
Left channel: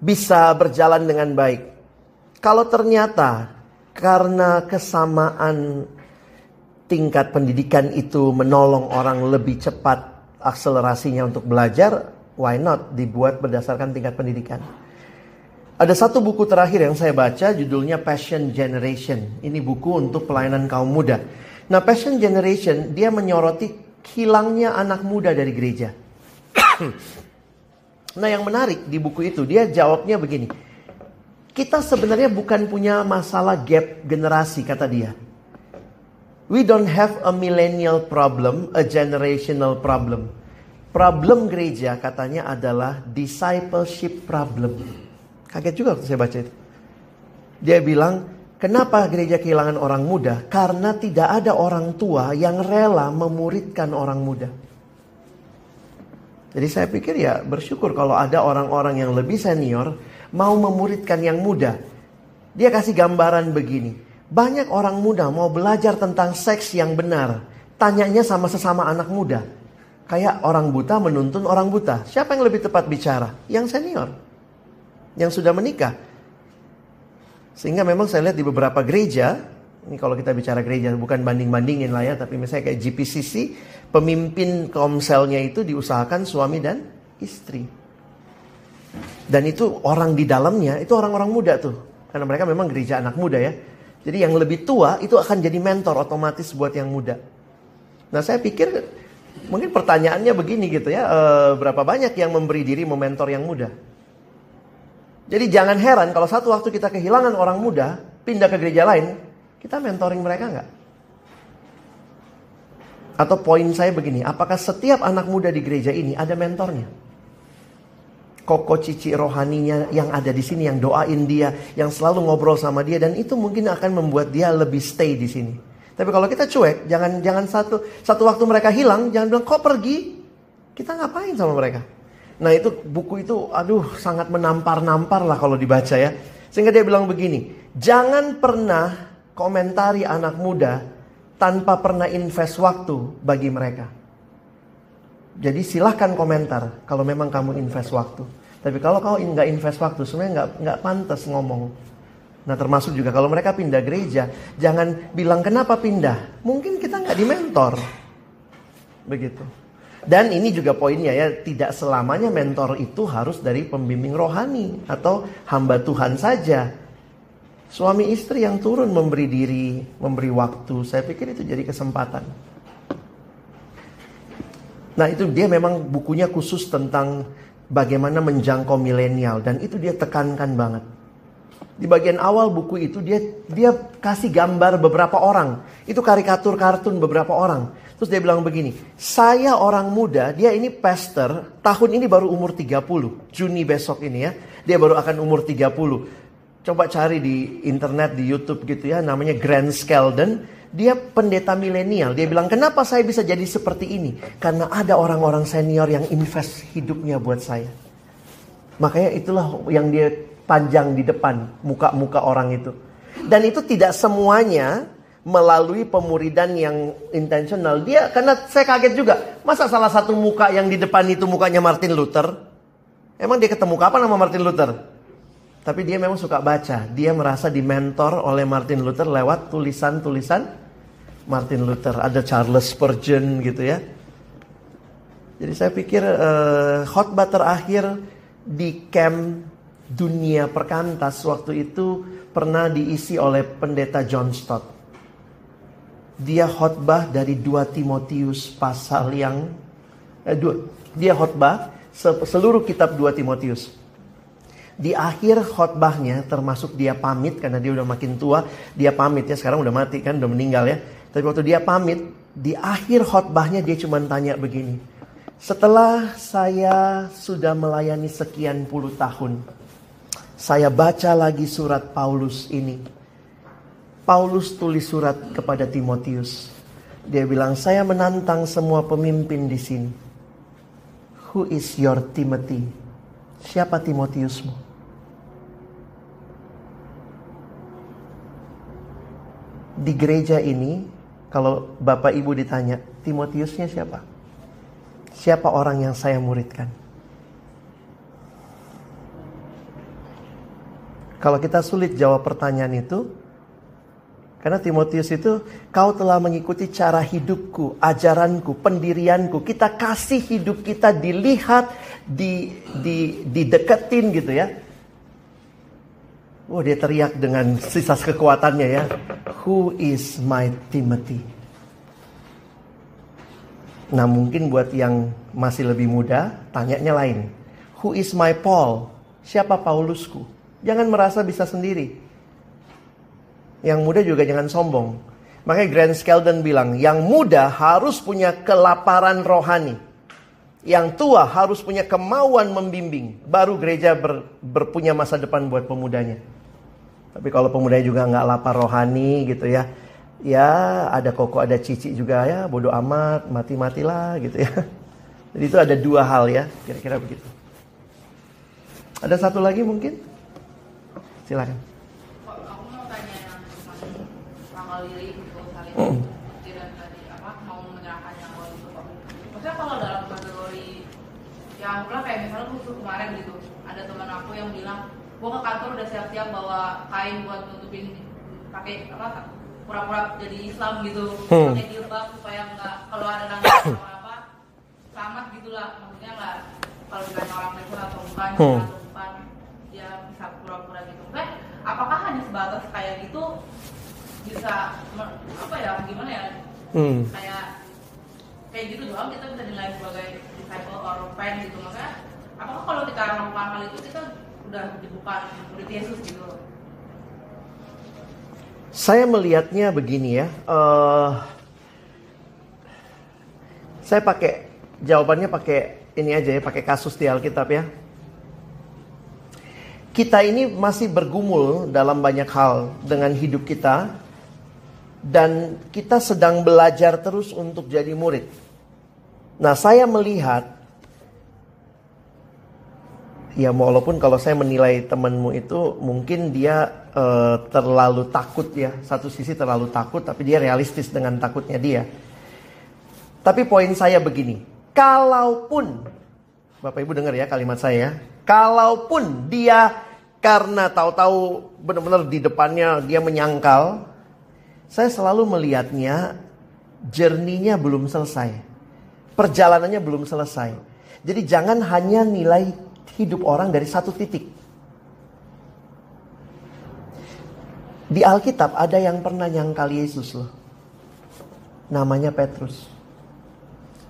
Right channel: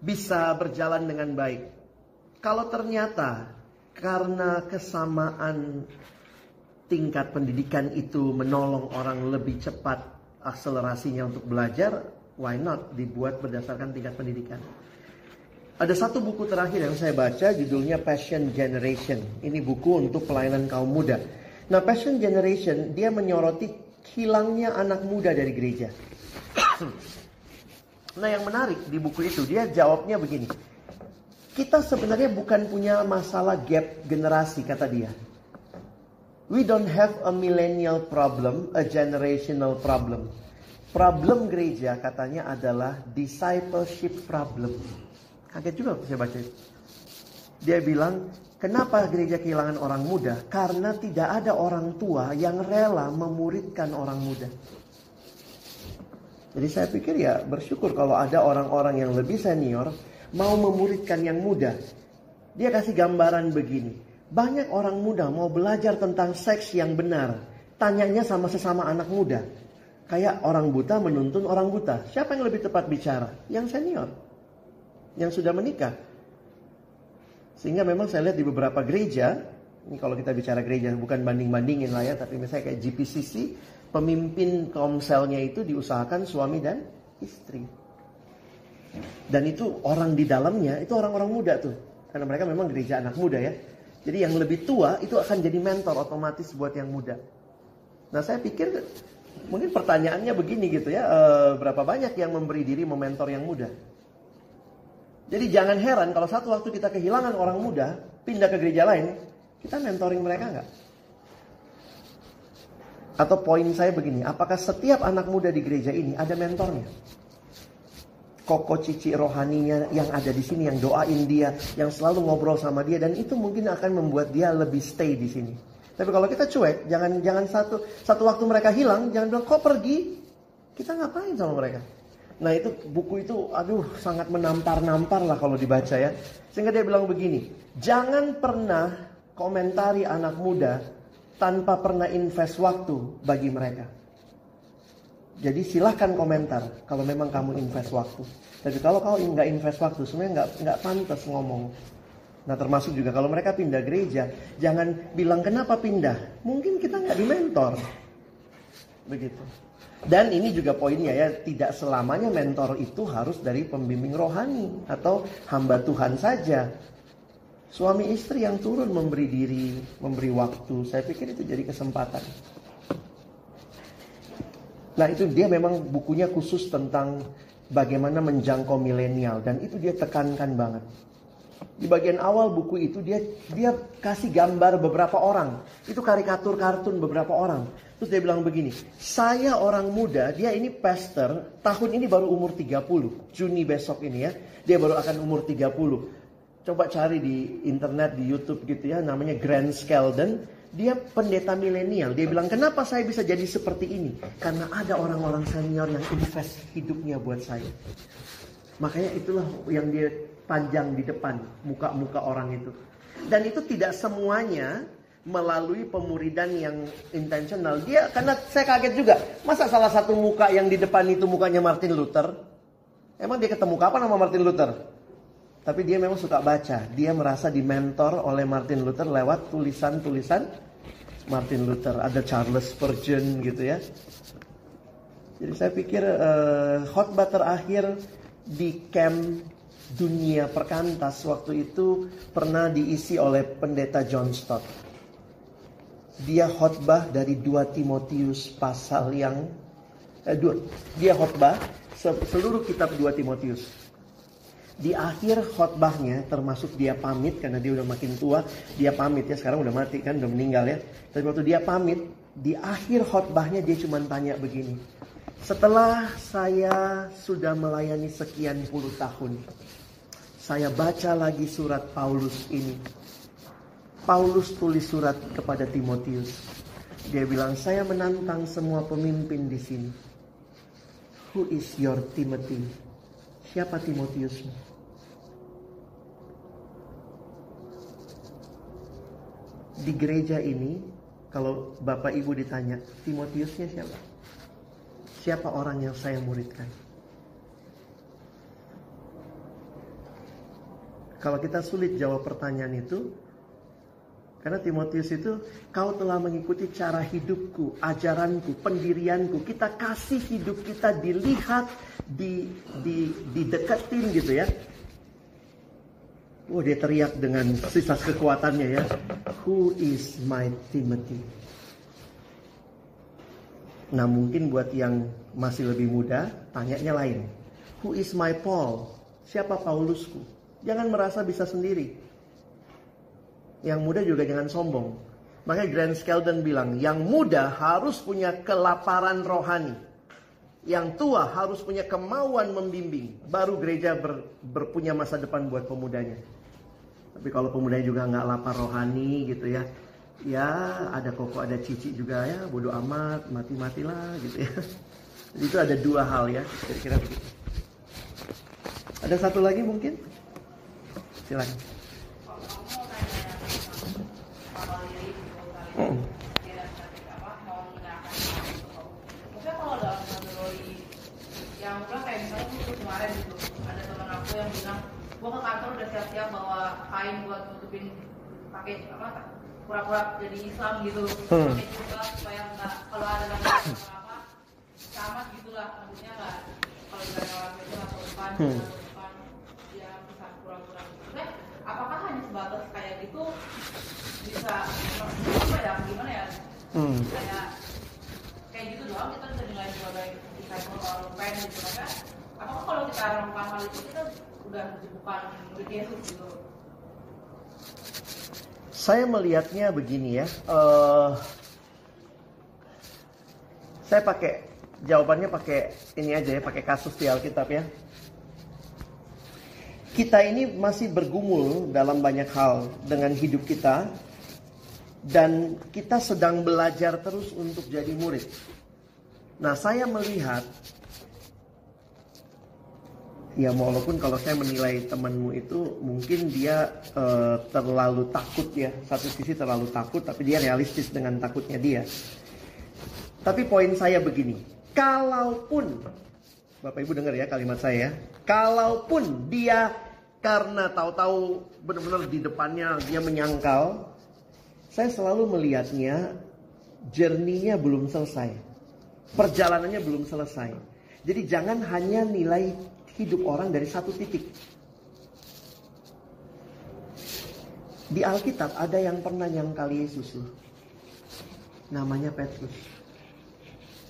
bisa berjalan dengan baik. Kalau ternyata karena kesamaan tingkat pendidikan itu menolong orang lebih cepat akselerasinya untuk belajar, why not dibuat berdasarkan tingkat pendidikan. Ada satu buku terakhir yang saya baca, judulnya Passion Generation. Ini buku untuk pelayanan kaum muda. Nah, Passion Generation, dia menyoroti hilangnya anak muda dari gereja. Nah, yang menarik di buku itu, dia jawabnya begini. Kita sebenarnya bukan punya masalah gap generasi, kata dia. We don't have a millennial problem, a generational problem. Problem gereja katanya adalah discipleship problem. Kaget juga waktu saya baca itu. Dia bilang, kenapa gereja kehilangan orang muda? Karena tidak ada orang tua yang rela memuridkan orang muda. Jadi saya pikir ya bersyukur kalau ada orang-orang yang lebih senior mau memuridkan yang muda. Dia kasih gambaran begini. Banyak orang muda mau belajar tentang seks yang benar. Tanyanya sama sesama anak muda. Kayak orang buta menuntun orang buta. Siapa yang lebih tepat bicara? Yang senior. Yang sudah menikah. Sehingga memang saya lihat di beberapa gereja, ini kalau kita bicara gereja bukan banding-bandingin lah ya, tapi misalnya kayak GPCC, pemimpin komselnya itu diusahakan suami dan istri. Dan itu orang di dalamnya itu orang-orang muda tuh. Karena mereka memang gereja anak muda ya. Jadi yang lebih tua itu akan jadi mentor otomatis buat yang muda. Nah, saya pikir mungkin pertanyaannya begini gitu ya, berapa banyak yang memberi diri mementor yang muda? Jadi jangan heran kalau satu waktu kita kehilangan orang muda, pindah ke gereja lain, kita mentoring mereka nggak? Atau poin saya begini, apakah setiap anak muda di gereja ini ada mentornya? Koko cici rohaninya yang ada di sini, yang doain dia, yang selalu ngobrol sama dia, dan itu mungkin akan membuat dia lebih stay di sini. Tapi kalau kita cuek, jangan satu waktu mereka hilang, jangan bilang kok pergi, kita ngapain sama mereka? Nah itu buku itu sangat menampar-nampar lah kalau dibaca ya. Sehingga dia bilang begini, jangan pernah komentari anak muda tanpa pernah invest waktu bagi mereka. Jadi silahkan komentar kalau memang kamu invest waktu. Tapi kalau kau nggak invest waktu, sebenarnya nggak pantas ngomong. Nah termasuk juga kalau mereka pindah gereja, jangan bilang kenapa pindah. Mungkin kita nggak dimentor. Begitu. Dan ini juga poinnya ya, tidak selamanya mentor itu harus dari pembimbing rohani atau hamba Tuhan saja. Suami istri yang turun memberi diri, memberi waktu, saya pikir itu jadi kesempatan. Nah itu dia memang bukunya khusus tentang bagaimana menjangkau milenial, dan itu dia tekankan banget. Di bagian awal buku itu dia kasih gambar beberapa orang. Itu karikatur kartun beberapa orang. Terus dia bilang begini, saya orang muda, dia ini pastor, tahun ini baru umur 30. Juni besok ini ya, dia baru akan umur 30. Coba cari di internet, di YouTube gitu ya, namanya Grant Skeldon. Dia pendeta milenial. Dia bilang, kenapa saya bisa jadi seperti ini? Karena ada orang-orang senior yang invest hidupnya buat saya. Makanya itulah yang dia panjang di depan muka-muka orang itu. Dan itu tidak semuanya melalui pemuridan yang intentional. Dia, karena saya kaget juga, masa salah satu muka yang di depan itu mukanya Martin Luther? Emang dia ketemu kapan sama Martin Luther? Tapi dia memang suka baca. Dia merasa dimentor oleh Martin Luther lewat tulisan-tulisan Martin Luther. Ada Charles Spurgeon gitu ya. Jadi saya pikir khotbah terakhir di camp Dunia Perkantas waktu itu pernah diisi oleh pendeta John Stott. Dia khotbah dari 2 Timotius pasal yang dia khotbah seluruh kitab 2 Timotius. Di akhir khotbahnya, termasuk dia pamit karena dia udah makin tua, dia pamit ya, sekarang udah mati kan, udah meninggal ya. Tapi waktu dia pamit, di akhir khotbahnya dia cuma tanya begini, setelah saya sudah melayani sekian puluh tahun, saya baca lagi surat Paulus ini. Paulus tulis surat kepada Timotius. Dia bilang, saya menantang semua pemimpin di sini. Who is your Timothy? Siapa Timotiusmu? Di gereja ini, kalau Bapak Ibu ditanya, Timotiusnya siapa? Siapa orang yang saya muridkan? Kalau kita sulit jawab pertanyaan itu, karena Timotius itu, kau telah mengikuti cara hidupku, ajaranku, pendirianku. Kita kasih hidup kita dilihat, dideketin gitu ya. Dia teriak dengan sisa kekuatannya ya. Who is my Timothy? Nah mungkin buat yang masih lebih muda, tanyanya lain. Who is my Paul? Siapa Paulusku? Jangan merasa bisa sendiri. Yang muda juga jangan sombong. Makanya Grant Skeldon bilang, yang muda harus punya kelaparan rohani. Yang tua harus punya kemauan membimbing. Baru gereja berpunya masa depan buat pemudanya. Tapi kalau pemudanya juga nggak lapar rohani gitu ya. Ya ada Koko, ada Cici juga ya. Bodoh amat, mati-matilah gitu ya. Jadi itu ada dua hal ya. Kira-kira begitu. Ada satu lagi mungkin? Silakan. Aku mau tanya sama Lili gitu kali mau menyerahkan itu. Maksudnya kalau dalam kategori yang aku bilang kayak misalnya aku kemarin gitu, ada teman aku yang bilang, gue ke kantor udah siap-siap bawa kain buat nutupin pakai pura-pura jadi Islam gitu, pakai jilbab supaya nggak kalau ada nangis atau apa selamat gitulah, maksudnya nggak kalau ditanya orang itu atau bukan dia bisa pura-pura gitu. Apakah hanya sebatas kayak gitu bisa apa ya gimana ya kayak gitu doang kita bisa dinilai sebagai disciple or fan gitu, makanya apakah kalau kita melakukan hal itu kita udah bukan murid Yesus gitu? Saya melihatnya begini ya, saya jawabannya pakai ini aja ya, pakai kasus di Alkitab ya. Kita ini masih bergumul dalam banyak hal dengan hidup kita. Dan kita sedang belajar terus untuk jadi murid. Nah saya melihat, ya walaupun kalau saya menilai temanmu itu mungkin dia terlalu takut ya. Satu sisi terlalu takut, tapi dia realistis dengan takutnya dia. Tapi poin saya begini, kalaupun, Bapak Ibu dengar ya kalimat saya, kalaupun dia karena tahu-tahu benar-benar di depannya dia menyangkal, saya selalu melihatnya journey-nya belum selesai. Perjalanannya belum selesai. Jadi jangan hanya nilai hidup orang dari satu titik. Di Alkitab ada yang pernah nyangkal Yesus loh. Namanya Petrus.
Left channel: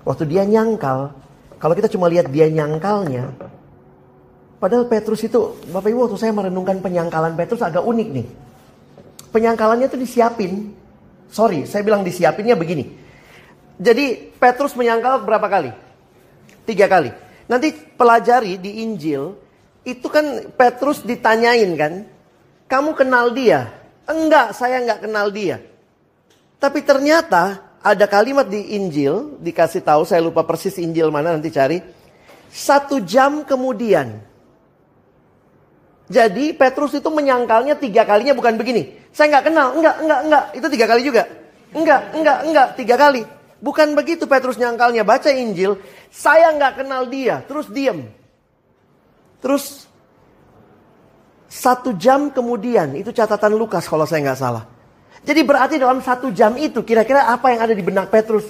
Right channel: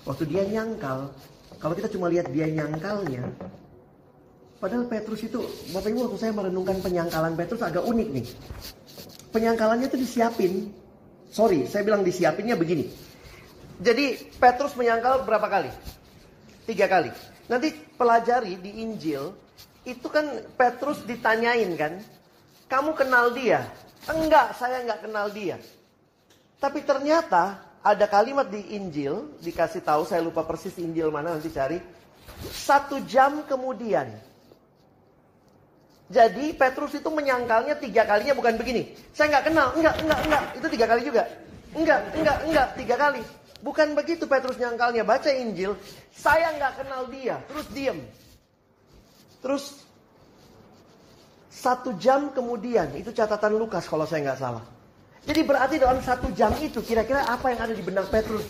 Waktu dia nyangkal, kalau kita cuma lihat dia nyangkalnya, padahal Petrus itu, Bapak Ibu waktu saya merenungkan penyangkalan Petrus agak unik nih. Penyangkalannya itu disiapin. Sorry, saya bilang disiapinnya begini. Jadi Petrus menyangkal berapa kali? 3 kali. Nanti pelajari di Injil, itu kan Petrus ditanyain kan, kamu kenal dia? Enggak, saya enggak kenal dia. Tapi ternyata ada kalimat di Injil, dikasih tahu, saya lupa persis Injil mana, nanti cari. 1 jam kemudian. Jadi Petrus itu menyangkalnya 3 kalinya bukan begini. Saya nggak kenal, enggak. Itu 3 kali juga. Enggak, 3 kali. Bukan begitu Petrus nyangkalnya. Baca Injil, saya nggak kenal dia. Terus diam. Terus 1 jam kemudian, itu catatan Lukas kalau saya nggak salah. Jadi berarti dalam 1 jam itu kira-kira apa yang ada di benak Petrus?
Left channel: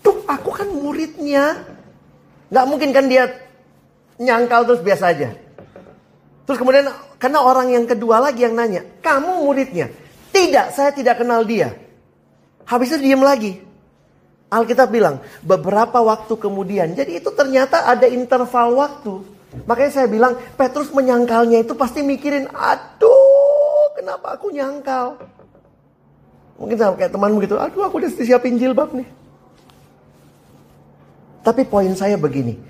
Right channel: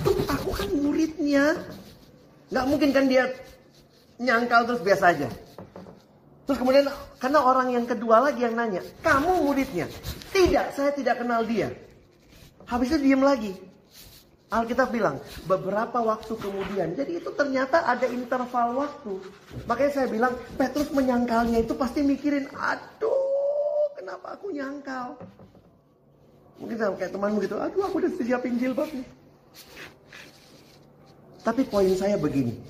Aduh, aku kan muridnya. Nggak mungkin kan dia nyangkal terus biasa aja. Terus kemudian karena orang yang kedua lagi yang nanya, kamu muridnya? Tidak, saya tidak kenal dia. Habis itu diam lagi. Alkitab bilang beberapa waktu kemudian. Jadi itu ternyata ada interval waktu. Makanya saya bilang Petrus menyangkalnya itu pasti mikirin, aduh kenapa aku nyangkal. Mungkin sama kayak temanmu gitu, aduh aku udah disiapin jilbab nih. Tapi poin saya begini,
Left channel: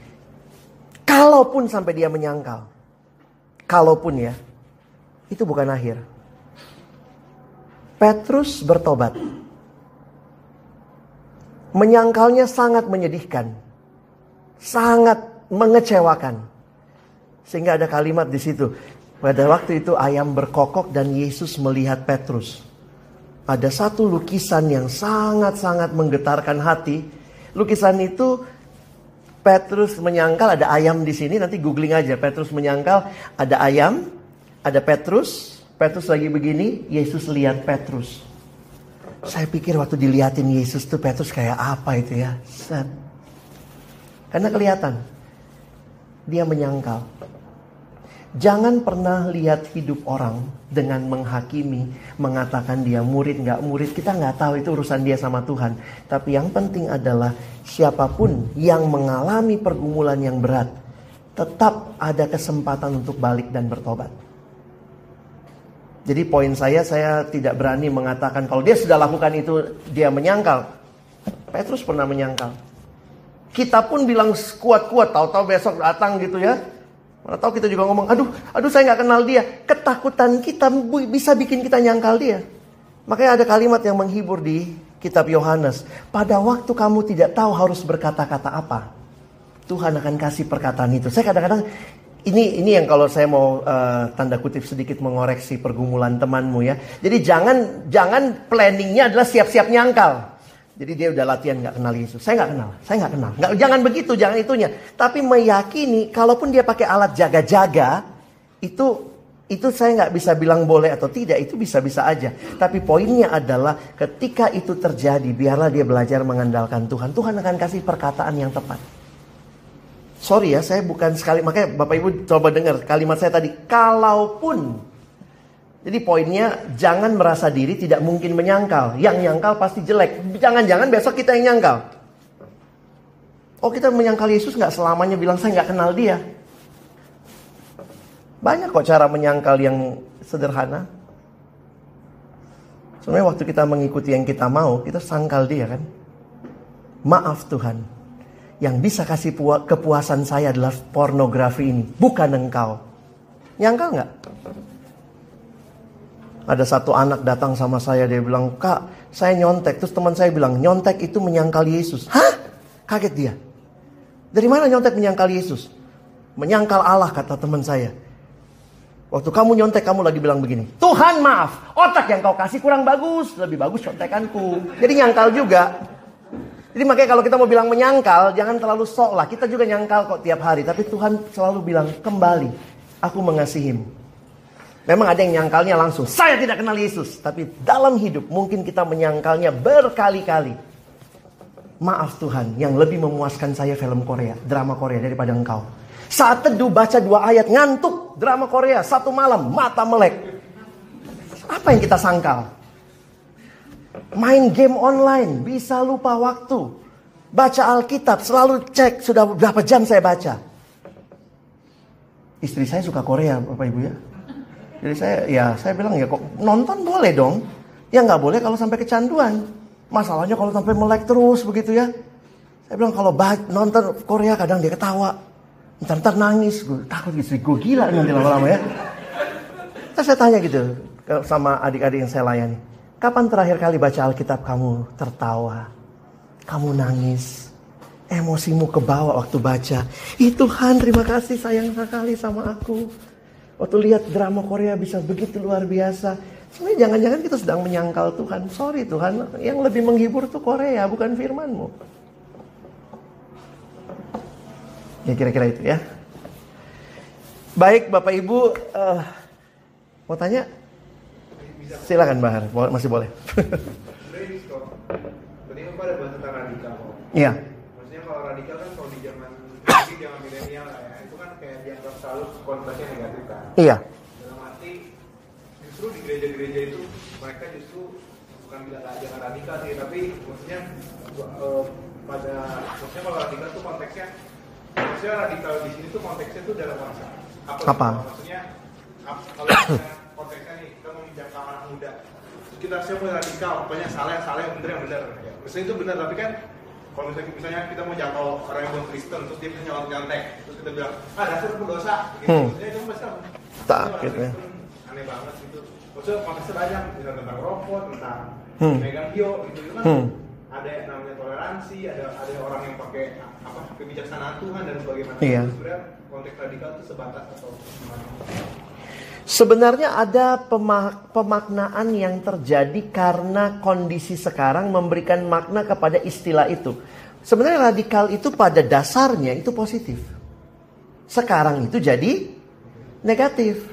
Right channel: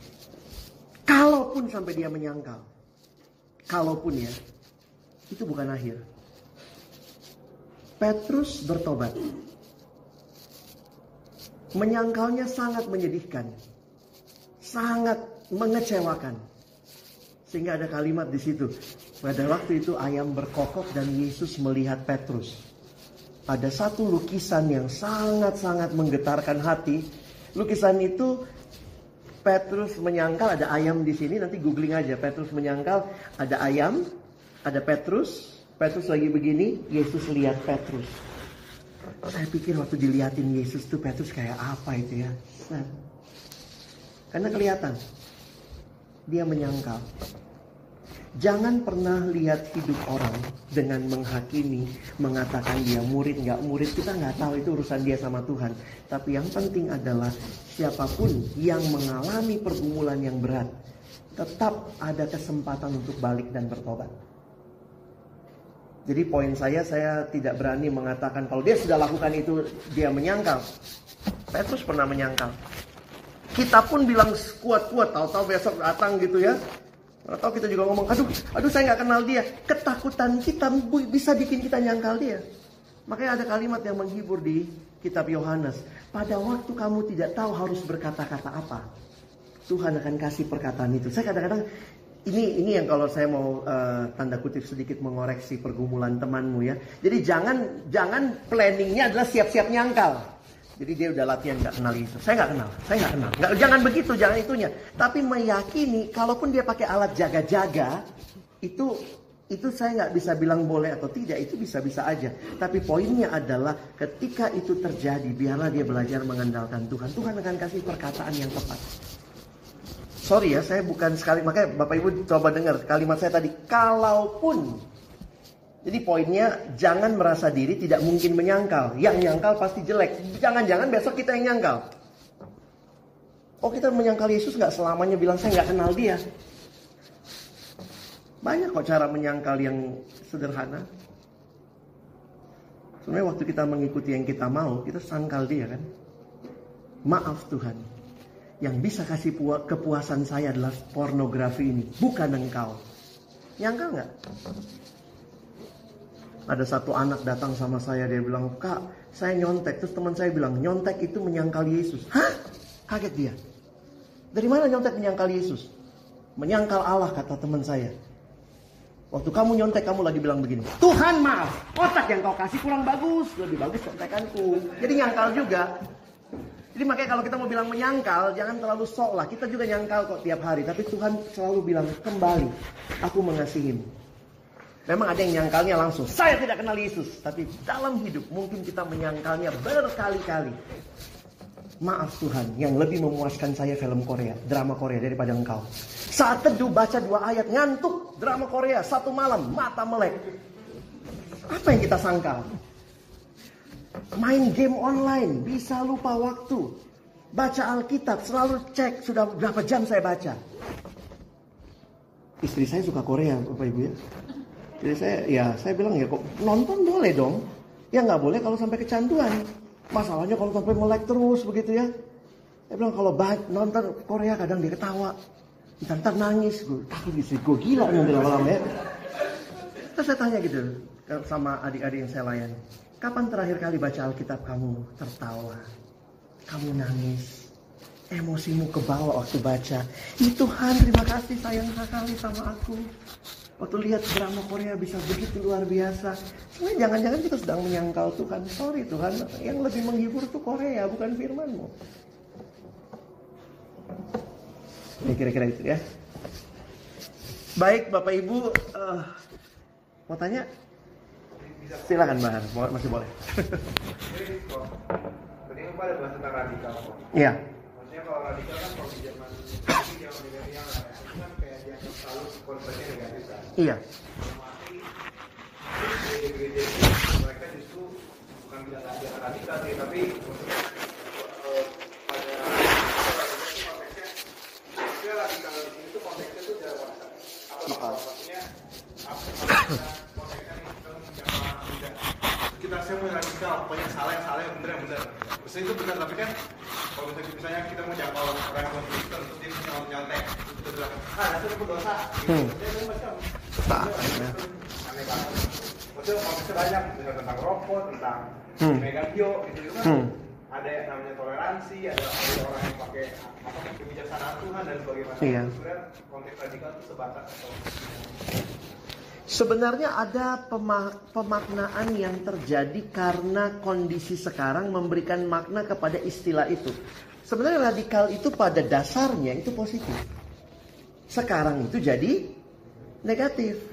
kalaupun sampai dia menyangkal, kalaupun ya, itu bukan akhir. Petrus bertobat. Menyangkalnya sangat menyedihkan. Sangat mengecewakan. Sehingga ada kalimat di situ. Pada waktu itu ayam berkokok dan Yesus melihat Petrus. Ada satu lukisan yang sangat-sangat menggetarkan hati. Lukisan itu Petrus menyangkal, ada ayam di sini, nanti googling aja. Petrus menyangkal, ada ayam, ada Petrus. Petrus lagi begini, Yesus lihat Petrus. Saya pikir waktu dilihatin Yesus tuh Petrus kayak apa itu ya. Karena kelihatan dia menyangkal. Jangan pernah lihat hidup orang dengan menghakimi, mengatakan dia murid nggak murid. Kita nggak tahu, itu urusan dia sama Tuhan. Tapi yang penting adalah siapapun yang mengalami pergumulan yang berat, tetap ada kesempatan untuk balik dan bertobat. Jadi poin saya tidak berani mengatakan kalau dia sudah lakukan itu dia menyangkal. Petrus pernah menyangkal. Kita pun bilang kuat-kuat, tahu-tahu besok datang gitu ya. Atau kita juga ngomong, aduh saya nggak kenal dia. Ketakutan kita bisa bikin kita nyangkal dia. Makanya ada kalimat yang menghibur di kitab Yohanes. Pada waktu kamu tidak tahu harus berkata-kata apa, Tuhan akan kasih perkataan itu. Saya kadang-kadang, ini yang kalau saya mau tanda kutip sedikit mengoreksi pergumulan temanmu ya. Jadi jangan planningnya adalah siap-siap nyangkal. Jadi dia udah latihan nggak kenal Yesus. Saya nggak kenal. Jangan begitu, jangan itunya. Tapi meyakini, kalaupun dia pakai alat jaga-jaga, itu saya nggak bisa bilang boleh atau tidak. Itu bisa-bisa aja. Tapi poinnya adalah ketika itu terjadi, biarlah dia belajar mengandalkan Tuhan. Tuhan akan kasih perkataan yang tepat. Sorry ya, saya bukan sekali, makanya Bapak Ibu coba dengar kalimat saya tadi. Kalaupun. Jadi poinnya, jangan merasa diri tidak mungkin menyangkal. Yang nyangkal pasti jelek. Jangan-jangan besok kita yang nyangkal. Oh, kita menyangkal Yesus gak selamanya bilang saya gak kenal dia. Banyak kok cara menyangkal yang sederhana. Sebenarnya waktu kita mengikuti yang kita mau, kita sangkal dia kan. Maaf Tuhan, yang bisa kasih kepuasan saya adalah pornografi ini, bukan engkau. Nyangkal gak? Ada satu anak datang sama saya, dia bilang, Kak, saya nyontek. Terus teman saya bilang, nyontek itu menyangkal Yesus. Hah? Kaget dia. Dari mana nyontek menyangkal Yesus? Menyangkal Allah, kata teman saya. Waktu kamu nyontek, kamu lagi bilang begini, Tuhan maaf, otak yang kau kasih kurang bagus, lebih bagus contekanku. Jadi nyangkal juga. Jadi makanya kalau kita mau bilang menyangkal, jangan terlalu sok lah. Kita juga nyangkal kok tiap hari. Tapi Tuhan selalu bilang, kembali, aku mengasihimu. Memang ada yang nyangkalnya langsung, saya tidak kenal Yesus. Tapi dalam hidup mungkin kita menyangkalnya berkali-kali. Maaf Tuhan, yang lebih memuaskan saya film Korea, drama Korea daripada engkau. Saat teduh baca 2 ayat, ngantuk, drama Korea 1 malam, mata melek. Apa yang kita sangkal? Main game online, bisa lupa waktu. Baca Alkitab, selalu cek sudah berapa jam saya baca. Istri saya suka Korea, Bapak Ibu ya. Jadi saya bilang ya kok nonton boleh dong. Ya nggak boleh kalau sampai kecanduan. Masalahnya kalau sampai melek terus begitu ya. Saya bilang kalau nonton Korea kadang dia ketawa. Ntar nangis. Gue takut istri gue gila nanti lama-lama ya. Saya tanya gitu sama adik-adik yang saya layani. Kapan terakhir kali baca Alkitab kamu tertawa? Kamu nangis? Emosimu kebawa waktu baca. Tuhan terima kasih sayang sekali sama aku. Waktu lihat drama Korea bisa begitu luar biasa. Sebenarnya jangan-jangan kita sedang menyangkal Tuhan. Sorry Tuhan, yang lebih menghibur tuh Korea, bukan firman-Mu. Ya kira-kira itu ya. Baik Bapak Ibu, mau tanya? Silakan Bahan, masih boleh. Tadi kan pada bahas tentang radikal. Iya. Maksudnya kalau radikal kan kalau di zaman milenial lah ya, itu kan kayak dianggap selalu konteksnya negatif kan. Iya. Dalam arti justru gereja-gereja itu mereka justru bukan jangan radikal sih, tapi maksudnya pada radikal itu konteksnya radikal di sini tuh konteksnya tuh dalam bangsa. Apa? Maksudnya kalau konteksnya nih kita menginjak anak muda, kita semua radikal, pokoknya salah yang benar yang benar. Maksudnya itu benar, tapi kan kalau misalnya kita mau jangkau orang yang bukan Kristen, terus dia punya nyontek, terus kita bilang, dasar pendosa, gitu. Jadi itu macam aneh banget gitu. Maksudnya konteksnya banyak, misalnya tentang rokok, tentang megagio, gitu kan. Ada yang namanya toleransi, ada orang yang pakai kebijaksanaan Tuhan dan sebagainya. Iya. Sebenarnya konteks radikal itu sebatas atau gimana? Sebenarnya ada pemaknaan yang terjadi karena kondisi sekarang memberikan makna kepada istilah itu. Sebenarnya radikal itu pada dasarnya itu positif. Sekarang itu jadi negatif.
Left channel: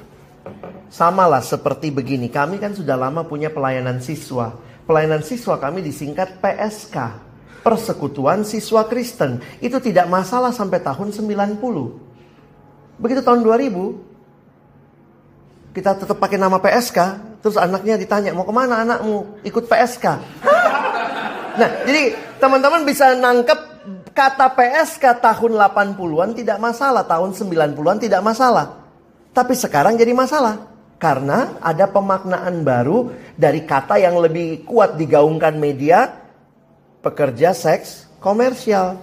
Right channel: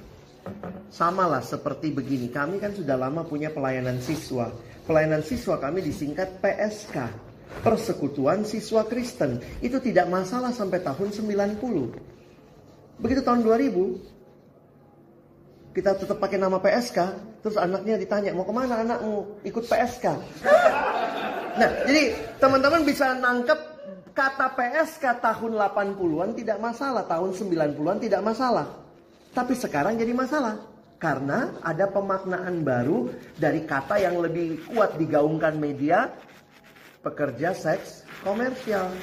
Samalah seperti begini, kami kan sudah lama punya pelayanan siswa. Pelayanan siswa kami disingkat PSK, Persekutuan Siswa Kristen. Itu tidak masalah sampai tahun 90. Begitu tahun 2000, Kita tetap pakai nama PSK. Terus anaknya ditanya, mau kemana anakmu? Ikut PSK. Nah, jadi teman-teman bisa nangkep kata PSK tahun 80-an tidak masalah. Tahun 90-an tidak masalah. Tapi sekarang jadi masalah. Karena ada pemaknaan baru dari kata yang lebih kuat digaungkan media. Pekerja seks komersial.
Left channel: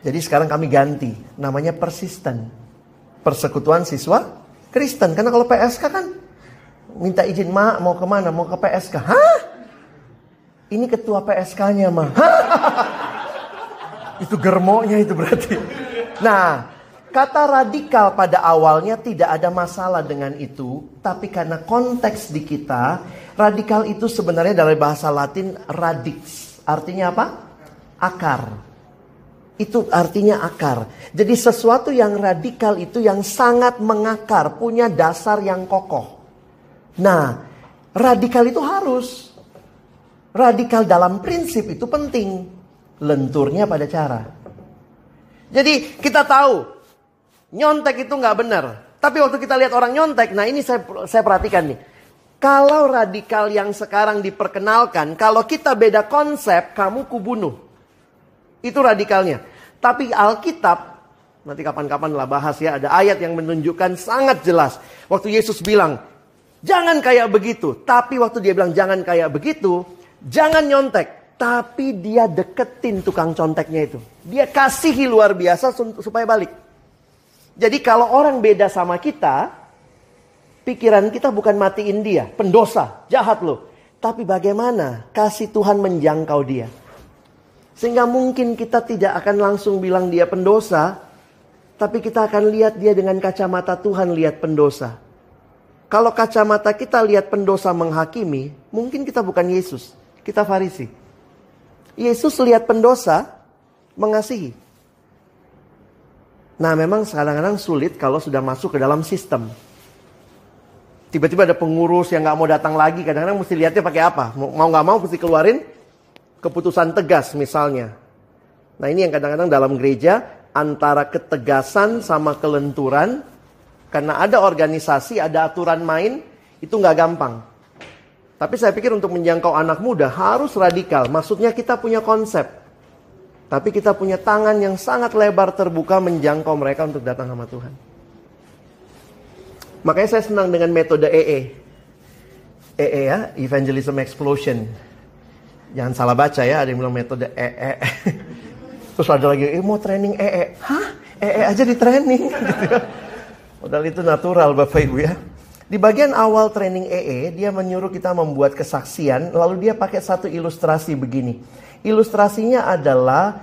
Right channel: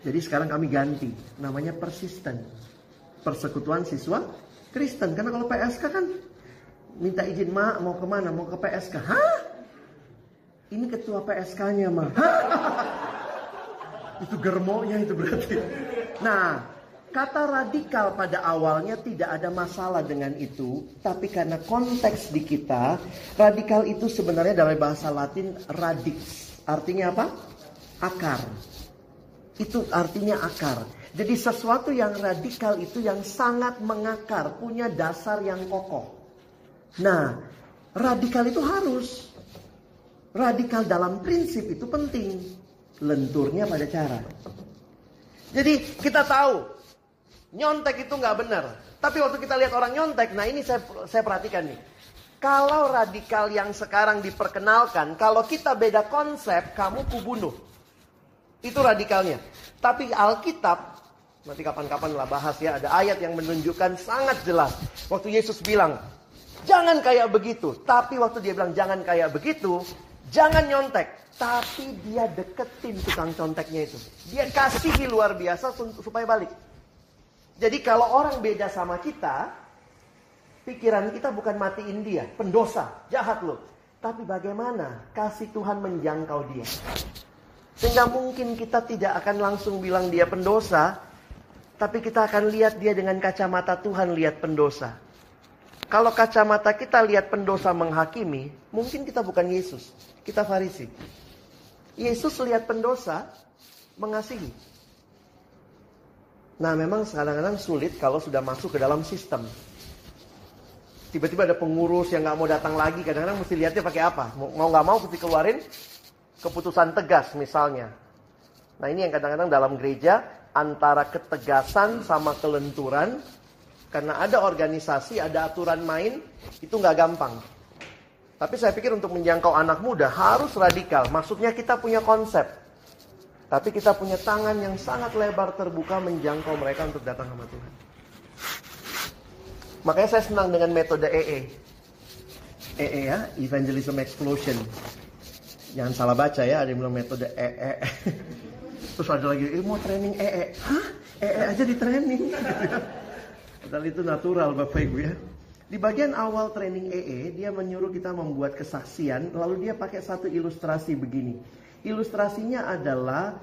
Jadi sekarang kami ganti. Namanya persisten. Persekutuan Siswa Kristen. Karena kalau PSK kan minta izin, "Ma, mau kemana? Mau ke PSK." Hah? Ini ketua PSK-nya, Ma. Itu germonya itu berarti. Nah, kata radikal pada awalnya tidak ada masalah dengan itu. Tapi karena konteks di kita, radikal itu sebenarnya dari bahasa Latin radix. Artinya apa? Akar. Itu artinya akar. Jadi sesuatu yang radikal itu yang sangat mengakar, punya dasar yang kokoh. Nah, radikal itu harus. Radikal dalam prinsip itu penting. Lenturnya pada cara. Jadi kita tahu, nyontek itu nggak benar. Tapi waktu kita lihat orang nyontek, nah ini saya perhatikan nih. Kalau radikal yang sekarang diperkenalkan, kalau kita beda konsep, kamu kubunuh. Itu radikalnya. Tapi Alkitab, nanti kapan-kapan lah bahas ya, ada ayat yang menunjukkan sangat jelas. Waktu Yesus bilang, jangan kayak begitu. Tapi waktu dia bilang jangan kayak begitu, jangan nyontek. Tapi dia deketin tukang conteknya itu. Dia kasihi luar biasa supaya balik. Jadi kalau orang beda sama kita, pikiran kita bukan matiin dia, pendosa, jahat loh. Tapi bagaimana kasih Tuhan menjangkau dia. Sehingga mungkin kita tidak akan langsung bilang dia pendosa. Tapi kita akan lihat dia dengan kacamata Tuhan lihat pendosa. Kalau kacamata kita lihat pendosa menghakimi, mungkin kita bukan Yesus. Kita Farisi. Yesus lihat pendosa mengasihi. Nah memang kadang-kadang sulit kalau sudah masuk ke dalam sistem. Tiba-tiba ada pengurus yang gak mau datang lagi. Kadang-kadang mesti lihatnya pakai apa. Mau gak mau mesti keluarin keputusan tegas misalnya. Nah ini yang kadang-kadang dalam gereja antara ketegasan sama kelenturan. Karena ada organisasi, ada aturan main, itu gak gampang. Tapi saya pikir untuk menjangkau anak muda harus radikal. Maksudnya kita punya konsep. Tapi kita punya tangan yang sangat lebar terbuka menjangkau mereka untuk datang sama Tuhan. Makanya saya senang dengan metode EE. EE ya, Evangelism Explosion. Jangan salah baca ya, ada yang bilang metode EE. Terus ada lagi, mau training EE. Hah? EE aja di training. Padahal itu natural Bapak Ibu ya. Di bagian awal training EE, dia menyuruh kita membuat kesaksian. Lalu dia pakai satu ilustrasi begini. Ilustrasinya adalah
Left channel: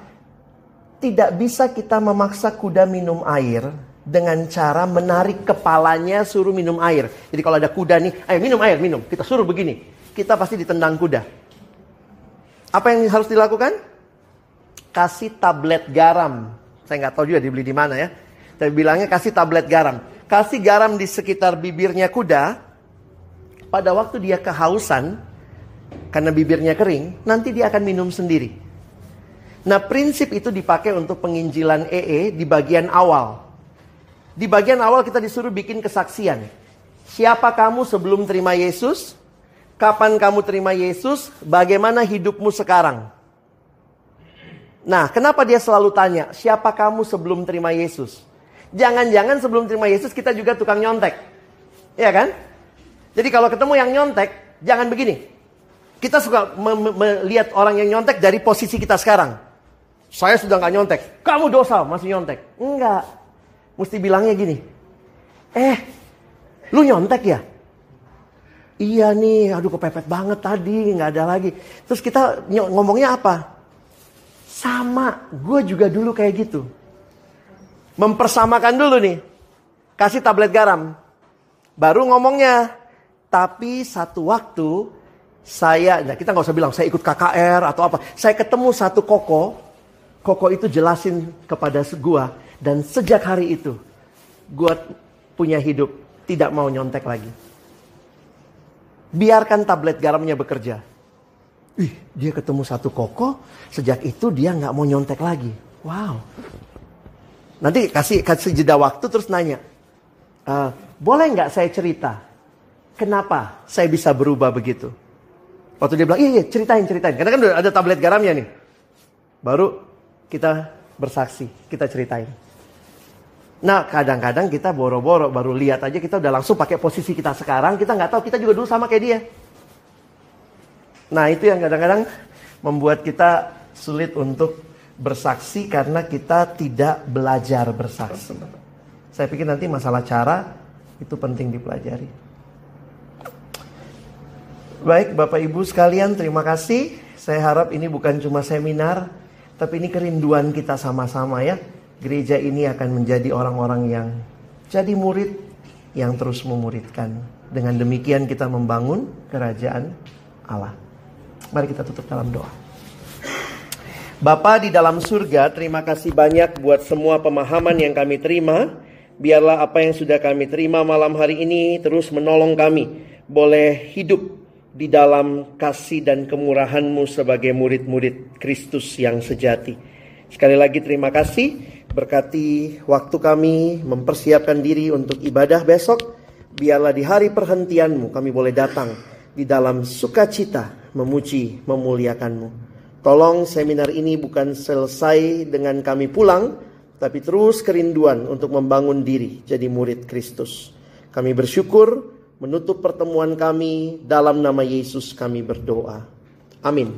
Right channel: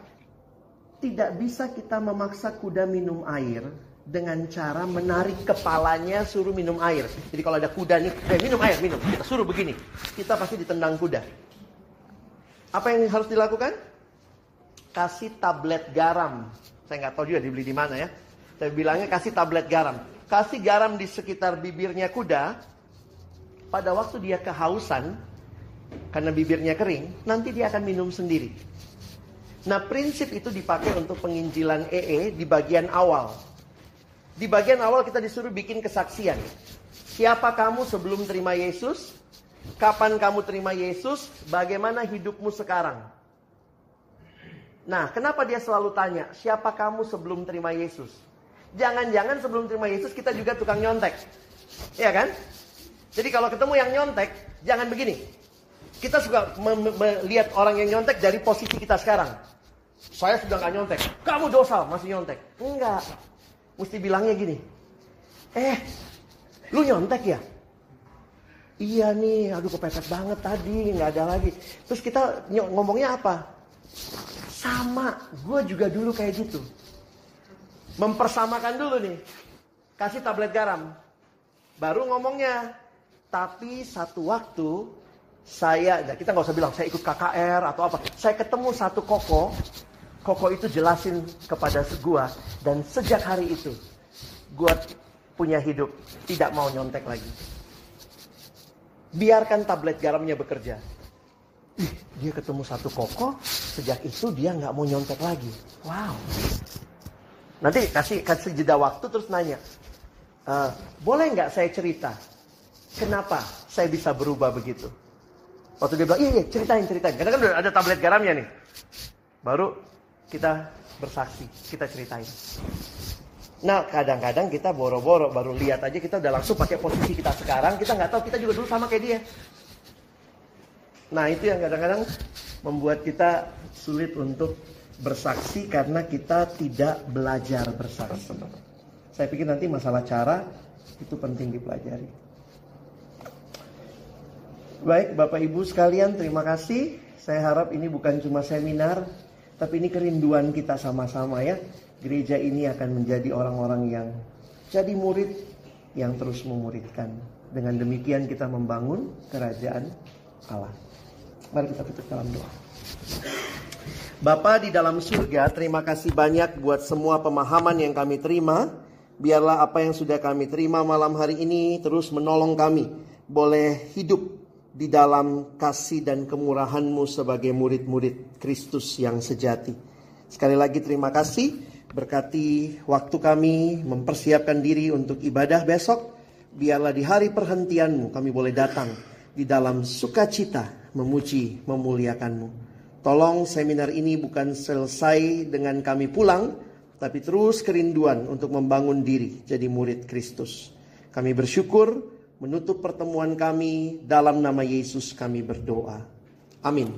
tidak bisa kita memaksa kuda minum air dengan cara menarik kepalanya suruh minum air. Jadi kalau ada kuda nih, ayo minum air, minum. Kita suruh begini. Kita pasti ditendang kuda. Apa yang harus dilakukan? Kasih tablet garam. Saya nggak tahu juga dibeli di mana ya. Tapi bilangnya kasih tablet garam. Kasih garam di sekitar bibirnya kuda. Pada waktu dia kehausan, karena bibirnya kering, nanti dia akan minum sendiri. Nah prinsip itu dipakai untuk penginjilan EE di bagian awal. Di bagian awal kita disuruh bikin kesaksian. Siapa kamu sebelum terima Yesus? Kapan kamu terima Yesus? Bagaimana hidupmu sekarang? Nah, kenapa dia selalu tanya, siapa kamu sebelum terima Yesus? Jangan-jangan sebelum terima Yesus kita juga tukang nyontek. Iya kan? Jadi kalau ketemu yang nyontek, jangan begini. Kita suka melihat orang yang nyontek dari posisi kita sekarang. Saya sudah gak nyontek. Kamu dosa, masih nyontek. Enggak. Mesti bilangnya gini. Lu nyontek ya? Iya nih, aduh kepepet banget tadi, gak ada lagi. Terus kita ngomongnya apa? Sama, gue juga dulu kayak gitu. Mempersamakan dulu nih. Kasih tablet garam. Baru ngomongnya. Tapi satu waktu, kita gak usah bilang, saya ikut KKR atau apa. Saya ketemu satu koko. Koko itu jelasin kepada gue. Dan sejak hari itu, gue punya hidup, tidak mau nyontek lagi. Biarkan tablet garamnya bekerja. Dia ketemu satu koko, sejak itu dia gak mau nyontek lagi. Wow. Nanti kasih jeda waktu terus nanya. Boleh nggak saya cerita? Kenapa saya bisa berubah begitu? Waktu dia bilang, iya ceritain. Karena kan udah ada tablet garamnya nih. Baru kita bersaksi, kita ceritain. Nah kadang-kadang kita boro-boro baru lihat aja kita udah langsung pakai posisi kita sekarang. Kita nggak tahu kita juga dulu sama kayak dia. Nah itu yang kadang-kadang membuat kita sulit untuk bersaksi karena kita tidak belajar bersaksi. Saya pikir nanti masalah cara itu penting dipelajari. Baik Bapak Ibu sekalian, terima kasih. Saya harap ini bukan cuma seminar, tapi ini kerinduan kita sama-sama ya. Gereja ini akan menjadi orang-orang yang jadi murid yang terus memuridkan. Dengan demikian kita membangun kerajaan Allah. Mari kita tutup dalam doa. Bapa di dalam surga, terima kasih banyak buat semua pemahaman yang kami terima. Biarlah apa yang sudah kami terima malam hari ini terus menolong kami boleh hidup di dalam kasih dan kemurahan-Mu sebagai murid-murid Kristus yang sejati. Sekali lagi terima kasih. Berkati waktu kami mempersiapkan diri untuk ibadah besok. Biarlah di hari perhentian-Mu kami boleh datang di dalam sukacita memuji, memuliakan-Mu. Tolong seminar ini bukan selesai dengan kami pulang, tapi terus kerinduan untuk membangun diri jadi murid Kristus. Kami bersyukur. Menutup pertemuan kami dalam nama Yesus kami berdoa. Amin.